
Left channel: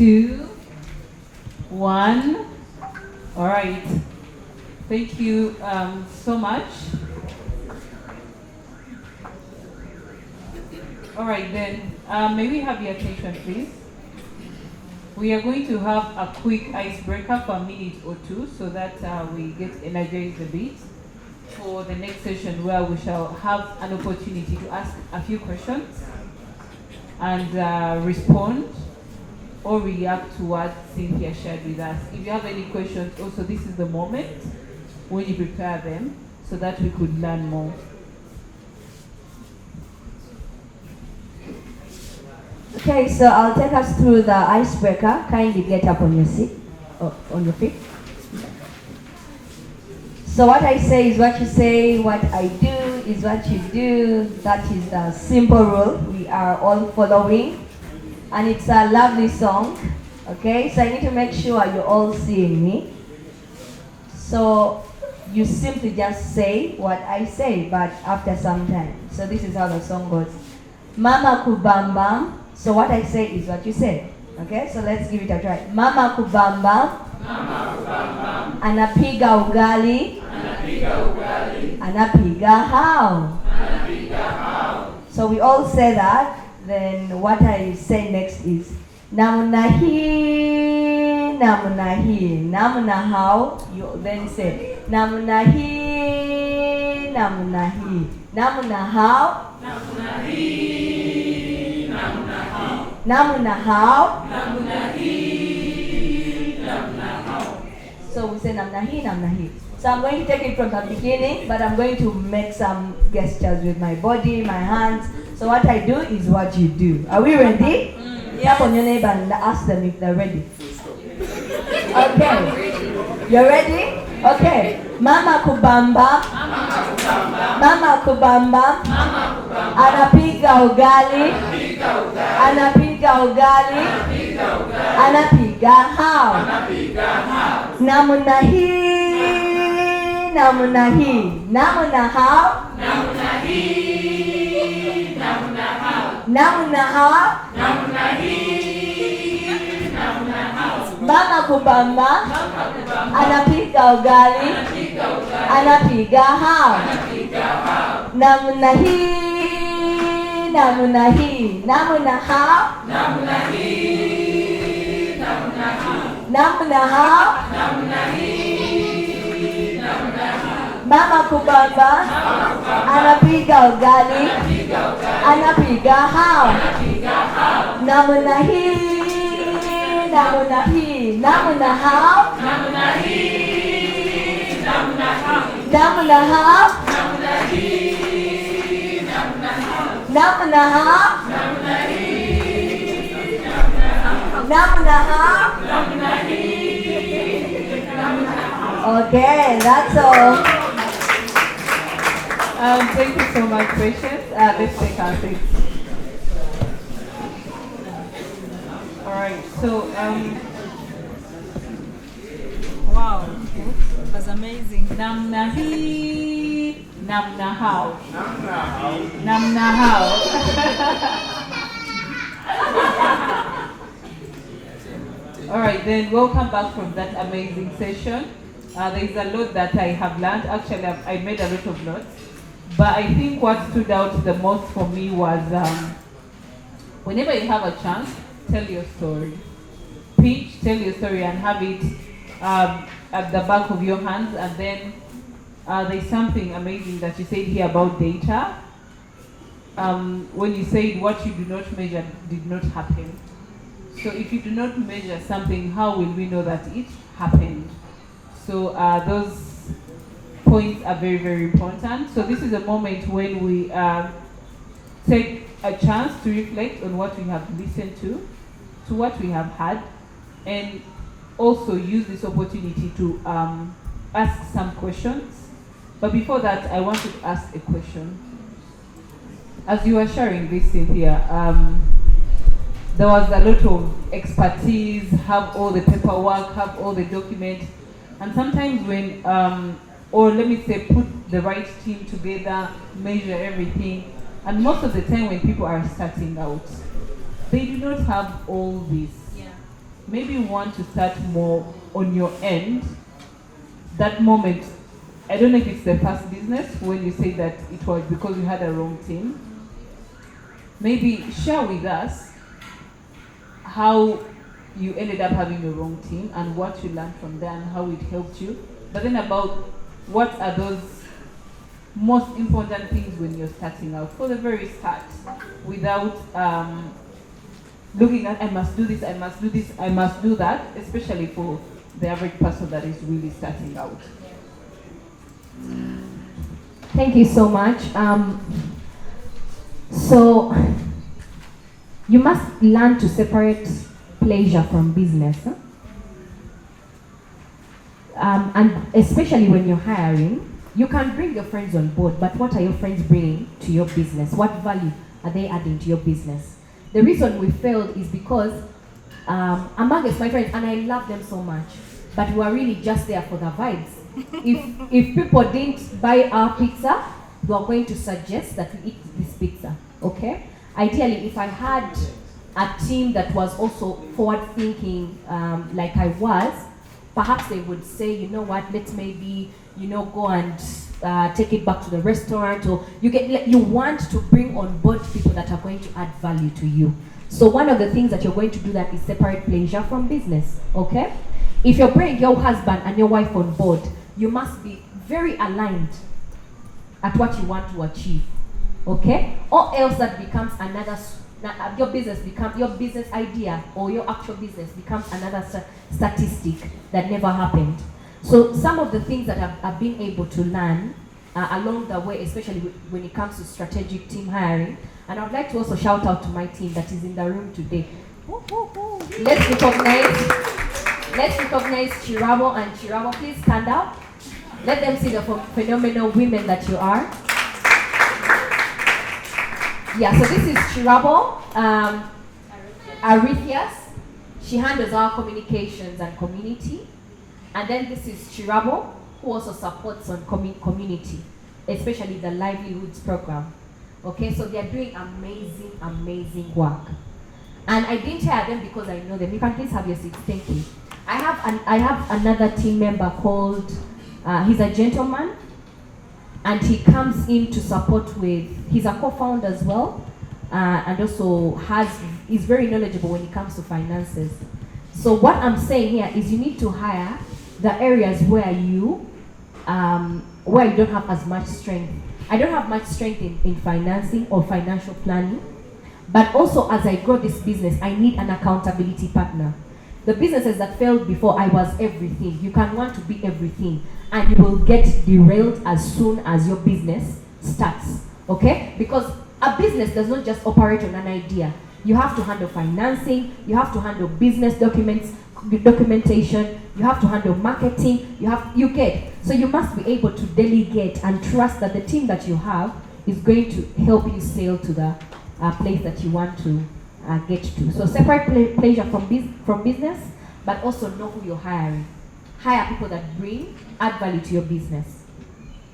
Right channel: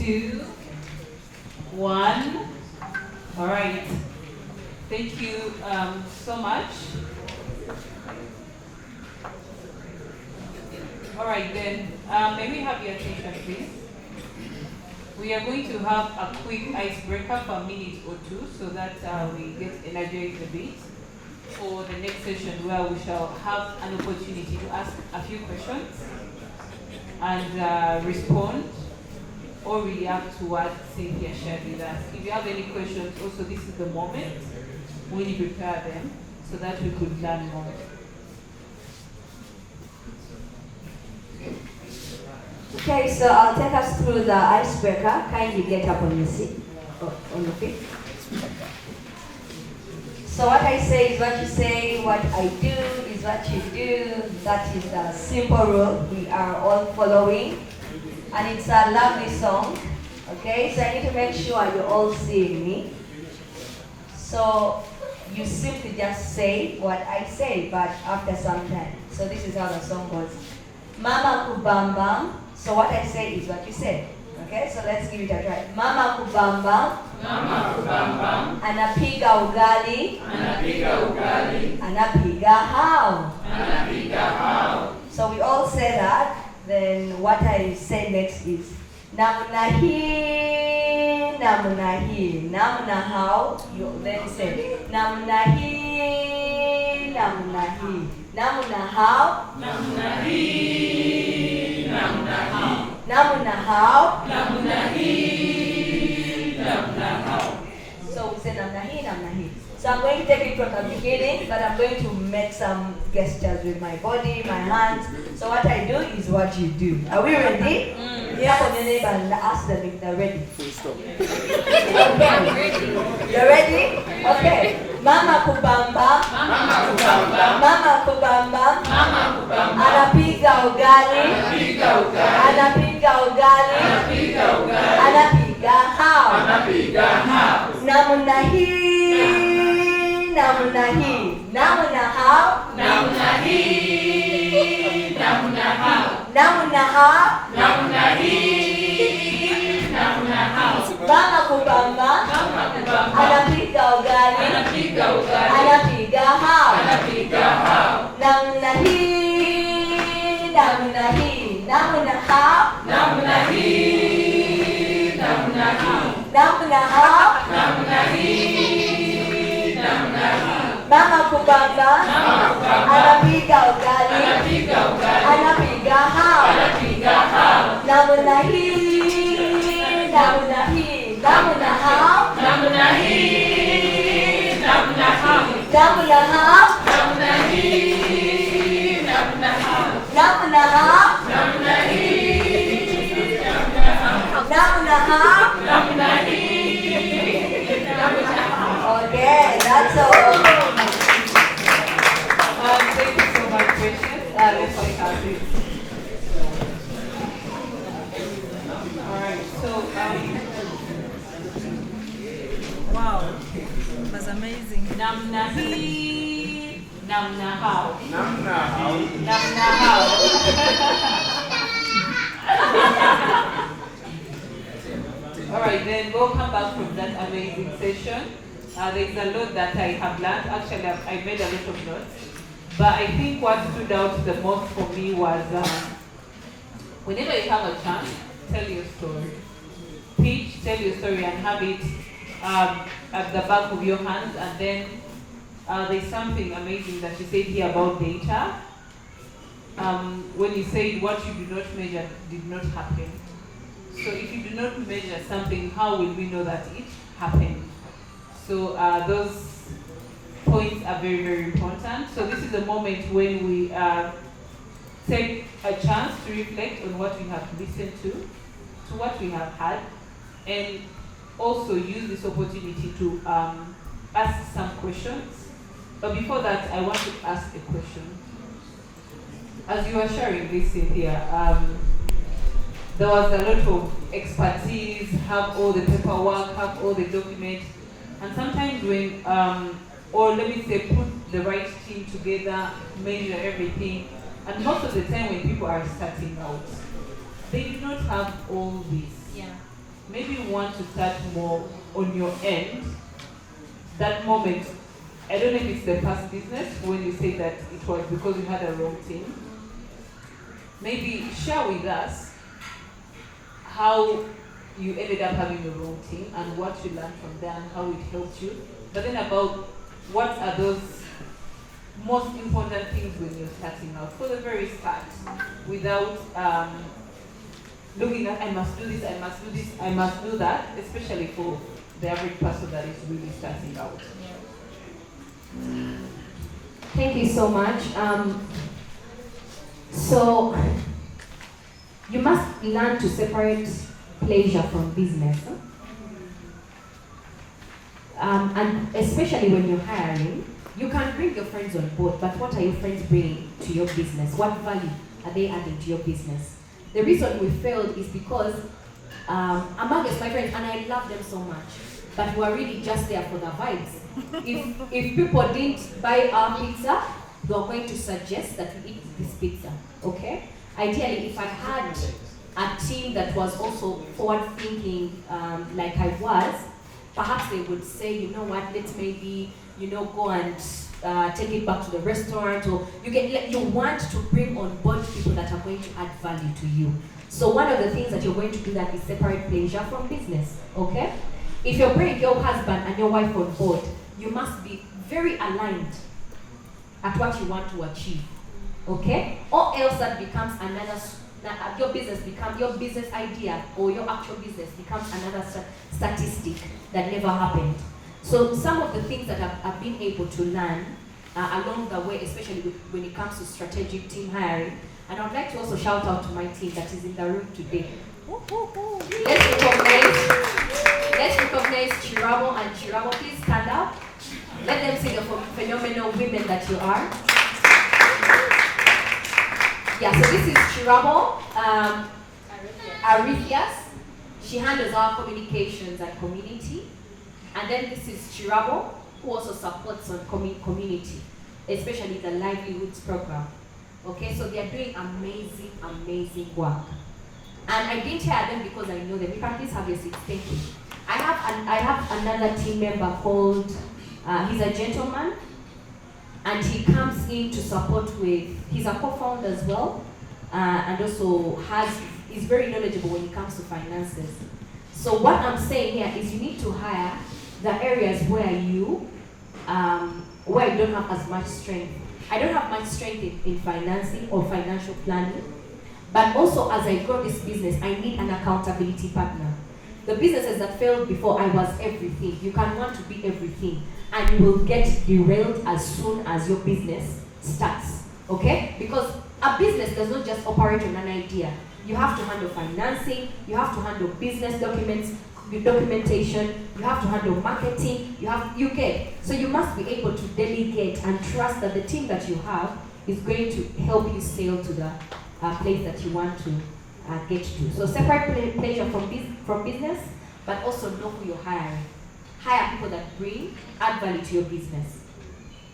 Two, 1. All right. Thank you so much. All right, then, may we have your attention, please? We are going to have a quick icebreaker for a minute or two so that we get energized a bit for the next session, where we shall have an opportunity to ask a few questions and respond or react to what Cynthia shared with us. If you have any questions, also this is the moment when you prepare them so that we could learn more. Okay, so I'll take us through the icebreaker. Kindly get up on your seat, on your feet. So what I say is what you say, what I do is what you do. That is the simple rule we are all following. And it's a lovely song, okay? So I need to make sure you're all seeing me. So you simply just say what I say, but after some time. So this is how the song goes. Mama kubambam. So what I say is what you say, okay? So let's give it a try. Mama kubambam. Mama kubambam. Anapiga ugali. Anapiga ugali. Anapiga how. Anapiga how. So we all say that. Then what I say next is namna hii, namna hii, namna how. You then say namna hii, namna hii, namna how, namna hii, namna how, namna how, namna hii, namna how. So we say namna hii, namna hii. So I'm going to take it from the beginning, but I'm going to make some gestures with my body, my hands. So what I do is what you do. Are we ready? Tap on your neighbor and ask them if they're ready. Okay. You're ready? Okay. Mama kubamba. Mama kubamba. Mama kubamba. Mama kubamba. Anapiga ugali. Anapiga ugali. Anapiga ugali. Anapiga ugali. Anapiga how. Anapiga how. Namna hii. Namna hii. Namna how. Namna hii. Namna how. Namna how. Namna hii. Namna how. Mama kubamba. Mama kubamba. Anapiga ugali. Anapiga ugali. Anapiga how. Anapiga how. Namna hii. Namna hii. Namna how. Namna hii. Namna how. Namna how. Namna hii. Namna how. Mama kubamba. Mama kubamba. Anapiga ugali. Anapiga ugali. Anapiga how. Anapiga how. Namna hii. Namna hii. Namna how. Namna hii. Namna how. Namna how. Namna hii. Namna how. Namna how. Namna hii. Namna how. Namna hii. Okay, that's all. Thank you so much, Patience. Let's take our seats. Alright, so Wow, that's amazing. namna hii, namna how. Namna how. Namna how. Alright, then we'll come back from that amazing session. There's a lot that I have learned. Actually, I made a lot of notes. But I think what stood out the most for me was whenever you have a chance, tell your story. Pitch, tell your story and have it at the back of your hands. And then there's something amazing that you said here about data. When you said what you do not measure did not happen. So if you do not measure something, how will we know that it happened? So those points are very, very important. So this is a moment when we take a chance to reflect on what we have listened to what we have had, and also use this opportunity to ask some questions. But before that, I want to ask a question. As you were sharing this, Cynthia, there was a lot of expertise, have all the paperwork, have all the documents, and sometimes when, or let me say, put the right team together, measure everything, and most of the time when people are starting out, they do not have all this. Yeah. Maybe you want to start more on your end. That moment, I don't know if it's the past business when you say that it was because you had a wrong team. Maybe share with us how you ended up having the wrong team and what you learned from there and how it helped you. But then about what are those most important things when you're starting out for the very start, without looking at I must do this, I must do this, I must do that, especially for the average person that is really starting out. Thank you so much. So you must learn to separate pleasure from business. Huh? And especially when you're hiring, you can bring your friends on board, but what are your friends bringing to your business? What value are they adding to your business? The reason we failed is because amongst my friends, and I love them so much, but we are really just there for the vibes. If people didn't buy our pizza, we are going to suggest that we eat this pizza, okay? Ideally, if I had a team that was also forward-thinking like I was, perhaps they would say, you know what, let's maybe, go and take it back to the restaurant, or you want to bring on board people that are going to add value to you. So one of the things that you're going to do that is separate pleasure from business, okay? If you're bringing your husband and your wife on board, you must be very aligned at what you want to achieve, okay? Or else that becomes your business idea or your actual business becomes another statistic that never happened. So some of the things that I've been able to learn along the way, especially when it comes to strategic team hiring, and I would like to also shout out to my team that is in the room today. Let's recognize Chirabo and Chirabo. Please stand up. Let them see the phenomenal women that you are. Yeah, so this is Chirabo Arithias. She handles our communications and community. And then this is Chirabo, who also supports on community, especially the livelihoods program. Okay, so they're doing amazing, amazing work. And I didn't hire them because I know them. You can please have your seats. Thank you. I have another team member called, he's a gentleman, and he comes in to support with, he's a co-founder as well, and also is very knowledgeable when it comes to finances. So what I'm saying here is you need to hire the areas where you don't have as much strength. I don't have much strength in financing or financial planning, but also as I grow this business, I need an accountability partner. The businesses that failed before, I was everything. You can want to be everything, and you will get derailed as soon as your business starts, okay? Because a business does not just operate on an idea. You have to handle financing, you have to handle business documentation, you have to handle marketing, so you must be able to delegate and trust that the team that you have is going to help you sail to the place that you want to get to. So separate pleasure from business, but also know who you're hiring. Hire people that add value to your business.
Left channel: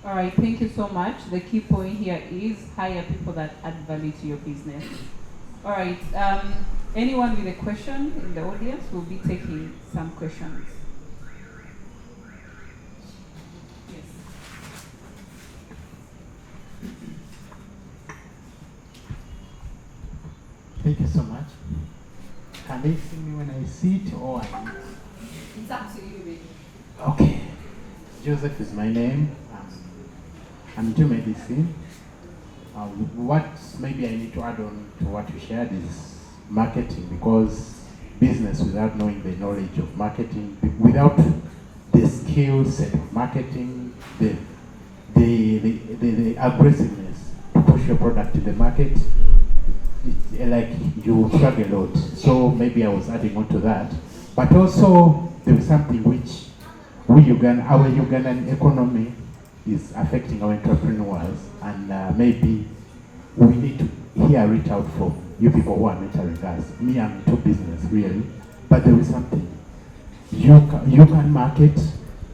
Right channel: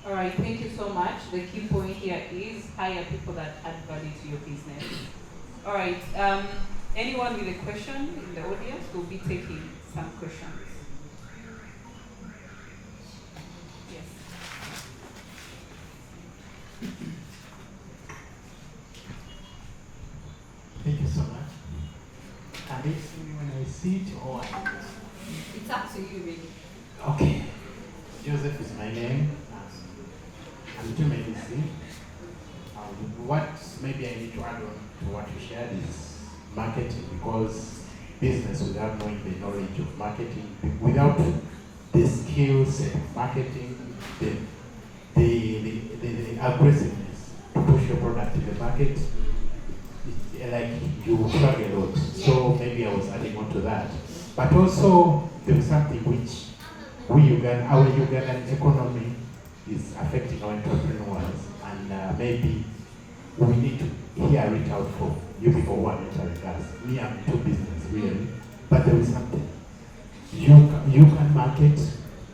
All right, thank you so much. The key point here is hire people that add value to your business. All right, anyone with a question in the audience? We'll be taking some questions. Yes. Thank you so much. Can they see me when I sit or I... It's up to you, really. Okay. Joseph is my name. I'm into medicine. What maybe I need to add on to what you shared is marketing, because business without knowing the knowledge of marketing, without the skill set of marketing, the aggressiveness to push your product to the market, like you struggle a lot. So maybe I was adding on to that. But also there was something which our Ugandan economy is affecting our entrepreneurs, and maybe we need to hear it out from you people who are mentoring us. Me, I'm into business really, but there is something. You can market,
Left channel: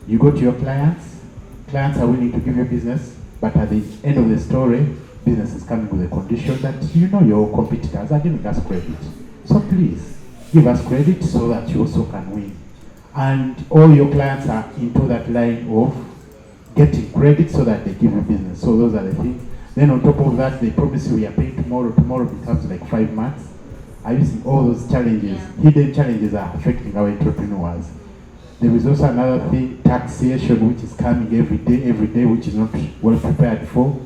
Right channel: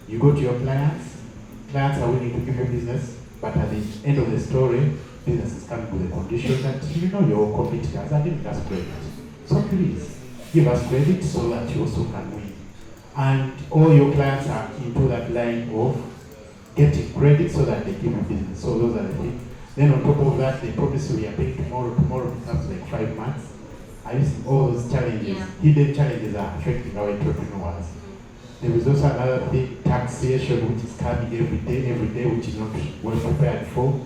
you go to your clients are willing to give you business, but at the end of the story, business is coming with a condition that your competitors are giving us credit. So please, give us credit so that you also can win. And all your clients are into that line of getting credit so that they give you business. So those are the things. Then on top of that, they promise you we are paying tomorrow. Tomorrow becomes like 5 months. are you seeing all those challenges? Hidden challenges are affecting our entrepreneurs. There is also another thing, taxation, which is coming every day, which is not well prepared for.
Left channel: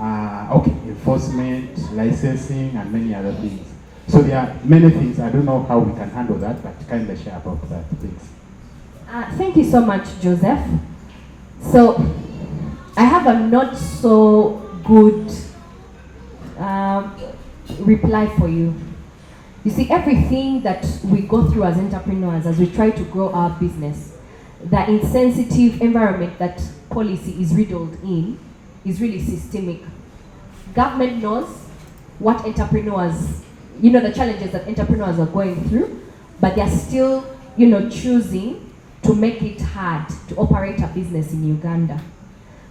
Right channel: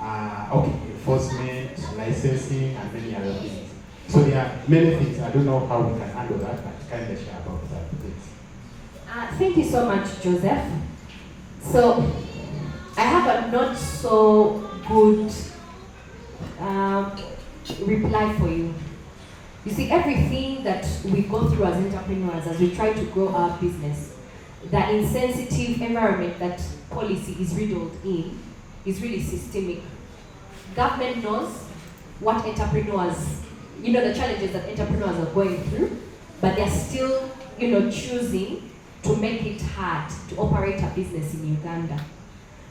Enforcement, licensing, and many other things. So there are many things. I don't know how we can handle that, but kind of share about that, please. Thank you so much, Joseph. So, I have a not so good reply for you. You see, everything that we go through as entrepreneurs, as we try to grow our business, the insensitive environment that policy is riddled in is really systemic. Government knows what entrepreneurs, the challenges that entrepreneurs are going through, but they're still, choosing to make it hard to operate a business in Uganda.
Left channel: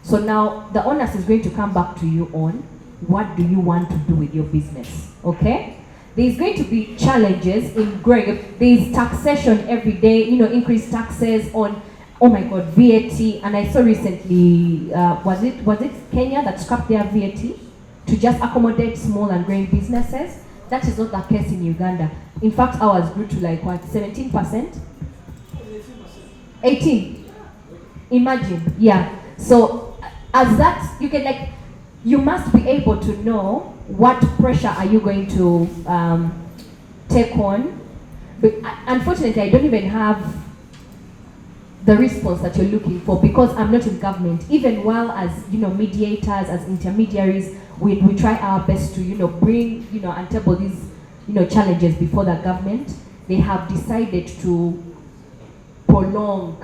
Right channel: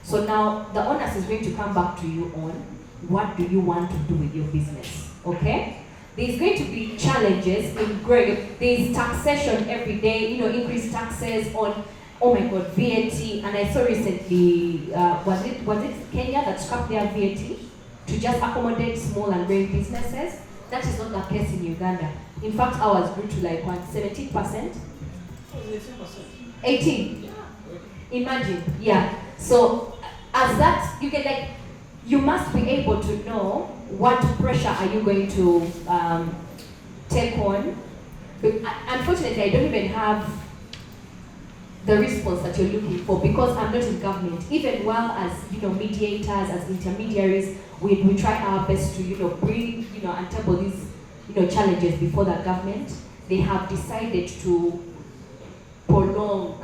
So now the onus is going to come back to you on what do you want to do with your business, okay? There's going to be challenges in growing. There's taxation every day, increased taxes on, oh my God, VAT. And I saw recently, was it Kenya that scrapped their VAT to just accommodate small and growing businesses? That is not the case in Uganda. In fact, ours grew to like what, 17%? 18. Imagine, yeah. So as that, you must be able to know what pressure are you going to take on. But unfortunately, I don't even have the response that you're looking for because I'm not in government. Even while as mediators, as intermediaries, we try our best to bring and table these challenges before the government. They have decided to prolong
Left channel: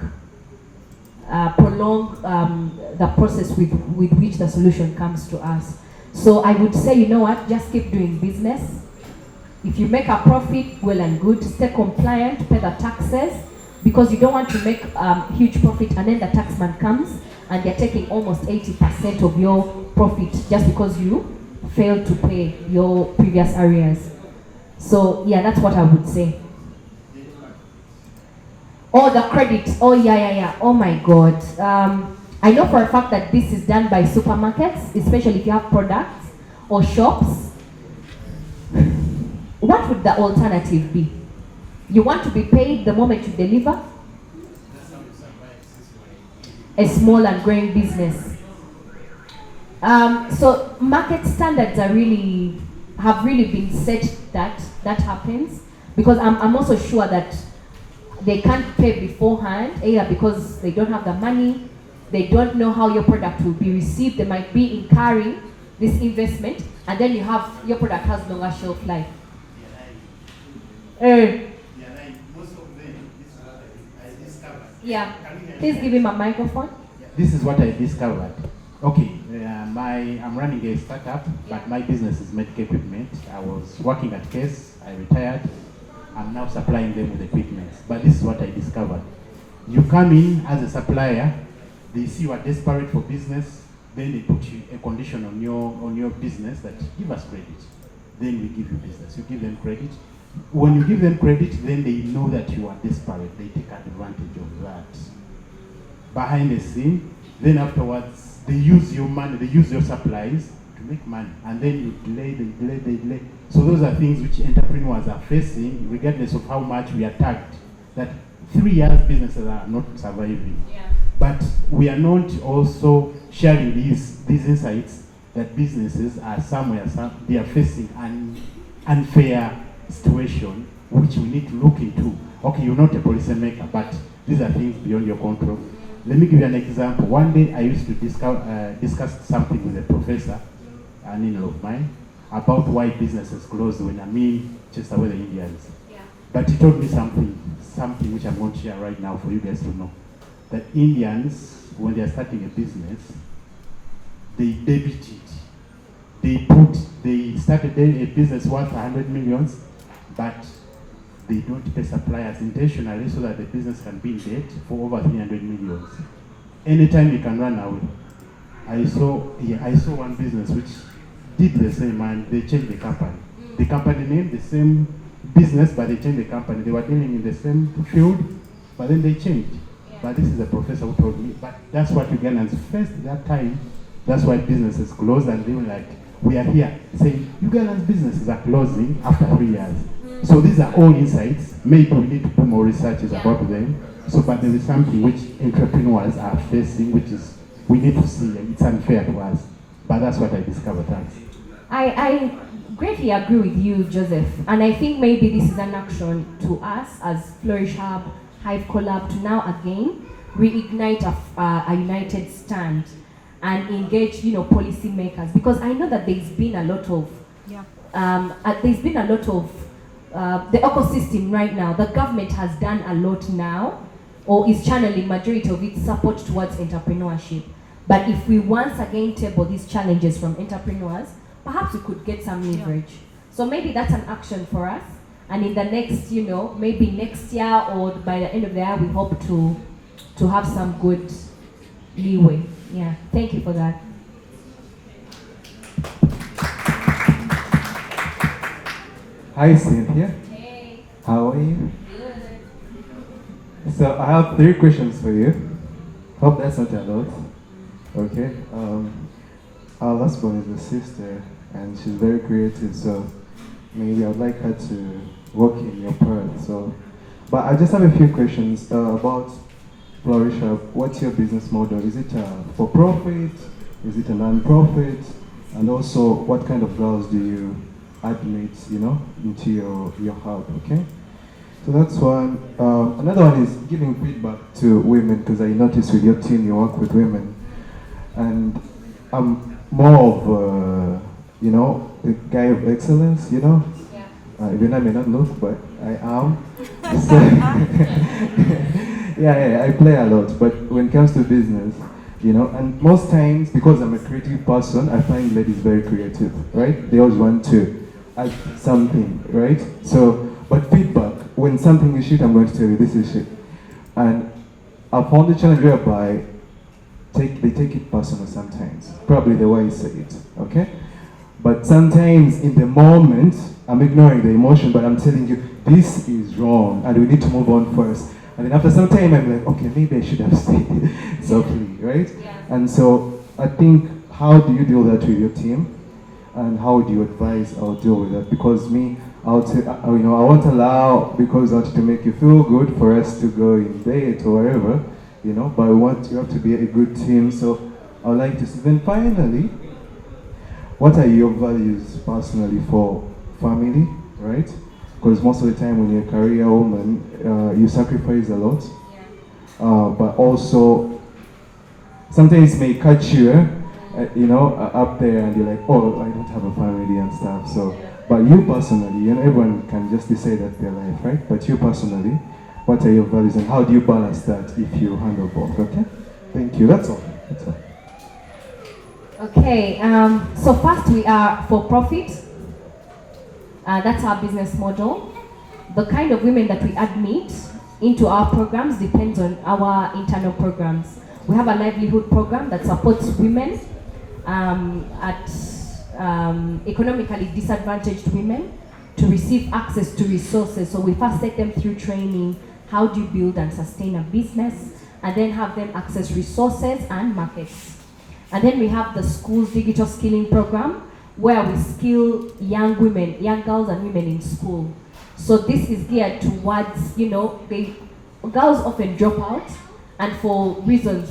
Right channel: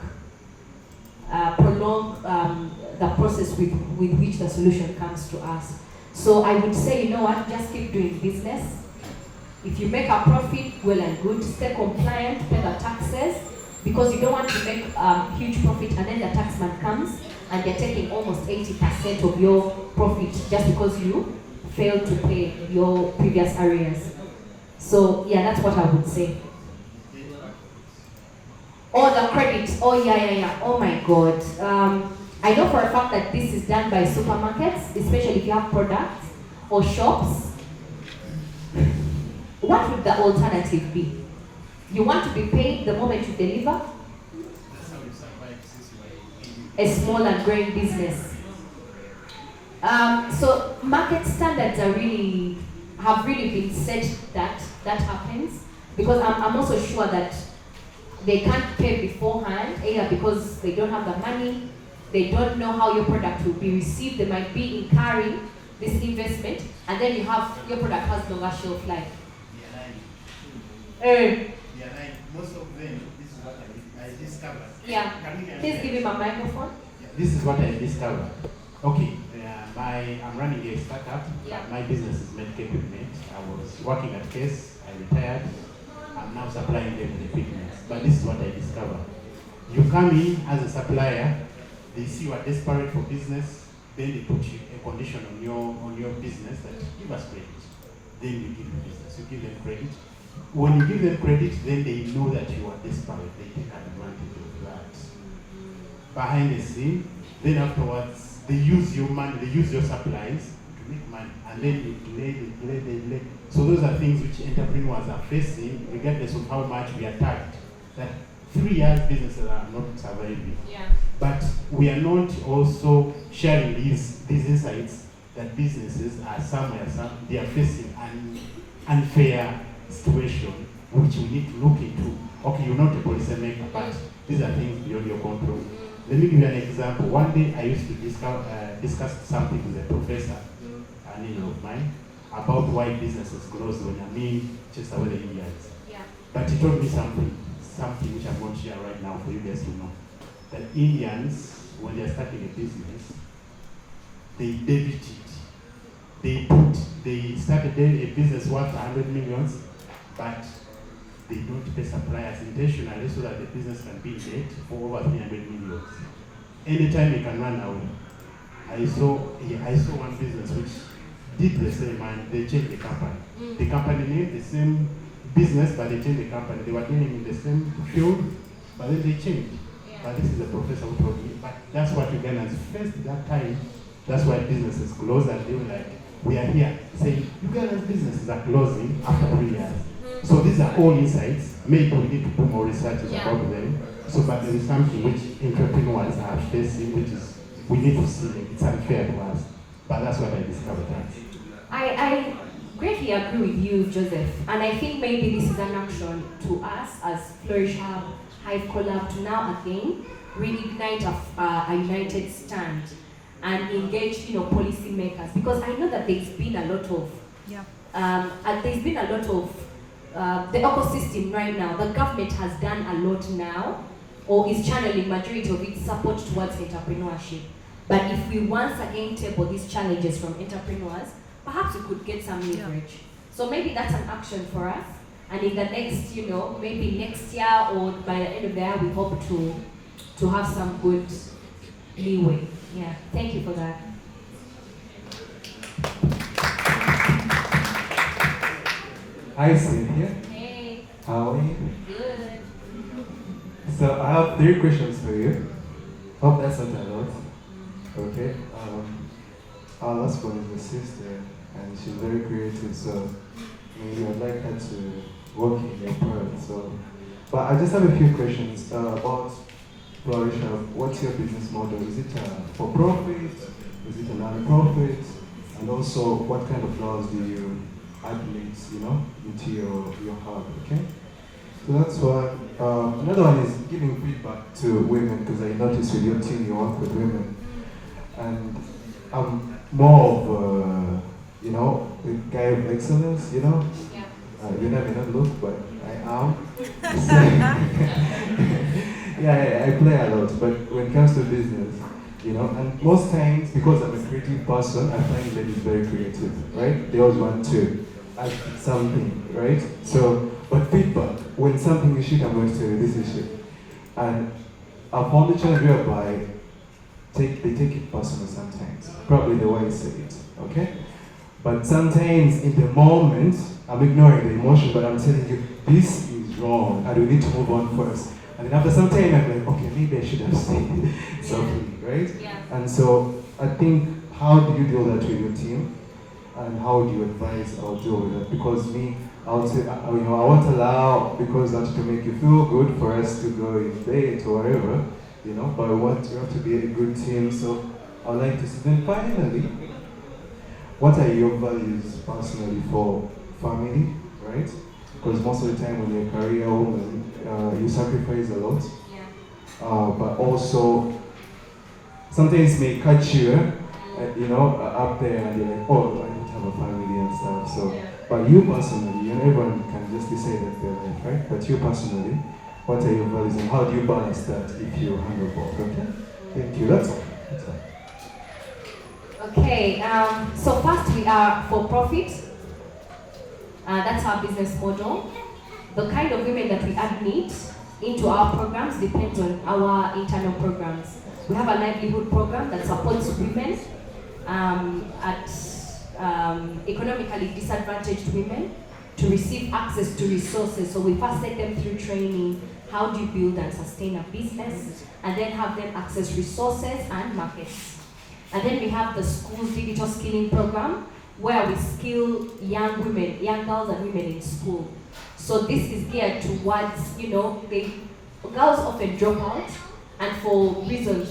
the process with which the solution comes to us. So I would say, you know what, just keep doing business. If you make a profit, well and good. Stay compliant, pay the taxes, because you don't want to make huge profit and then the taxman comes and they're taking almost 80% of your profit just because you failed to pay your previous arrears. So yeah, that's what I would say. Oh, the credit. Oh, yeah. Oh my God. I know for a fact that this is done by supermarkets, especially if you have products or shops. What would the alternative be? You want to be paid the moment you deliver? A small and growing business. So market standards have really been set that happens, because I'm also sure that they can't pay beforehand, either because they don't have the money, they don't know how your product will be received, they might be incurring this investment, and then your product has longer shelf life. Most of them, this is what I discovered. Yeah, please give him a microphone. This is what I discovered. Okay, I'm running a startup, but my business is medical equipment. I was working at Case, I retired. I'm now supplying them with equipment. But this is what I discovered. You come in as a supplier, they see you are desperate for business, then they put you a condition on your business that give us credit. Then you give you business. You give them credit. When you give them credit, then they know that you are desperate. They take advantage of that. Behind the scene, then afterwards, they use your money, they use your supplies to make money. And then you delay. So those are things which entrepreneurs are facing, regardless of how much we are tagged. That 3 years businesses are not surviving. Yeah. But we are not also sharing these insights that businesses are they are facing an unfair situation which we need to look into. Okay, you're not a policymaker, but these are things beyond your control. Let me give you an example. One day I used to discuss something with a professor, an in-law of mine, about why businesses close when chase away the Indians. Yeah. But he told me something which I'm going to share right now for you guys to know. That Indians, when they are starting a business, they debit it. They started a business worth 100 millions, but they don't pay suppliers intentionally so that the business can be in debt for over 300 millions. Anytime you can run away. I saw one business which did the same, and they changed the company. The company name, the same business, but they changed the company. They were dealing in the same field, but then they changed. But this is a professor who told me, but that's what Ugandans faced that time. That's why businesses close, and they were like, we are here saying Uganda's businesses are closing after 3 years. So these are all insights. Maybe we need to do more researches about them. So, but there is something which entrepreneurs are facing, which is we need to see, and it's unfair to us. But that's what I discovered. Thanks. I greatly agree with you, Joseph. And I think maybe this is an action to us as Flourish Hub, Hive Collab, to now again reignite a united stand and engage, policymakers. Because I know that there's been a lot of, the ecosystem right now. The government has done a lot now, or is channeling majority of its support towards entrepreneurship. But if we once again table these challenges from entrepreneurs, perhaps we could get some leverage. Yeah. So maybe that's an action for us. And in the next, maybe next year or by the end of the year, we hope to have some good leeway. Yeah, thank you for that. Hi, Cynthia. Hey. How are you? Good. So I have 3 questions for you. Hope that's not a lot. Okay. Our last one is a sister, and she's very creative. So maybe I'd like her to work in your path. So, but I just have a few questions about Flourish Hub. What's your business model? Is it for profit? Is it a non-profit? And also, what kind of girls do you admit, into your hub? Okay. So that's one. Another one is giving feedback to women, because I noticed with your team you work with women, and I'm more of a guy of excellence, Yeah. Even I may not look, but I am. So yeah, I play a lot, but when it comes to business, and most times, because I'm a creative person, I find ladies very creative, right? They always want to add something, right? So, but feedback, when something is shit, I'm going to tell you this is shit. And I found the challenge whereby they take it personal sometimes. Probably the way I say it, okay? But sometimes in the moment, I'm ignoring the emotion, but I'm telling you, this is wrong, and we need to move on first. And then after some time, I'm like, okay, maybe I should have stayed softly, right? Yeah. And so I think, how do you deal that with your team? And how do you advise or deal with that? Because me, I won't allow, because I want to make you feel good for us to go in date or whatever, but you have to be a good team. So I would like to see. Then finally, what are your values personally for family, right? Because most of the time when you're a career woman, you sacrifice a lot. Yeah. But also, sometimes it may catch you, up there, and you're like, oh, I don't have a family and stuff. So, yeah. But you personally, everyone can just say that's their life, right? But you personally, what are your values and how do you balance that if you handle both? Okay? Thank you. That's all. Okay. So first, we are for profit. That's our business model. The kind of women that we admit into our programs depends on our internal programs. We have a livelihood program that supports women economically disadvantaged women to receive access to resources. So we first set them through training, how do you build and sustain a business, and then have them access resources and markets. And then we have the school's digital skilling program, where we skill young girls and women in school. So this is geared towards, girls often drop out, and for reasons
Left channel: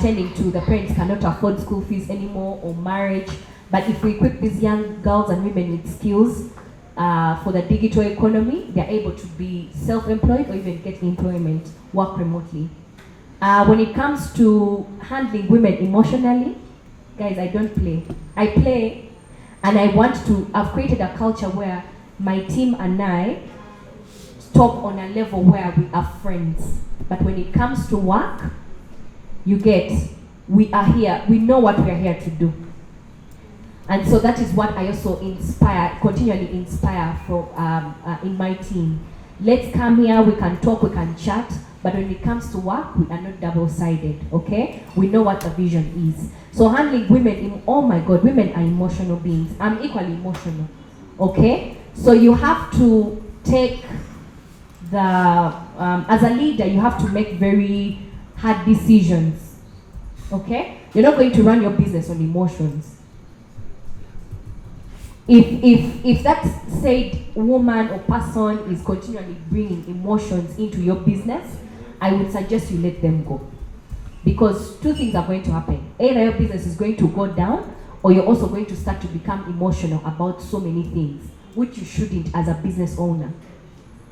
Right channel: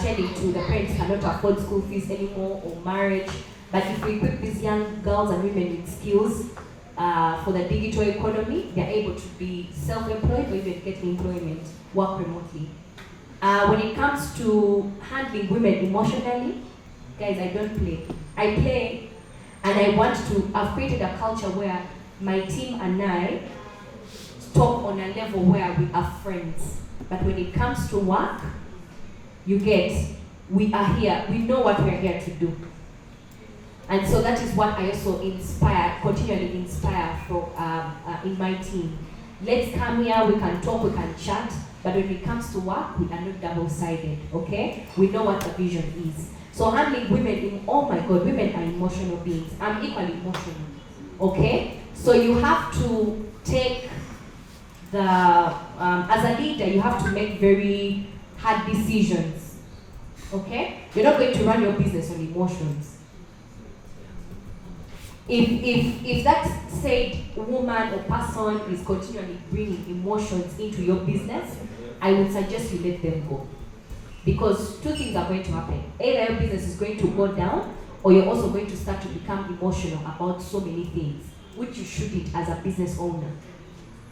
tending to the parents cannot afford school fees anymore or marriage. But if we equip these young girls and women with skills for the digital economy, they're able to be self-employed or even get employment, work remotely. When it comes to handling women emotionally, guys, I don't play. I play, and I've created a culture where my team and I talk on a level where we are friends. But when it comes to work, we are here, we know what we are here to do. And so that is what I also continually inspire in my team. Let's come here, we can talk, we can chat, but when it comes to work, we are not double-sided, okay? We know what the vision is. So handling women, oh my God, women are emotional beings. I'm equally emotional, okay? So you have to take as a leader, you have to make very hard decisions, okay? You're not going to run your business on emotions. If that said woman or person is continually bringing emotions into your business, I would suggest you let them go. Because two things are going to happen. Either your business is going to go down, or you're also going to start to become emotional about so many things, which you shouldn't as a business owner.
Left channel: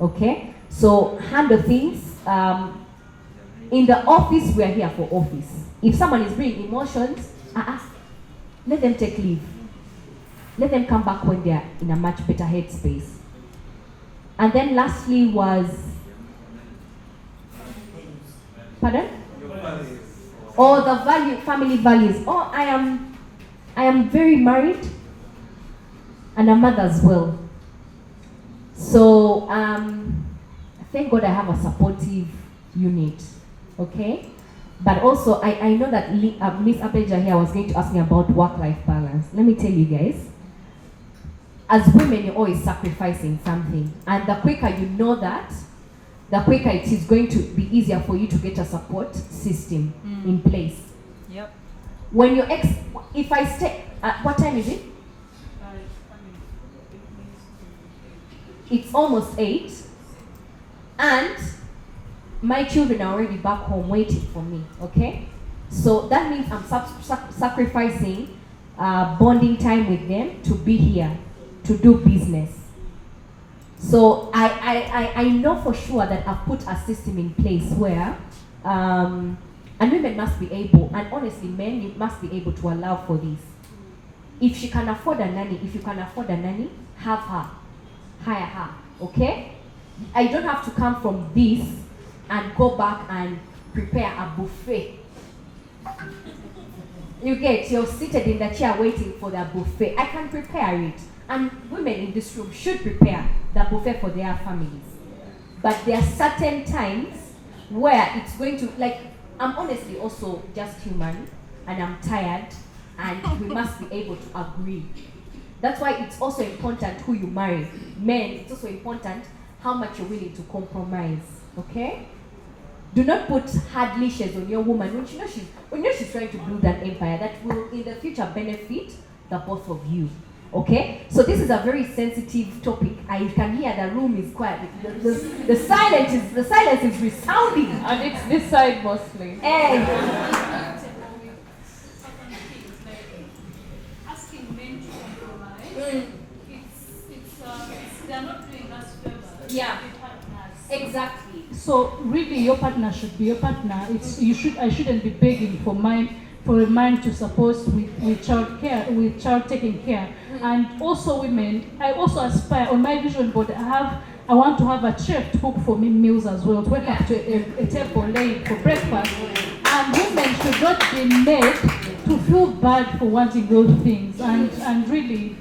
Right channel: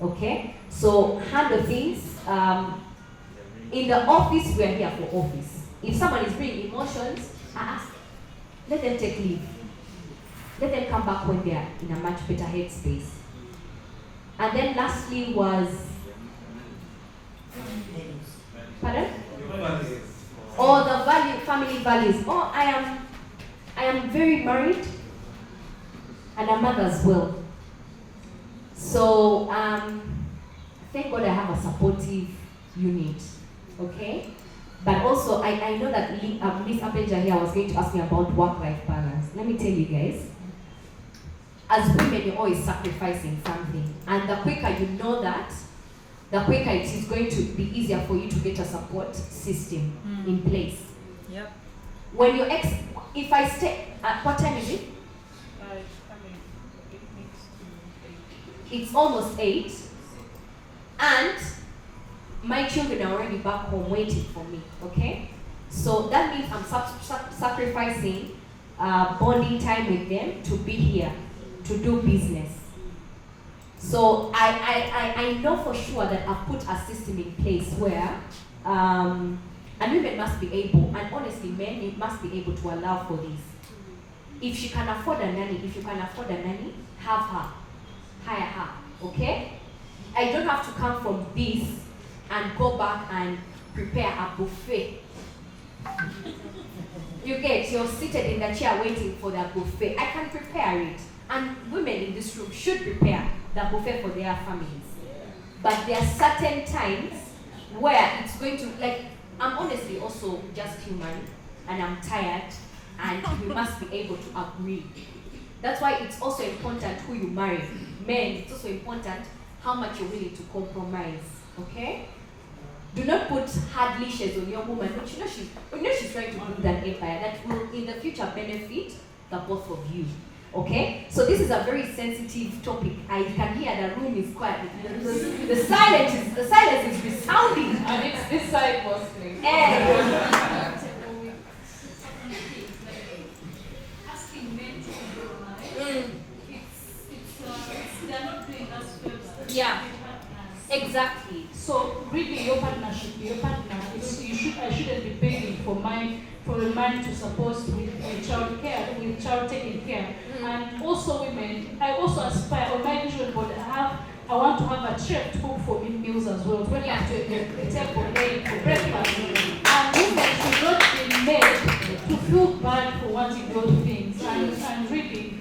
Okay? So handle things. In the office, we are here for office. If someone is bringing emotions, let them take leave. Let them come back when they are in a much better headspace. And then lastly was, pardon? Oh, the family values. Oh, I am very married and a mother as well. So thank God I have a supportive unit. Okay? But also I know that Miss Apeja here was going to ask me about work-life balance. Let me tell you guys, as women, you're always sacrificing something. And the quicker you know that, the quicker it is going to be easier for you to get a support system in place. Yep. When your if I stay, what time is it? It's almost 8. And my children are already back home waiting for me, okay? So that means I'm sacrificing bonding time with them to be here, to do business. So I know for sure that I've put a system in place where, and women must be able, and honestly men, you must be able to allow for this. If she can afford a nanny, if you can afford a nanny, have her, hire her, okay? I don't have to come from this and go back and prepare a buffet. You get, you're seated in the chair waiting for the buffet. I can prepare it. And women in this room should prepare the buffet for their families. But there are certain times where it's going to, like, I'm honestly also just human and I'm tired and we must be able to agree. That's why it's also important who you marry. Men, it's also important how much you're willing to compromise, okay? Do not put hard leashes on your woman when you know she's trying to build an empire that will in the future benefit the both of you. Okay? So this is a very sensitive topic. I can hear the room is quiet. The silence is resounding. And it's this side mostly. Asking men to compromise, they're not doing us favors. Yeah. Exactly. So really, your partner should be your partner. I shouldn't be begging for a man to support with child care, with child taking care. And also women, I also aspire on my vision board. I want to have a chef to cook for me meals as well, to wake up to a table late for breakfast. And women should not be made to feel bad for wanting those things. And really,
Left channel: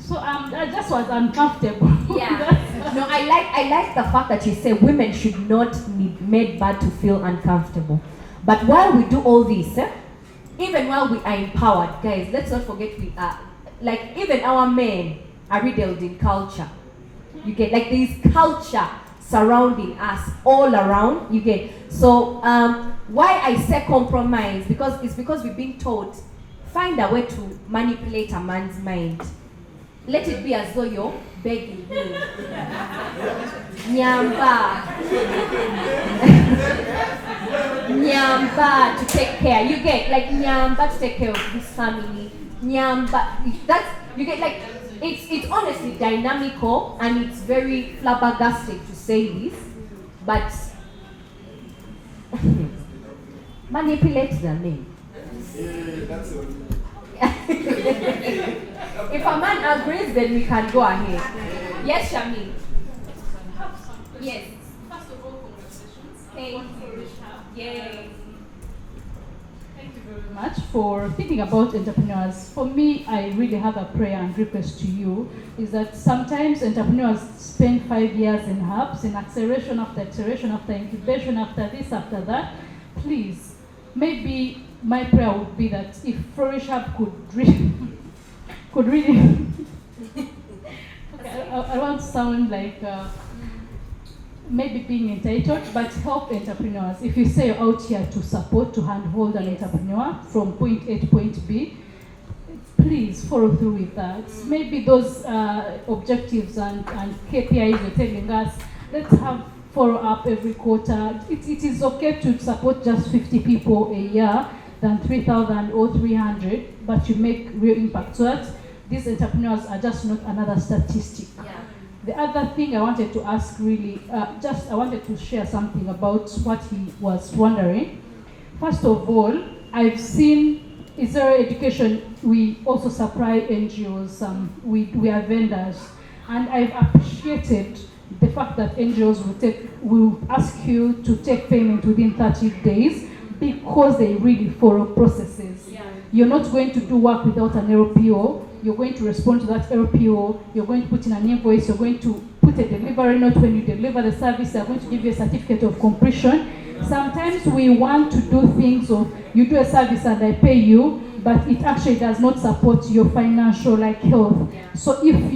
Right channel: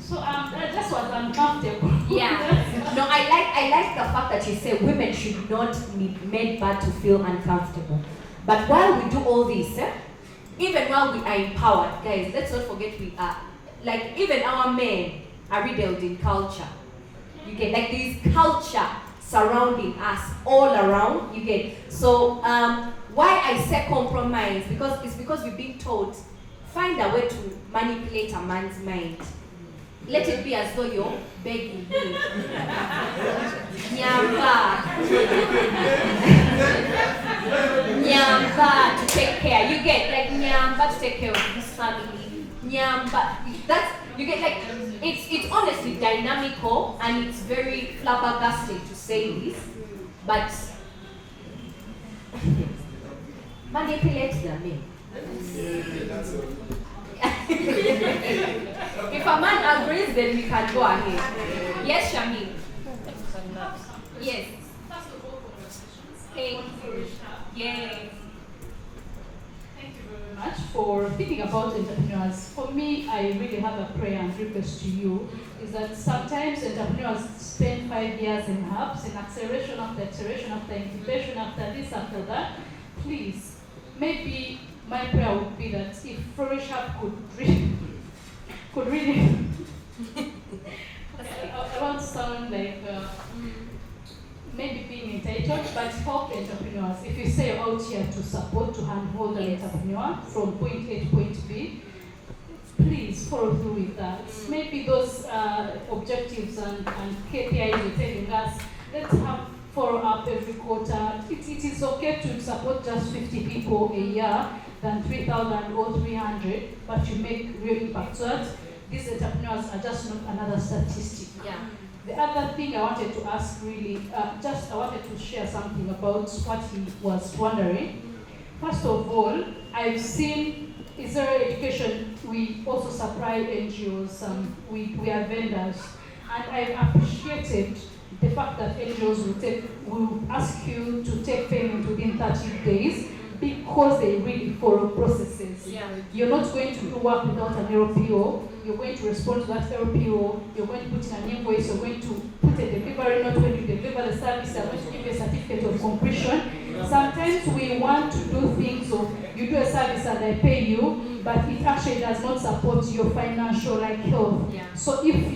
so I just was uncomfortable. Yeah. No, I like the fact that you say women should not be made bad to feel uncomfortable. But while we do all this, even while we are empowered, guys, let's not forget we are, like, even our men are riddled in culture. You get, like, there is culture surrounding us all around, you get. So why I say compromise, because we've been taught, find a way to manipulate a man's mind. Let it be as though you're begging him. Nyamba. Nyamba to take care. You get, like, Nyamba to take care of his family. Nyamba. That's, you get, like, it's honestly dynamical and it's very flabbergasting to say this, but manipulate the men. If a man agrees, then we can go ahead. Yes, Shami. Yes. First of all, congratulations. Thank you. Flourish Hub. Yes. Thank you very much for thinking about entrepreneurs. For me, I really have a prayer and request to you, is that sometimes entrepreneurs spend 5 years in hubs, in acceleration after incubation after this, after that. Please, maybe my prayer would be that if Flourish Hub could really I want to sound like maybe being entitled, but help entrepreneurs. If you say you're out here to support, to handhold an entrepreneur from point A to point B, please follow through with that. Maybe those objectives and KPIs you're telling us, let's have follow up every quarter. It is okay to support just 50 people a year than 3,000 or 300, but you make real impact. So that these entrepreneurs are just not another statistic. Yeah. The other thing I wanted to ask really, I wanted to share something about what he was wondering. First of all, I've seen Israel Education, we also supply NGOs, we are vendors, and I've appreciated the fact that NGOs will ask you to take payment within 30 days because they really follow processes. Yeah. You're not going to do work without an LPO. You're going to respond to that LPO. You're going to put in an invoice. You're going to put a delivery note when you deliver the service. They're going to give you a certificate of completion. Sometimes we want to do things of you do a service and I pay you, but it actually does not support your financial health. Yeah. So if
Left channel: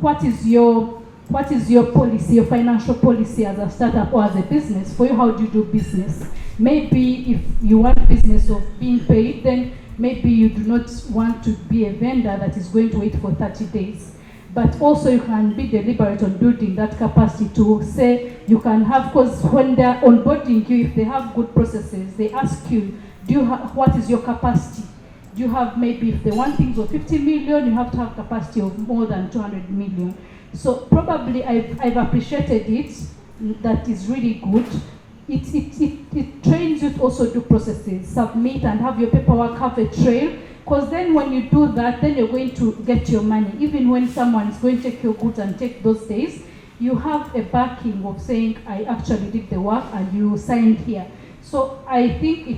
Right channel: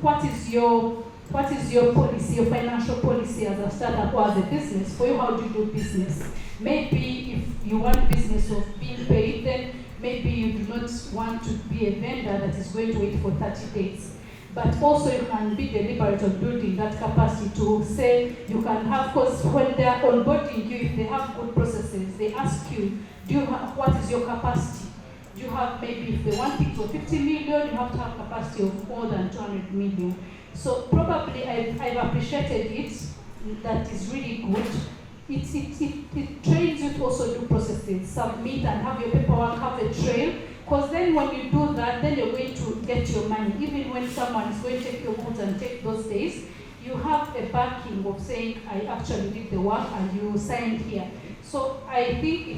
what is your policy, your financial policy as a startup or as a business? For you, how do you do business? Maybe if you want business of being paid, then maybe you do not want to be a vendor that is going to wait for 30 days. But also you can be deliberate on building that capacity to say you can have, because when they're onboarding you, if they have good processes, they ask you, what is your capacity? Do you have, maybe if they want things of 50 million, you have to have capacity of more than 200 million. So probably I've appreciated it, that is really good. It trains you to also do processes, submit and have your paperwork, have a trail, because then when you do that, then you're going to get your money. Even when someone is going to take your goods and take those days, you have a backing of saying, I actually did the work and you signed here. So I think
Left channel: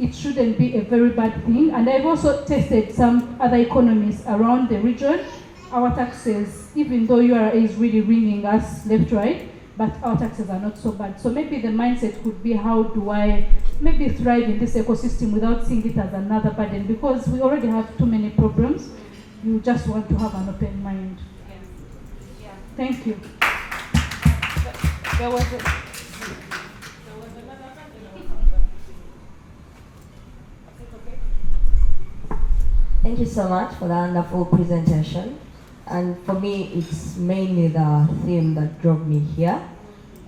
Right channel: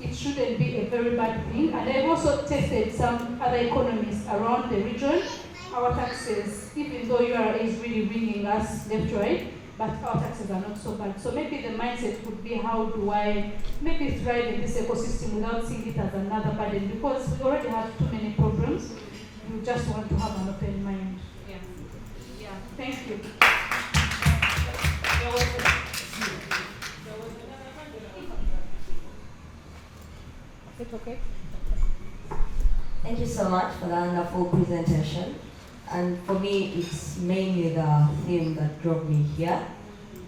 it shouldn't be a very bad thing. And I've also tested some other economies around the region. Our taxes, even though URA is really ringing us left, right, but our taxes are not so bad. So maybe the mindset could be, how do I maybe thrive in this ecosystem without seeing it as another burden? Because we already have too many problems. You just want to have an open mind. Yeah. Yeah. Thank you. There was another Is it okay? Thank you so much for that wonderful presentation. And for me, it's mainly the theme that drove me here.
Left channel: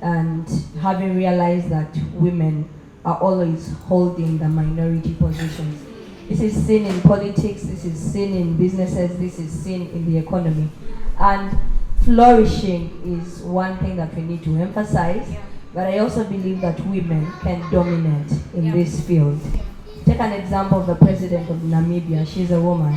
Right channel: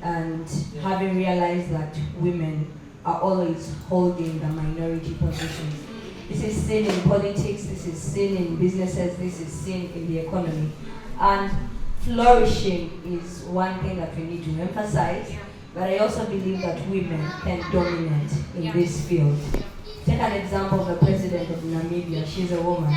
And having realized that women are always holding the minority positions. This is seen in politics, this is seen in businesses, this is seen in the economy. And flourishing is one thing that we need to emphasize. But I also believe that women can dominate in this field. Take an example of the president of Namibia, she's a woman.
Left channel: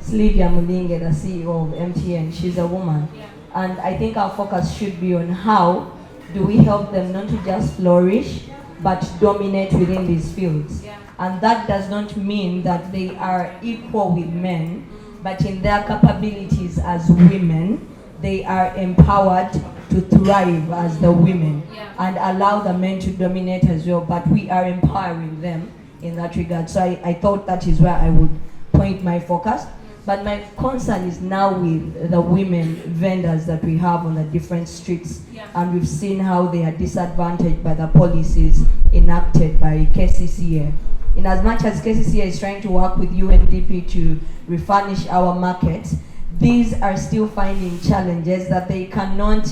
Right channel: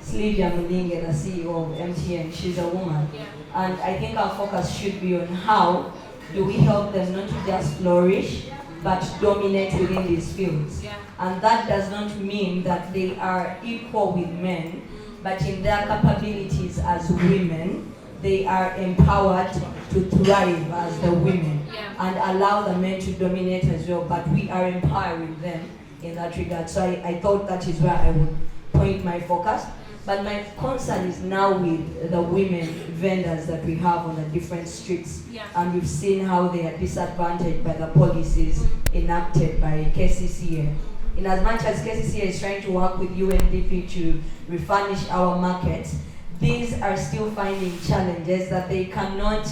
Sylvia Mulinge, the CEO of MTN, she's a woman. And I think our focus should be on how do we help them not to just flourish, but dominate within these fields. And that does not mean that they are equal with men, but in their capabilities as women, they are empowered to thrive as the women and allow the men to dominate as well, but we are empowering them in that regard. So I thought that is where I would point my focus. But my concern is now with the women vendors that we have on the different streets. And we've seen how they are disadvantaged by the policies enacted by KCCA. In as much as KCCA is trying to work with UNDP to refurnish our markets, these are still finding challenges that they cannot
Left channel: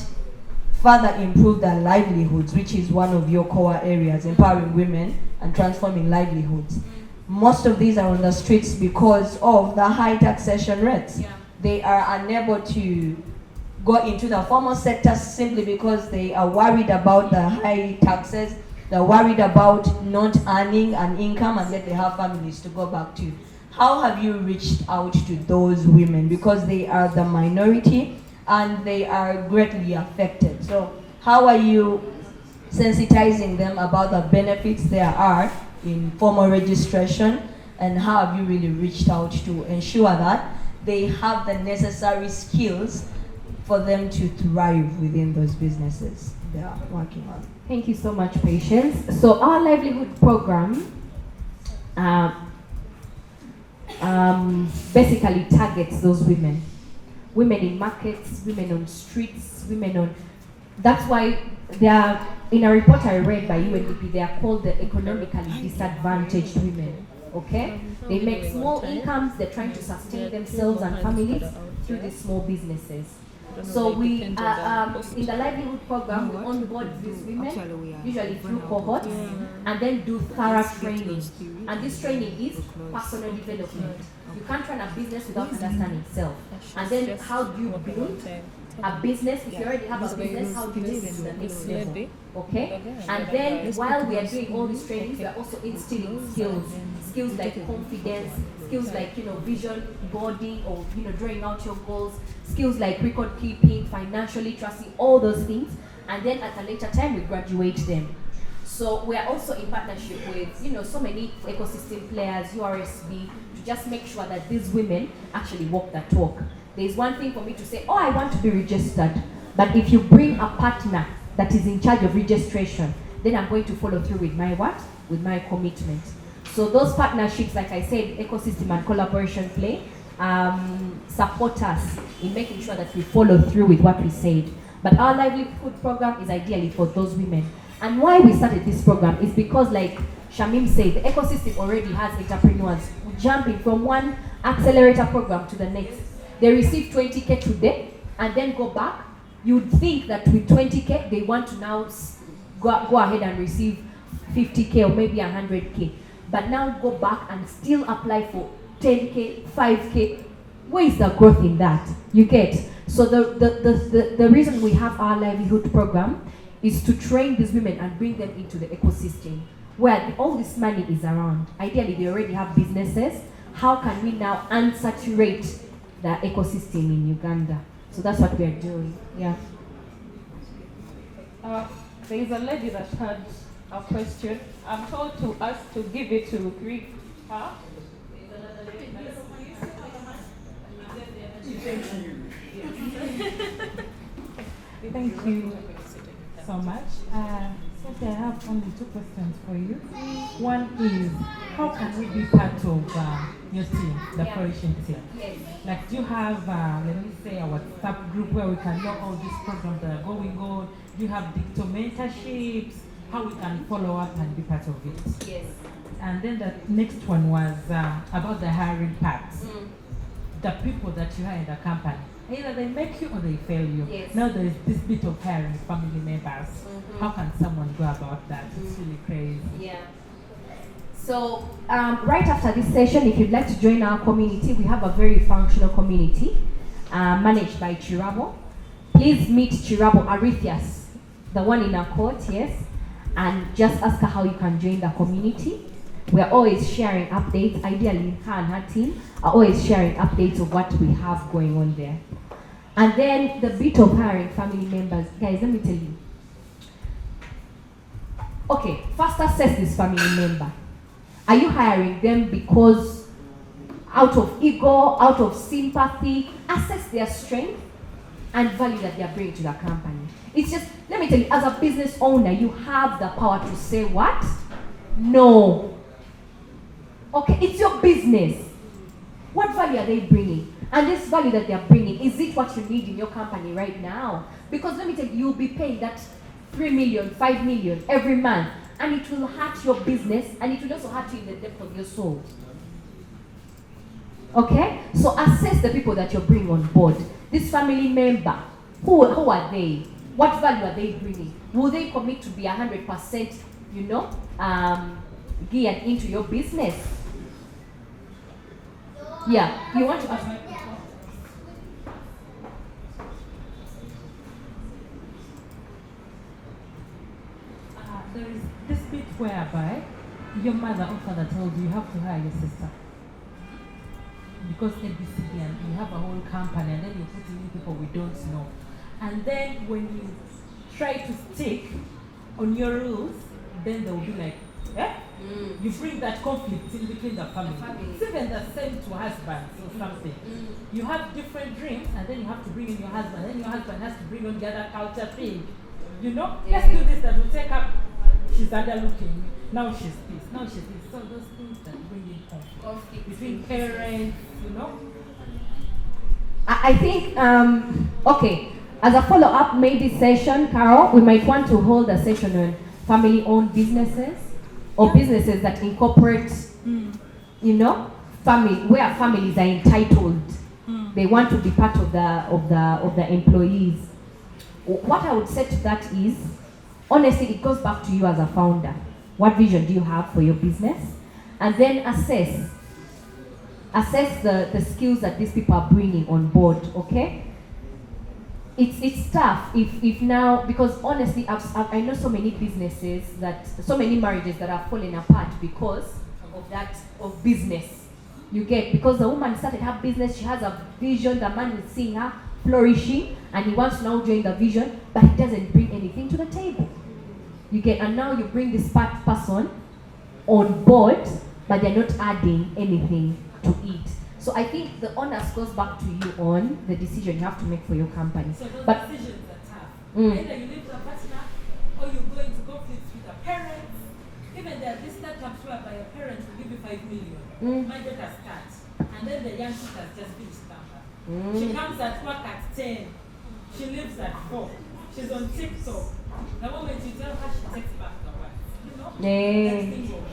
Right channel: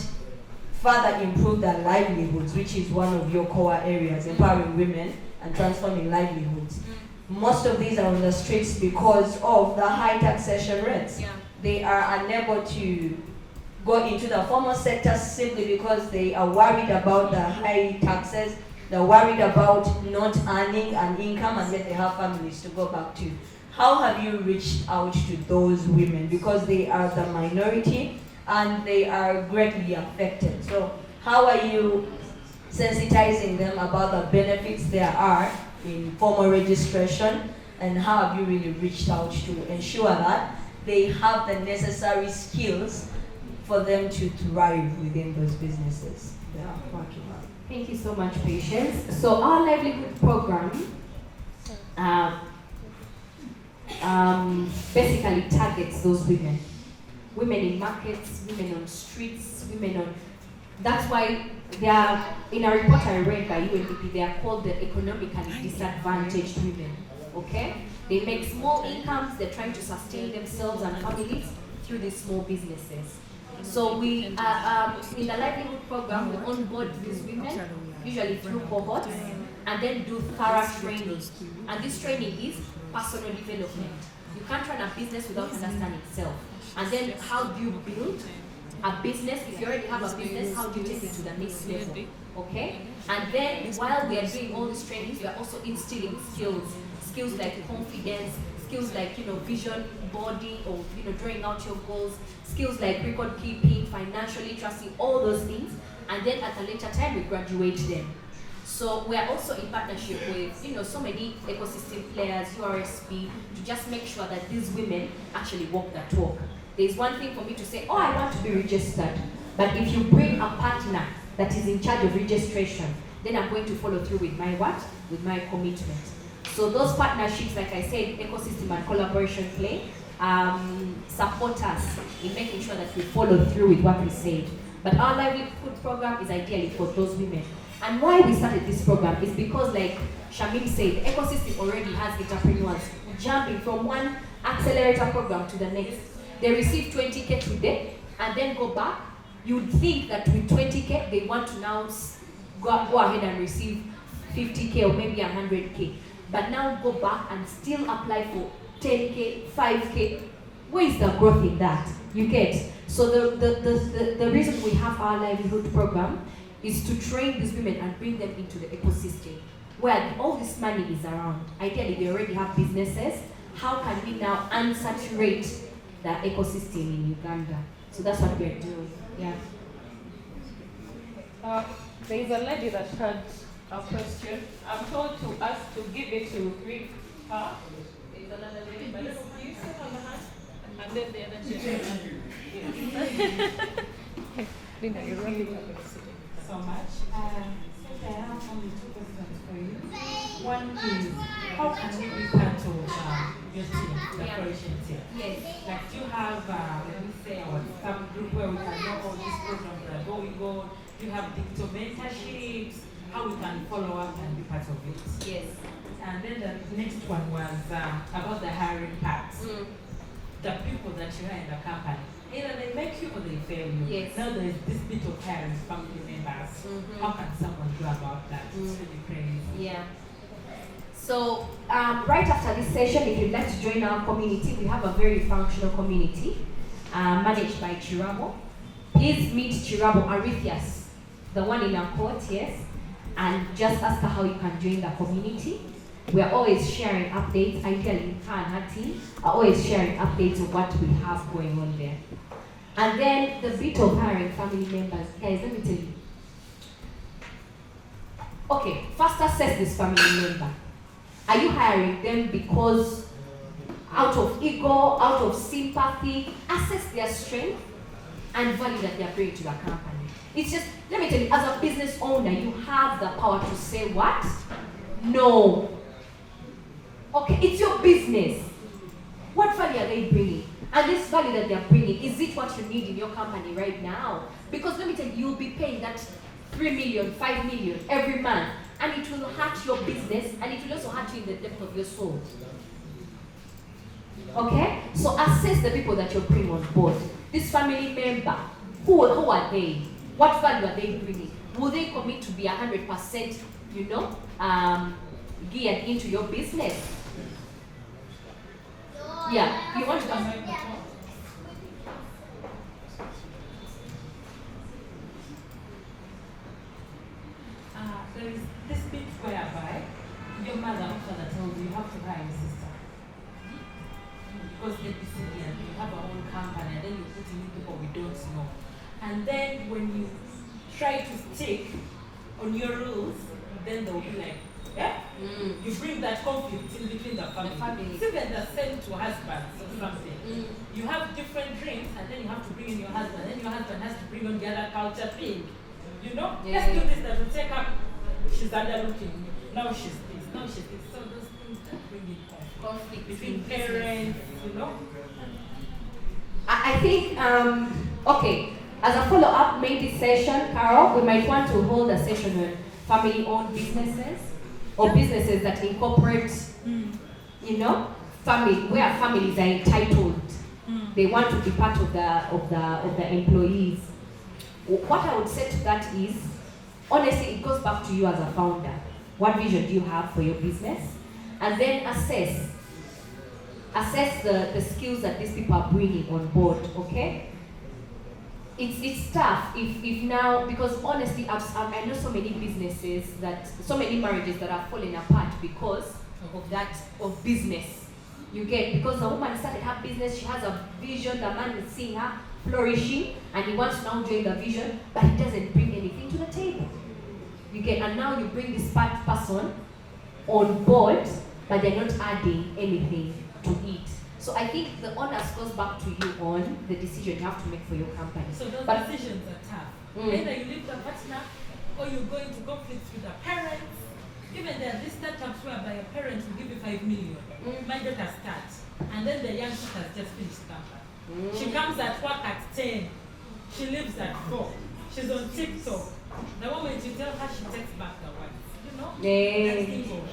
further improve their livelihoods, which is one of your core areas, empowering women and transforming livelihoods. Most of these are on the streets because of the high taxation rates. They are unable to go into the formal sector simply because they are worried about the high taxes. They're worried about not earning an income, and yet they have families to go back to. How have you reached out to those women? Because they are the minority and they are greatly affected. So how are you sensitizing them about the benefits there are in formal registration, and how have you really reached out to ensure that they have the necessary skills for them to thrive within those businesses they are working on? Thank you so much, Patience. So our livelihood program basically targets those women. Women in markets, women on streets, women on... That's why they are, in a report I read by UNDP, they are called the economically disadvantaged women, okay? They make small incomes, they're trying to sustain themselves and families through these small businesses. So we, in the livelihood program, we onboard these women, usually through cohorts, and then do thorough training. And this training is personal development. You can't run a business without understanding self. And then how do you build a business? If you already have a business, how do you take it to the next level? Okay? And then while we are doing all these trainings, we are also instilling skills like confidence, skills like vision, body, or drawing out your goals, skills like record keeping, financial literacy, all those things. And then at a later time, we graduate them. So we are also in partnership with so many ecosystem players, URSB, to just make sure that these women actually walk that talk. There's one thing for me to say, oh, I want to be registered, but if you bring a partner that is in charge of registration, then I'm going to follow through with my what? With my commitment. So those partnerships, like I said, ecosystem and collaboration play, support us in making sure that we follow through with what we said. But our livelihood program is ideally for those women. And why we started this program is because, like Shamim said, the ecosystem already has entrepreneurs jumping from one accelerator program to the next. They receive 20K today and then go back. You'd think that with 20K, they want to now go ahead and receive 50K or maybe 100K. But now go back and still apply for 10K, 5K. Where is the growth in that? You get? So the reason we have our livelihood program is to train these women and bring them into the ecosystem where all this money is around. Ideally, they already have businesses. How can we now unsaturate the ecosystem in Uganda? So that's what we're doing. Yeah. There is a lady that had a question. I'm told to ask to give it to greet her. There's another lady. Can you sit on your hand? And then the other Thank you so much. Cynthia, I have only two questions for you. One is, how can we be part of your team, the flourishing team? Like, do you have, let me say, a WhatsApp group where we can know all these programs that are going on? Do you have digital mentorships? How we can follow up and be part of it? Yes. And then the next one was about the hiring part. The people that you hire in the company, either they make you or they fail you. Yes. Now there is this bit of hiring family members. How can someone go about that? It's really crazy. Yeah. So right after this session, if you'd like to join our community, we have a very functional community managed by Chirabo. Please meet Chirabo Arithias, the one in our court, yes, and just ask her how you can join the community. We are always sharing updates. Ideally, her and her team are always sharing updates of what we have going on there. And then the bit of hiring family members. Guys, let me tell you. Okay, first assess this family member. Are you hiring them because out of ego, out of sympathy? Assess their strength and value that they are bringing to the company. It's just, let me tell you, as a business owner, you have the power to say what? No. Okay, it's your business. What value are they bringing? And this value that they are bringing, is it what you need in your company right now? Because let me tell you, you'll be paying that 3 million, 5 million every month, and it will hurt your business, and it will also hurt you in the depth of your soul. Okay? So assess the people that you're bringing on board. This family member, who are they? What value are they bringing? Will they commit to be 100%, geared into your business? Yeah, you want to ask me? There is this bit whereby your mother or father told you have to hire your sister. Because ABCD and you have a whole company and then you put in people we don't know. And then when you try to stick on your rules, then they will be like, yeah? You bring that conflict in between the family. It's even the same to husbands or something. You have different dreams and then you have to bring in your husband. Then your husband has to bring on the other culture thing. Let's do this, that will take up. She's other looking. Now she's this. Now she's this. So those things that bring in conflict between parents, I think, okay, as a follow-up maybe session, Carol, we might want to hold a session on family-owned businesses or businesses that incorporate, where families are entitled. They want to be part of the employees. What I would say to that is, honestly, it goes back to you as a founder. What vision do you have for your business? And then assess the skills that these people are bringing on board, okay? It's tough if now, because honestly, I know so many businesses so many marriages that are falling apart because of business. You get, because the woman started her business, she has a vision, the man is seeing her flourishing, and he wants to now join the vision, but he doesn't bring anything to the table. You get, and now you bring this person on board, but they're not adding anything to it. So I think the onus goes back to you on the decision you have to make for your company. So those But decisions are tough. Either you leave the partner or you go into conflict with the parents. Even there are these startups whereby your parents will give you 5 million. My daughter starts, and then the young sister has just finished campus. She comes at work at 10. She leaves at 4. She's on TikTok. The moment you tell her, she takes back the wife. You know? Yeah. That's thing over.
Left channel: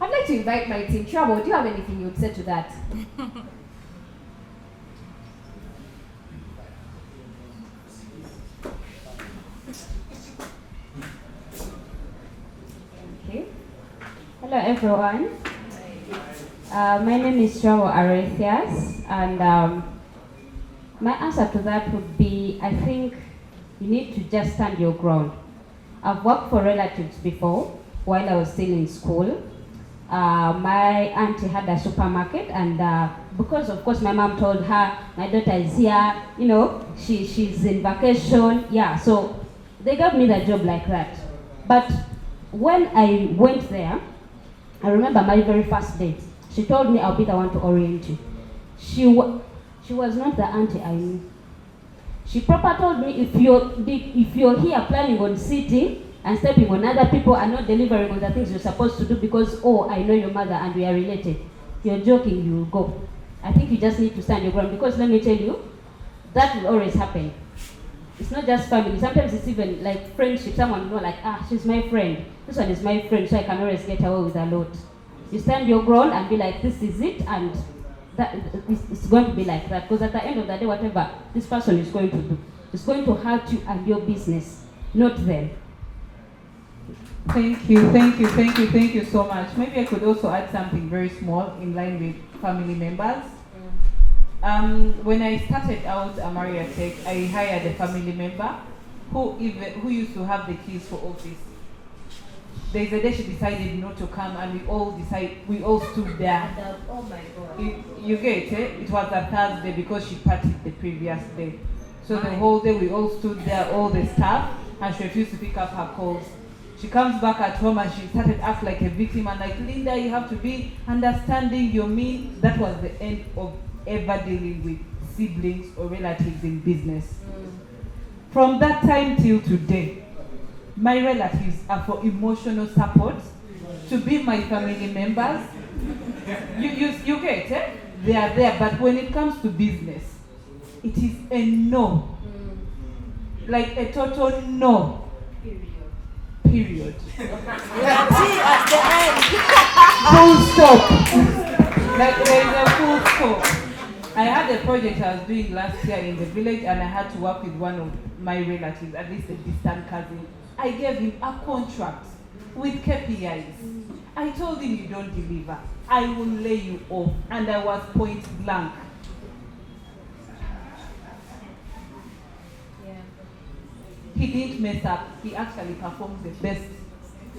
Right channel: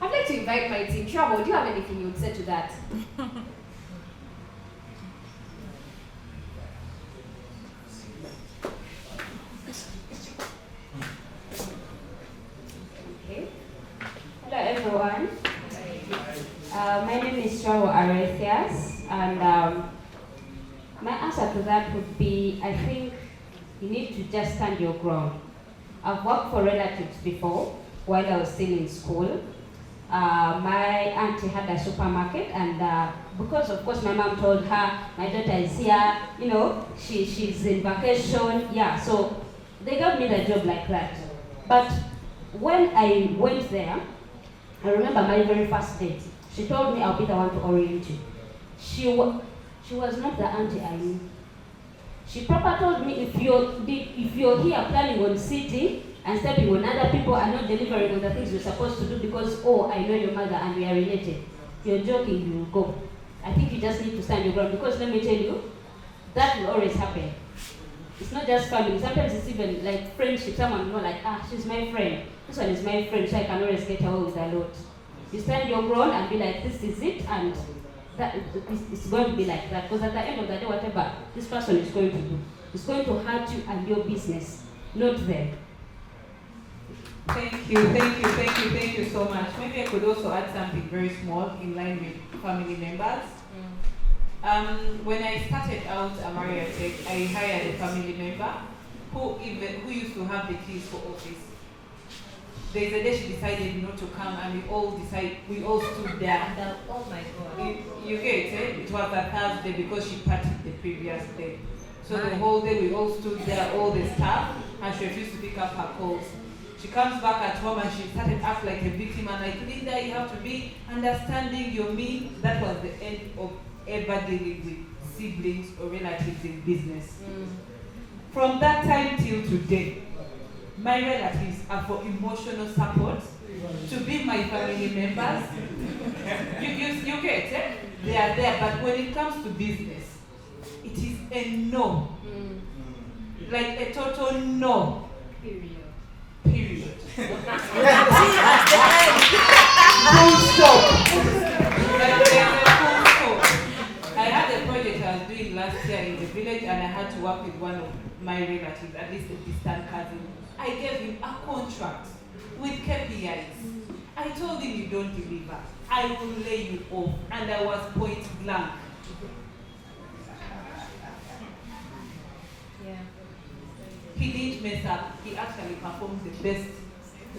I'd like to invite my team. Trouble, do you have anything you would say to that? Okay. Hello everyone. My name is Trouble Arethias, and my answer to that would be, I think you need to just stand your ground. I've worked for relatives before while I was still in school. My auntie had a supermarket, and because of course my mom told her my daughter is here, you know, she's in vacation, yeah, so they gave me the job like that. But when I went there, I remember my very first day, she told me I'll be the one to orient you. She was not the auntie I knew. She proper told me, if you're here planning on sitting and stepping on other people and not delivering on the things you're supposed to do because, oh, I know your mother and we are related, you're joking, you will go. I think you just need to stand your ground, because let me tell you, that will always happen. It's not just family. Sometimes it's even like friendship. Someone will know, like, she's my friend. This one is my friend, so I can always get away with a lot. You stand your ground and be like, this is it, and that it's going to be like that. Because at the end of the day, whatever this person is going to do, it's going to hurt you and your business, not them. Thank you so much. Maybe I could also add something very small in line with family members. When I started out at Maria Tech, I hired a family member who used to have the keys for office. There's a day she decided not to come, and we all stood there. Oh my God. You get it? It was a Thursday because she partied the previous day. So the whole day we all stood there, all the staff, and she refused to pick up her calls. She comes back at home and she started act like a victim, and like, Linda, you have to be understanding your me. That was the end of ever dealing with siblings or relatives in business. From that time till today, my relatives are for emotional support, to be my family members. You get it? They are there, but when it comes to business, it is a no. Like a total no. Period. Full stop. Like there's a full stop. I had a project I was doing last year in the village, and I had to work with one of my relatives, at least a distant cousin. I gave him a contract with KPIs. I told him, you don't deliver, I will lay you off. And I was point blank. Yeah. He didn't mess up. He actually performed the best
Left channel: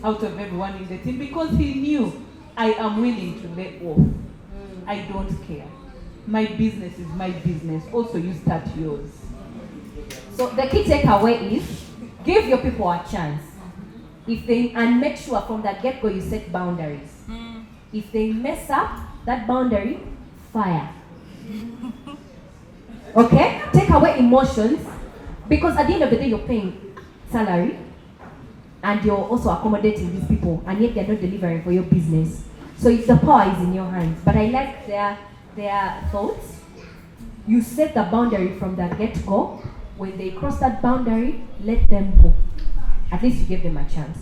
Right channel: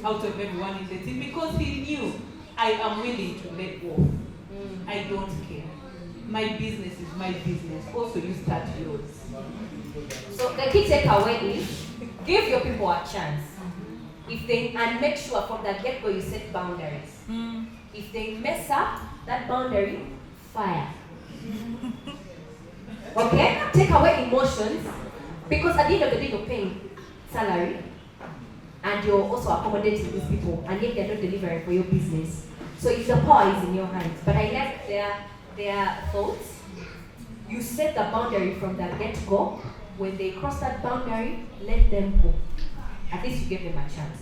out of everyone in the team, because he knew I am willing to let off. I don't care. My business is my business. Also, you start yours. So the key takeaway is, give your people a chance. And make sure from the get-go you set boundaries. If they mess up that boundary, fire. Okay? Take away emotions, because at the end of the day you're paying salary and you're also accommodating these people, and yet they're not delivering for your business. So the power is in your hands. But I like their thoughts. You set the boundary from the get-go. When they cross that boundary, let them go. At least you give them a chance.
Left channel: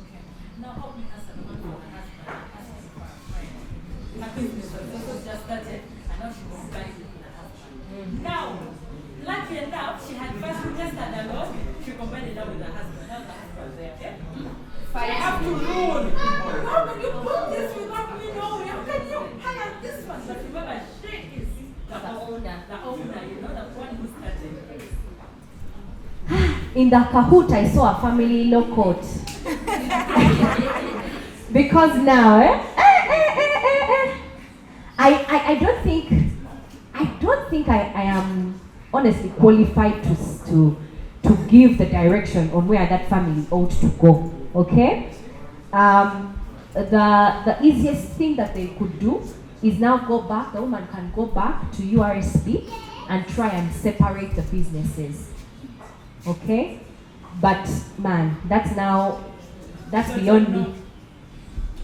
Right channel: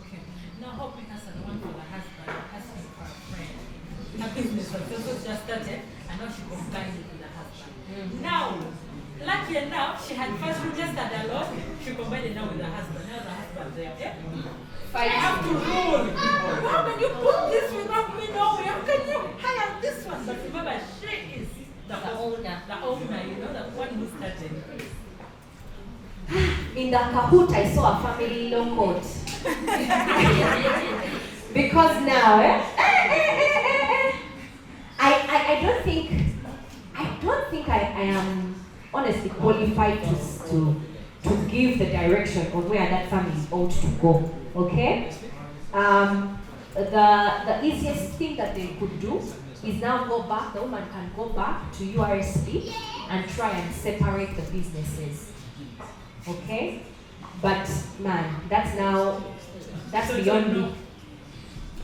Okay. Now help me answer the one for my husband, as for a friend. My business was also started, and now she combined it with her husband. Now, lucky enough, she had first registered alone, she combined it now with her husband. Now the husband there, okay? I have to rule. How can you put this without me knowing? How can you hire this one? But remember, she is the owner, you know, the one who started. In the Kahoot, I saw a family law court. Because now, I don't think I am honestly qualified to give the direction on where that family ought to go. Okay? The easiest thing that they could do is now go back. The woman can go back to URSP and try and separate the businesses. Okay? But man, that's beyond me.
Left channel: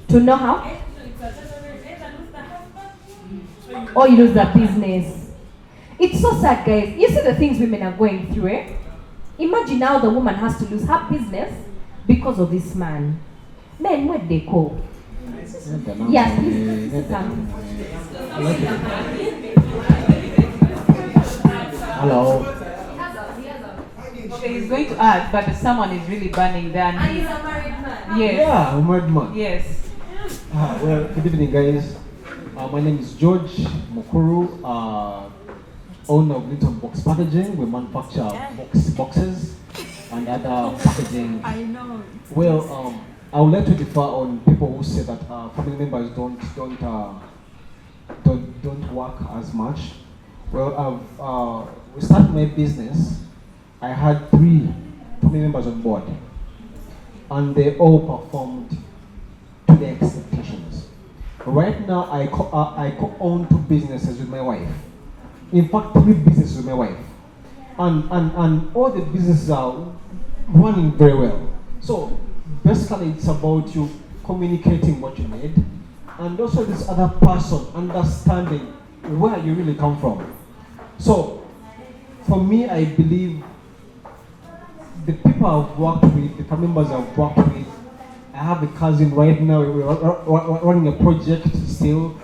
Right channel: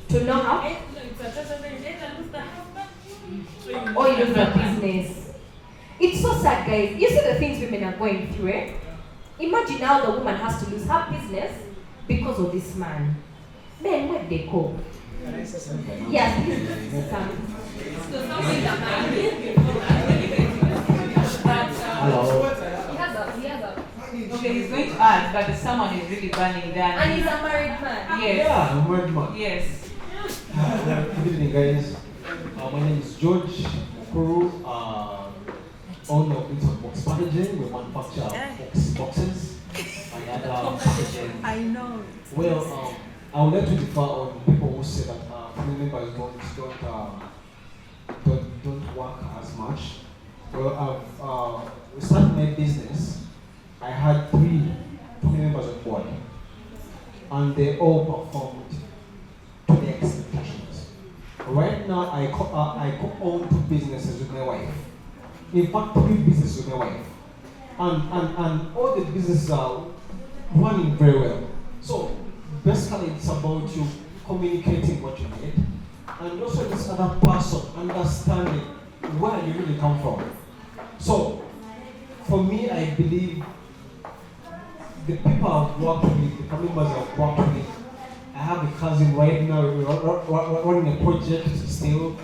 To know how? Or you lose the business. It's so sad, guys. You see the things women are going through, eh? Imagine now the woman has to lose her business because of this man. Men, where they go? Yes, please come. Hello. Okay, he's going to add, but someone is really burning down. And he's a married man. Yes. Yeah, I'm a married man. Yes. Well, good evening, guys. My name is George Mukuru, owner of Little Box Packaging. We manufacture boxes and other packaging. I know. Well, I would like to differ on people who say that family members don't work as much. Well, we started my business. I had 3 family members on board, and they all performed to their expectations. Right now, I co-own 2 businesses with my wife. In fact, 3 businesses with my wife, and all the businesses are running very well. So basically, it's about you communicating what you need, and also this other person understanding where you really come from. So for me, I believe the people I've worked with, the family members I've worked with, I have a cousin right now, we're running a project still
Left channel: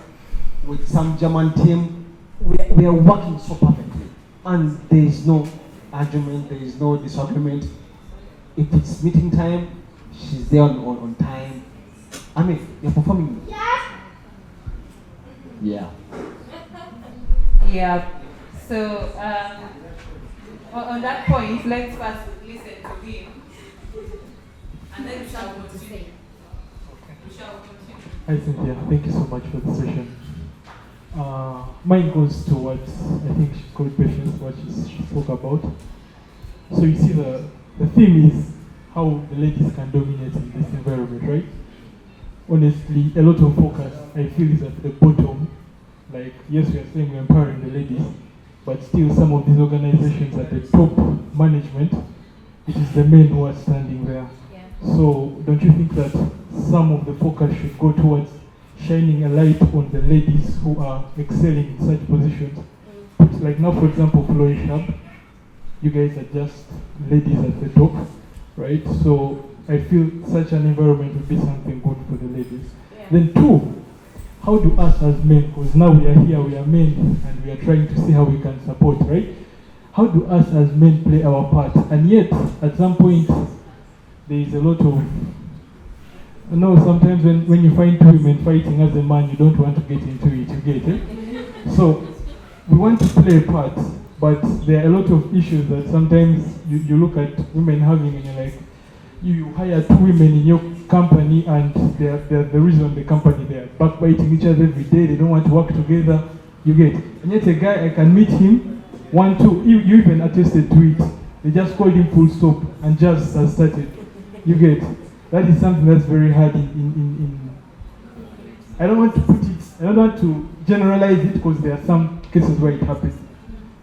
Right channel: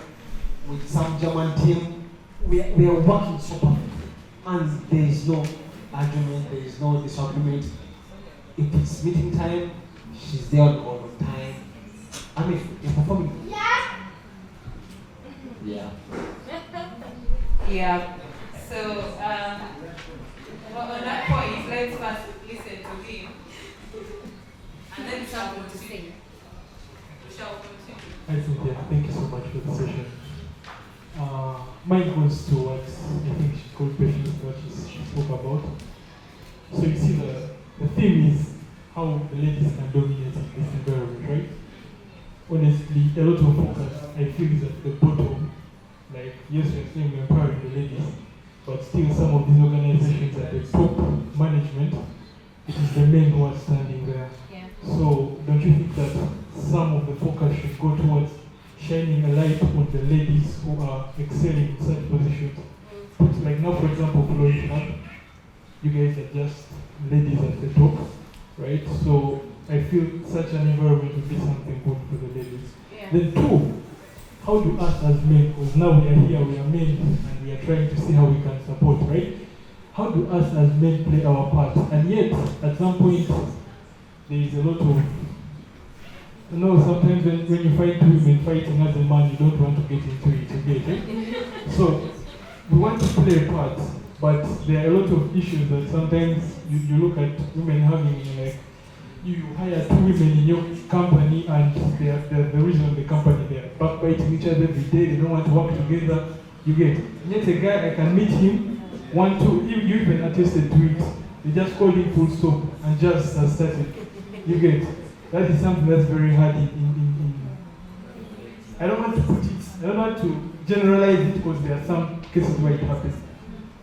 with some German team. We are working so perfectly, and there is no argument, there is no disagreement. If it's meeting time, she's there on time. I mean, you're performing. Yeah. Yeah. So, on that point, let's first listen to him, and then we shall continue. Hi Cynthia, thank you so much for the session. Mine goes towards, I think she called questions what she spoke about. So you see the theme is how the ladies can dominate in this environment, right? Honestly, a lot of focus I feel is at the bottom. Like, yes, we are saying we're empowering the ladies, but still some of these organizations at the top management, it is the men who are standing there. Yeah. So don't you think that some of the focus should go towards shining a light on the ladies who are excelling in such positions? Like now, for example, Flourish Hub, you guys are just ladies at the top, right? So I feel such an environment would be something good for the ladies. Yeah. Then 2, how do us as men, because now we are here, we are men, and we are trying to see how we can support, right? How do us as men play our part? And yet, at some point, there is a lot of, sometimes when you find 2 women fighting as a man, you don't want to get into it, you get it? So, we want to play a part, but there are a lot of issues that sometimes you look at women having, and you're like, you hire 2 women in your company, and they're the reason the company, they're backbiting each other every day, they don't want to work together, you get it? And yet a guy, I can meet him, 1, 2, you even attested to it, they just called him full stop, and just has started, you get it? That is something that's very hard in I don't want to put it, I don't want to generalize it because there are some cases where it happens.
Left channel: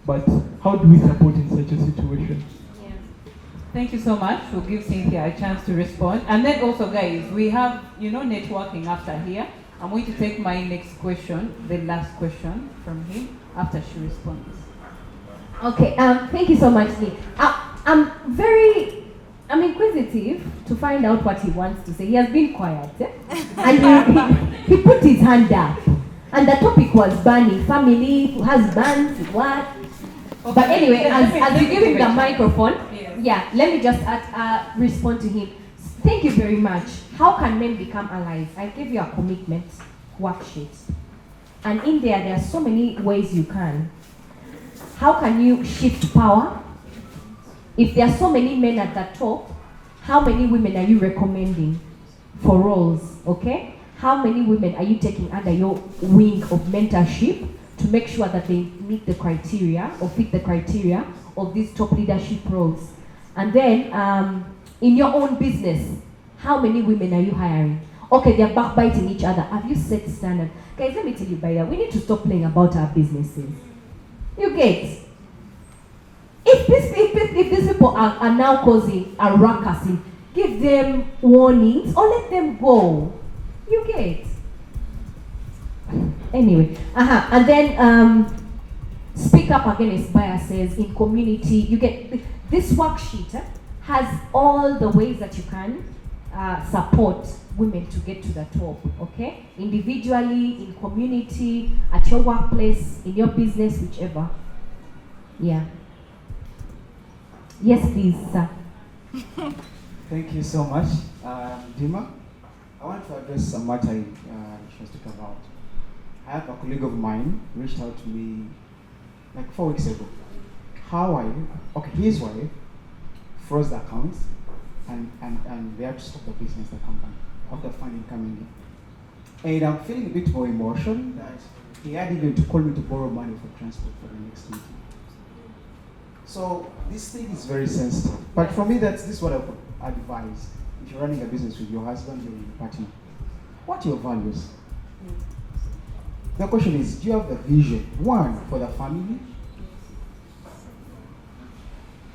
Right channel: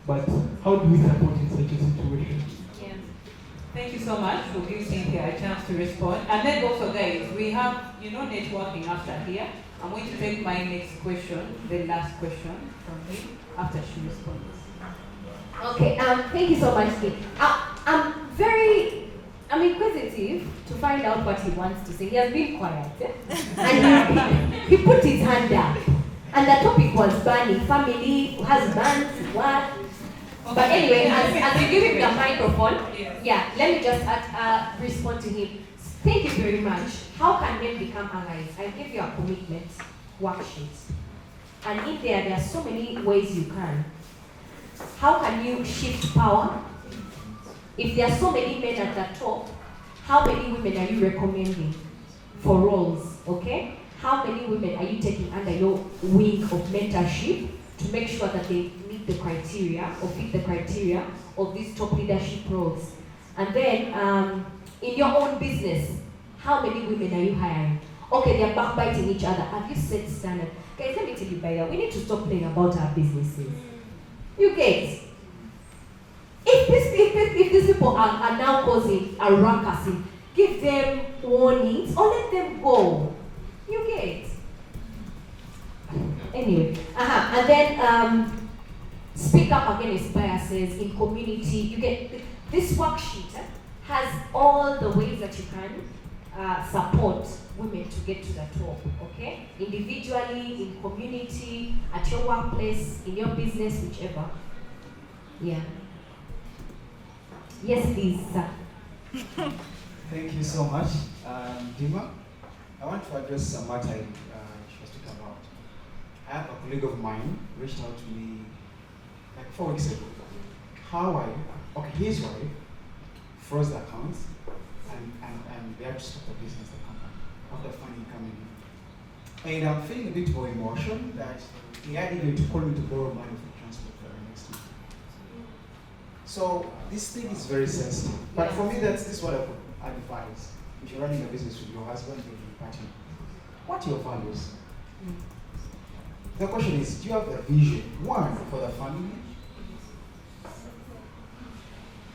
But how do we support in such a situation? Yeah. Thank you so much. We'll give Cynthia a chance to respond. And then also, guys, we have, networking after here. I'm going to take my next question, the last question from him, after she responds. Okay, thank you so much, Lee. I'm inquisitive to find out what he wants to say. He has been quiet, and he put his hand up. And the topic was banning family, husbands, what. But anyway, as you give him the microphone, yeah, let me just respond to him. Thank you very much. How can men become allies? I give you a commitment worksheet. And in there are so many ways you can. How can you shift power? If there are so many men at the top, how many women are you recommending for roles, okay? How many women are you taking under your wing of mentorship to make sure that they meet the criteria or fit the criteria of these top leadership roles? And then, in your own business, how many women are you hiring? Okay, they're backbiting each other. Have you set standard? Guys, let me tell you, Baya, we need to stop playing about our businesses. You get? If these people are now causing a ruckus, give them warnings or let them go. You get? Anyway, and then speak up against biases in community. You get this worksheet has all the ways that you can support women to get to the top, okay? Individually, in community, at your workplace, in your business, whichever. Yeah. Yes, please, sir. Thank you so much, Dima. I want to address a matter she was talking about. I have a colleague of mine reached out to me like 4 weeks ago. His wife froze the accounts and they had to stop the business, the company, after funding coming in. And I'm feeling a bit more emotion that he had even to call me to borrow money for transport for the next week. So this thing is very sensitive. But for me, this is what I would advise. If you're running a business with your husband or your partner, what are your values? The question is, do you have a vision? One, for the family.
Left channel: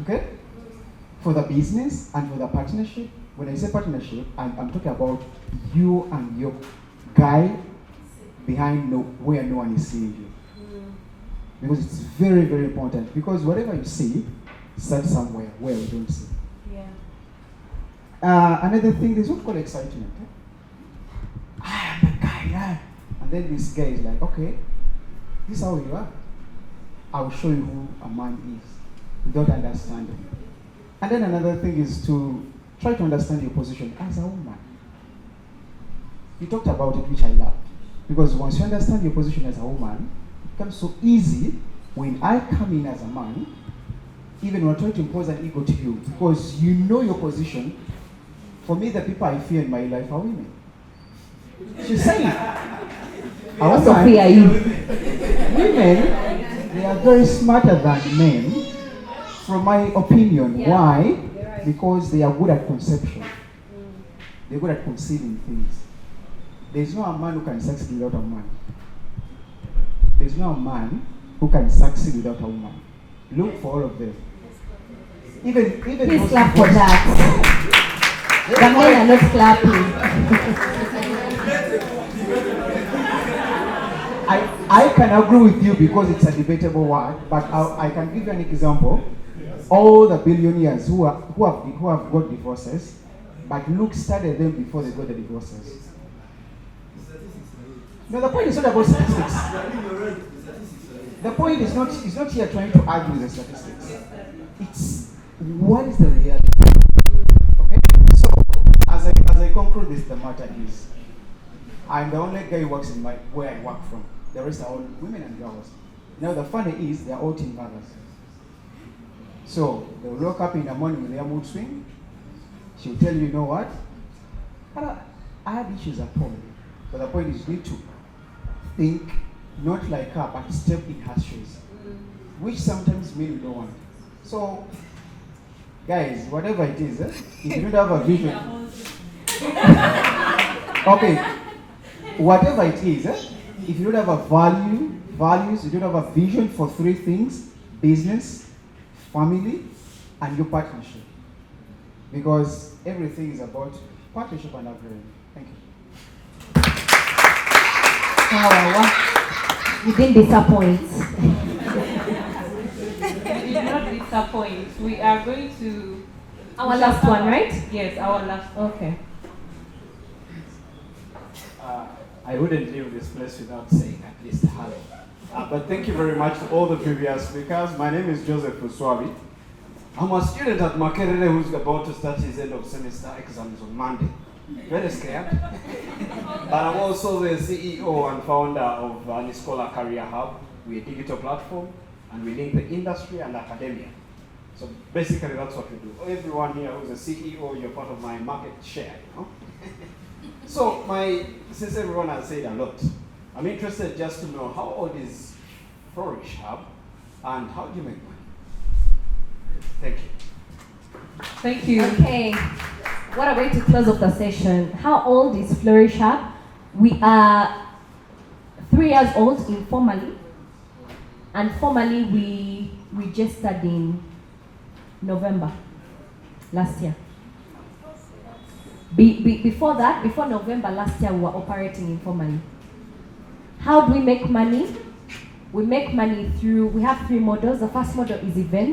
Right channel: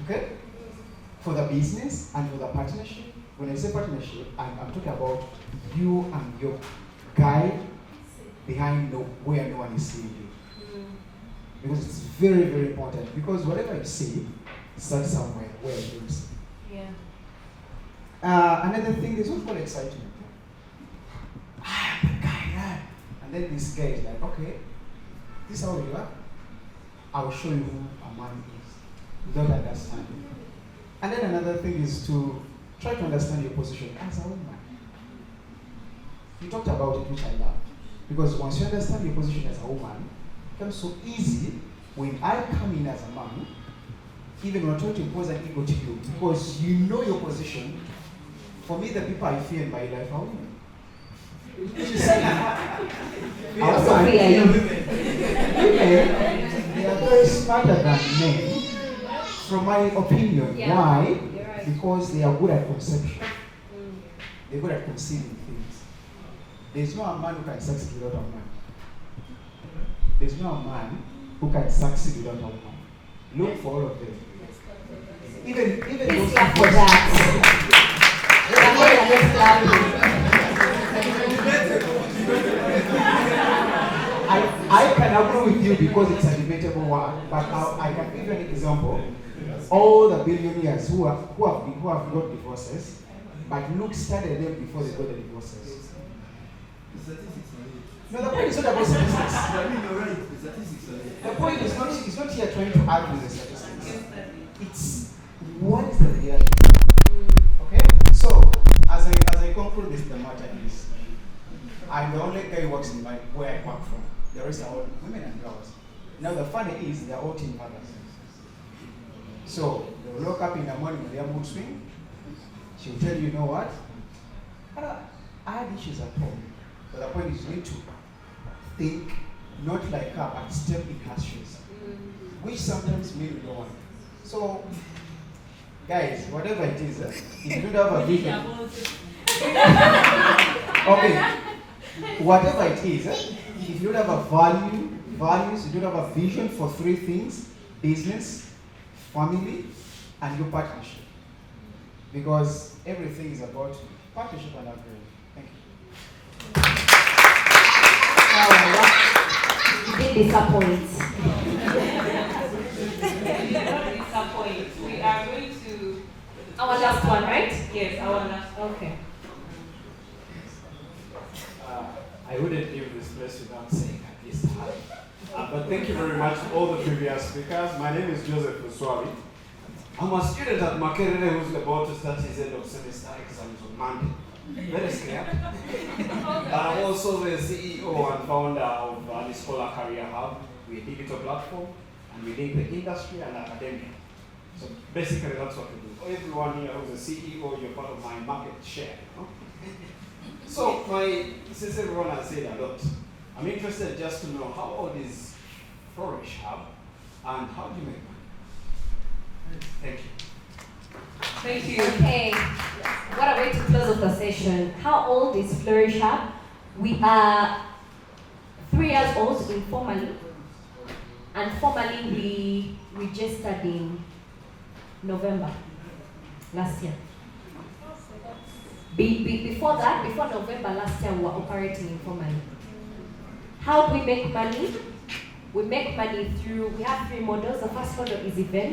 Okay? For the business and for the partnership. When I say partnership, I'm talking about you and your guy behind where no one is seeing you. Because it's very, very important. Because whatever you see starts somewhere where you don't see. Yeah. Another thing is what's called excitement. I'm a guy, yeah. And then this guy is like, okay, this is how you are. I will show you who a man is. Without understanding. And then another thing is to try to understand your position as a woman. You talked about it, which I love. Because once you understand your position as a woman, it becomes so easy when I come in as a man, even when I try to impose an ego to you, because you know your position. For me, the people I fear in my life are women. She's saying, I also fear you. Women, they are very smarter than men, from my opinion. Yeah. Why? Right. Because they are good at conception. They're good at conceiving things. There's no a man who can succeed without a man. There's no a man who can succeed without a woman. Look for all of them. Even please clap for that. The men are not clapping. I can agree with you because it's a debatable one, but I can give you an example. All the billionaires who have got divorces, but look studied them before they got the divorces. No, the point is not about statistics. The point is not here trying to argue the statistics. It's what is the reality. Okay? So as I conclude this, the matter is I'm the only guy who works in where I work from. The rest are all women and girls. Now the funny is they're all teen mothers. So they'll wake up in the morning with their mood swing. She'll tell you know what? I had issues at home. But the point is you need to think not like her, but step in her shoes. Which sometimes means no one. So guys, whatever it is, if you don't have a vision. Okay. Whatever it is, if you don't have a values, you don't have a vision for three things: business, family, and your partnership. Because everything is about partnership and agreement. Thank you. You didn't disappoint. You did not disappoint. We are going to our last one, right? Yes, our last. Okay. I wouldn't leave this place without saying at least hello. But thank you very much to all the previous speakers. My name is Joseph Uswabi. I'm a student at Makerere who's about to start his end of semester exams on Monday. Very scared. And I'm also the CEO and founder of the Scholar Career Hub. We're a digital platform and we link the industry and academia. So basically that's what we do. Everyone here who's a CEO, you're part of my market share, you know? So since everyone has said a lot, I'm interested just to know how old is Flourish Hub and how do you make money? Thank you. Thank you. Okay, what a way to close off the session. How old is Flourish Hub? We are 3 years old informally, and formally we registered in November last year. Before that, before November last year, we were operating informally. How do we make money? We make money through, we have 3 models. The first model is events.